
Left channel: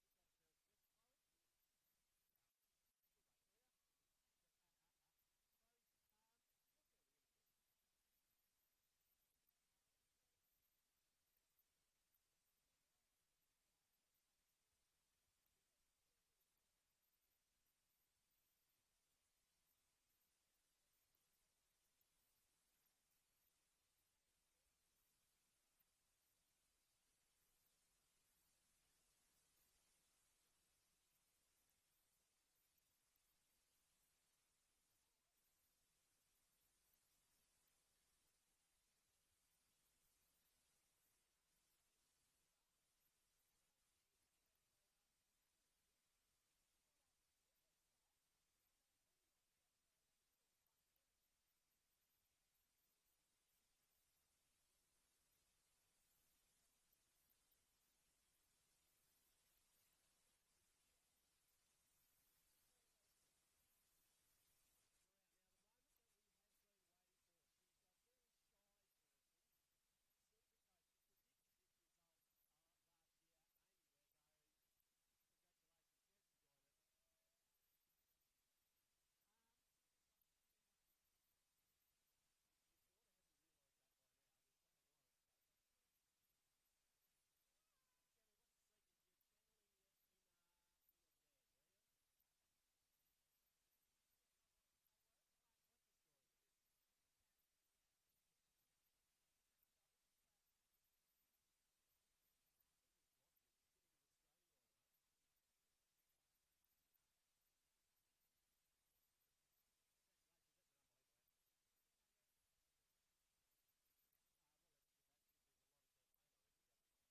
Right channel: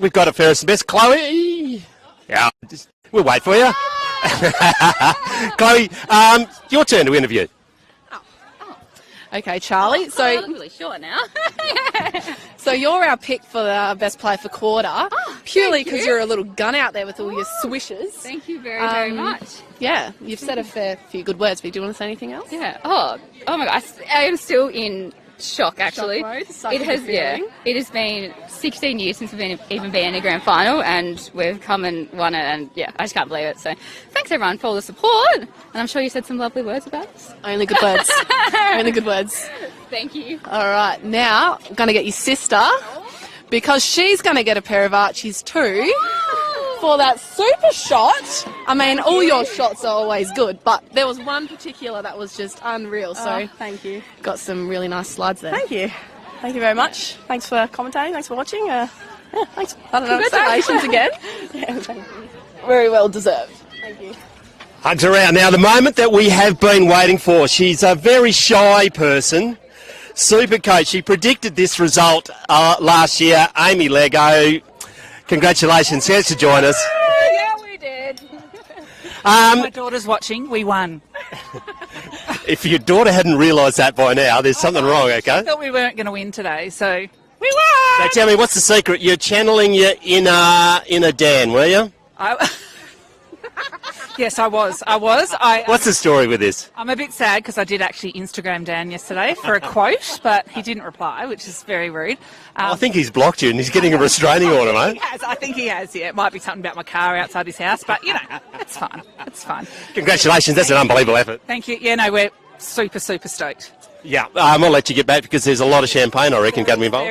we've got a fairest and best. Chloe, yeah, we'll wait for you. Chloe, your turn to interview. Okay, Charlie. So I'm really short now. So you're our pick for the best player for Koorda, purely because you're a little gun out there with all your swishes. Thank you very much. Yeah, you've said a fair few good words, but do you want to say anything else? Yeah. Oh my God. I am still in shock, actually. Shock mode? Such it a has, good feeling. It has been 16 years since we've even been in a grand final, and we've come and won it, and yeah, I just can't believe it. So thanks everyone for all the support, and I'm sure you said some lovely words about us. Only good words. Only good words. Thank you. All right, now I'm going to get your sister, because she's going to get a pair of Archies too. For that super shot. I mean, all your shots are always good, but there was one particular that was just unreal. So thank you. Got some really nice slides there. Thank you. Thank you very much. Thanks for commentating. Thanks for watching. Thanks. I don't know. Congratulations again. Yeah, thank you. Very well deserved. Thank you. Hugs around. Now, the moment that we have been waiting for. She's a very shy person. Super coach. She predicted this result last year. Amy Lego. Congratulations. Here's to join us. Yeah, we did. My daughter's watching. We won. If your daughter hadn't realised that by now, there's something wrong, okay? I thought we weren't going to win today, so we won! So tell me, what's the secret? You're channeling your inner Dan, were you? Yes, I was. What's the story with this? I'm a bit sad because I did actually Instagram Dan yesterday for a quote, but he didn't reply, which is very rude. I think he's blocked you and he's getting a restraining order, mate. I think he has, yeah. It might be something about my car outside his house, but, it's fine. It's fine. Congratulations, that's an unbelievable effort. Thank you. Yeah, no, we're super, super stoked. Yeah, I'll let you get back because there's a lot of champagne, I reckon, going to be involved.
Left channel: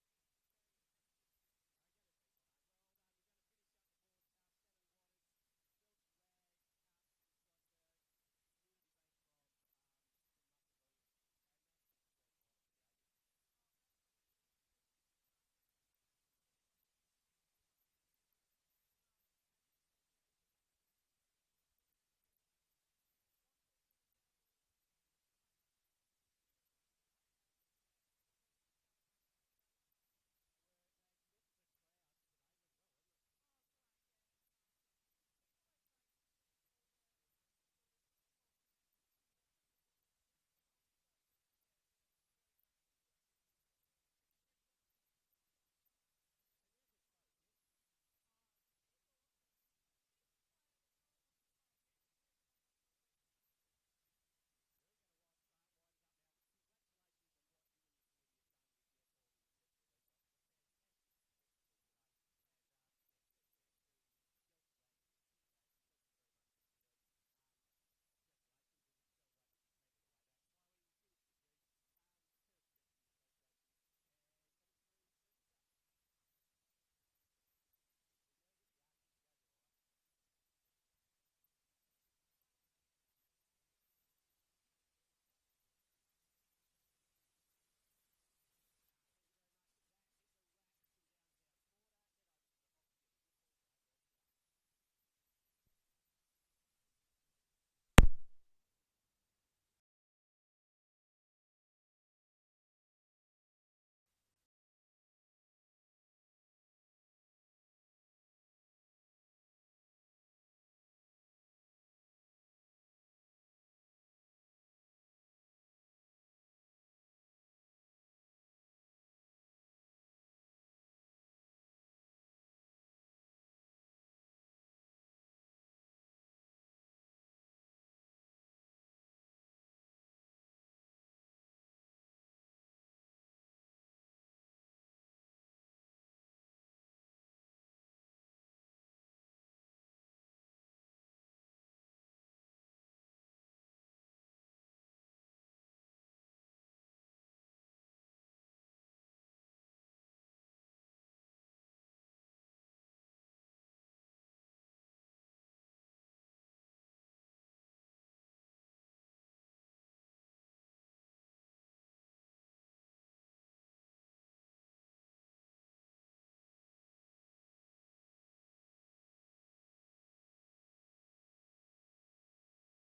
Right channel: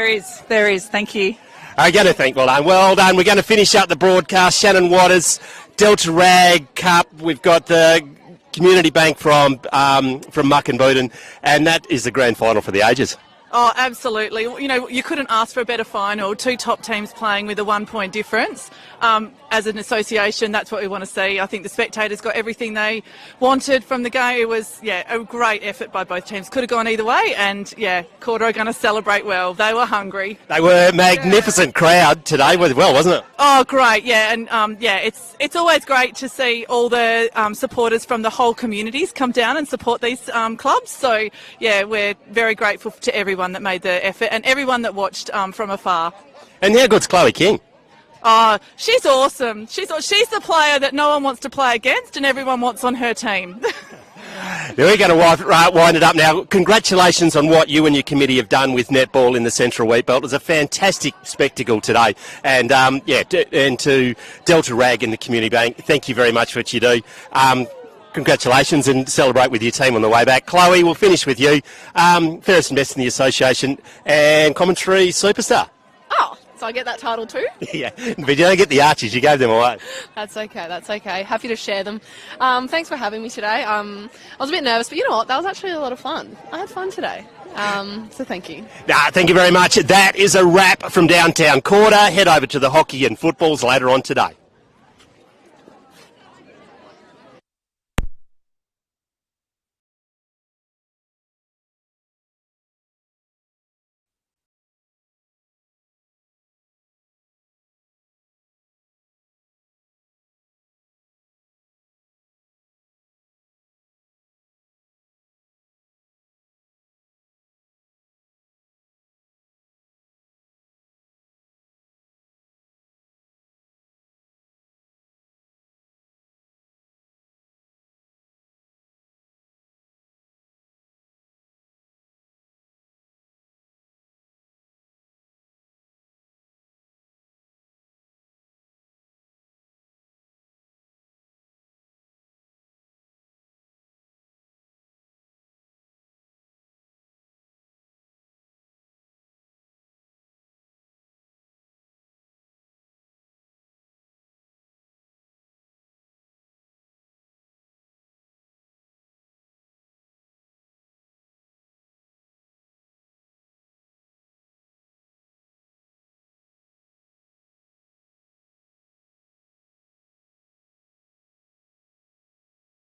There is. Thank you. I'm going to thank, well done. We're going to finish up the broadcast. Shannon Waters, Delta Rag Cup. We've got the Community Bank from Bencubbin, and that is the grand final for the ages. Oh, absolutely. You couldn't ask for a better final. 2 top teams playing with a 1-point difference. As an association, that's what we want to see. I think the spectators got everything they wanted from the game. It was, a great effort by both teams. Could have gone either way, and, Koorda are going to celebrate well. They were hungry. They were a magnificent crowd today, wasn't it? Oh, great, and, it's always great to see all the supporters from the whole communities come down and support these clubs. So, we're very grateful to everyone that made the effort and everyone that watched from afar. And how good's Chloe King? Oh, she's awesome. She's the player that no one wants to play against and everyone wants on her team. We're going to wind it up now. Congratulations on what you and your committee have done with netball in the Central Wheatbelt. It was a fantastic spectacle today. And, and to Delta Rag and the Community Bank, thank you very much for what you do. congratulations and celebrate with your team on the way back. Chloe, we'll finish with you. Fairest and best in the association and commentary superstar. Oh, so I get that title too? Yeah, but you don't get the Archies. You gave them away. That's okay. Happy to share them. Thanks for having me today. I was a bit nervous, but you know what? That was actually a lot of fun. I had fun today. So thank you. Thank you very much. That is a wrap from downtown Koorda. Head over to the hockey and footballs later on today.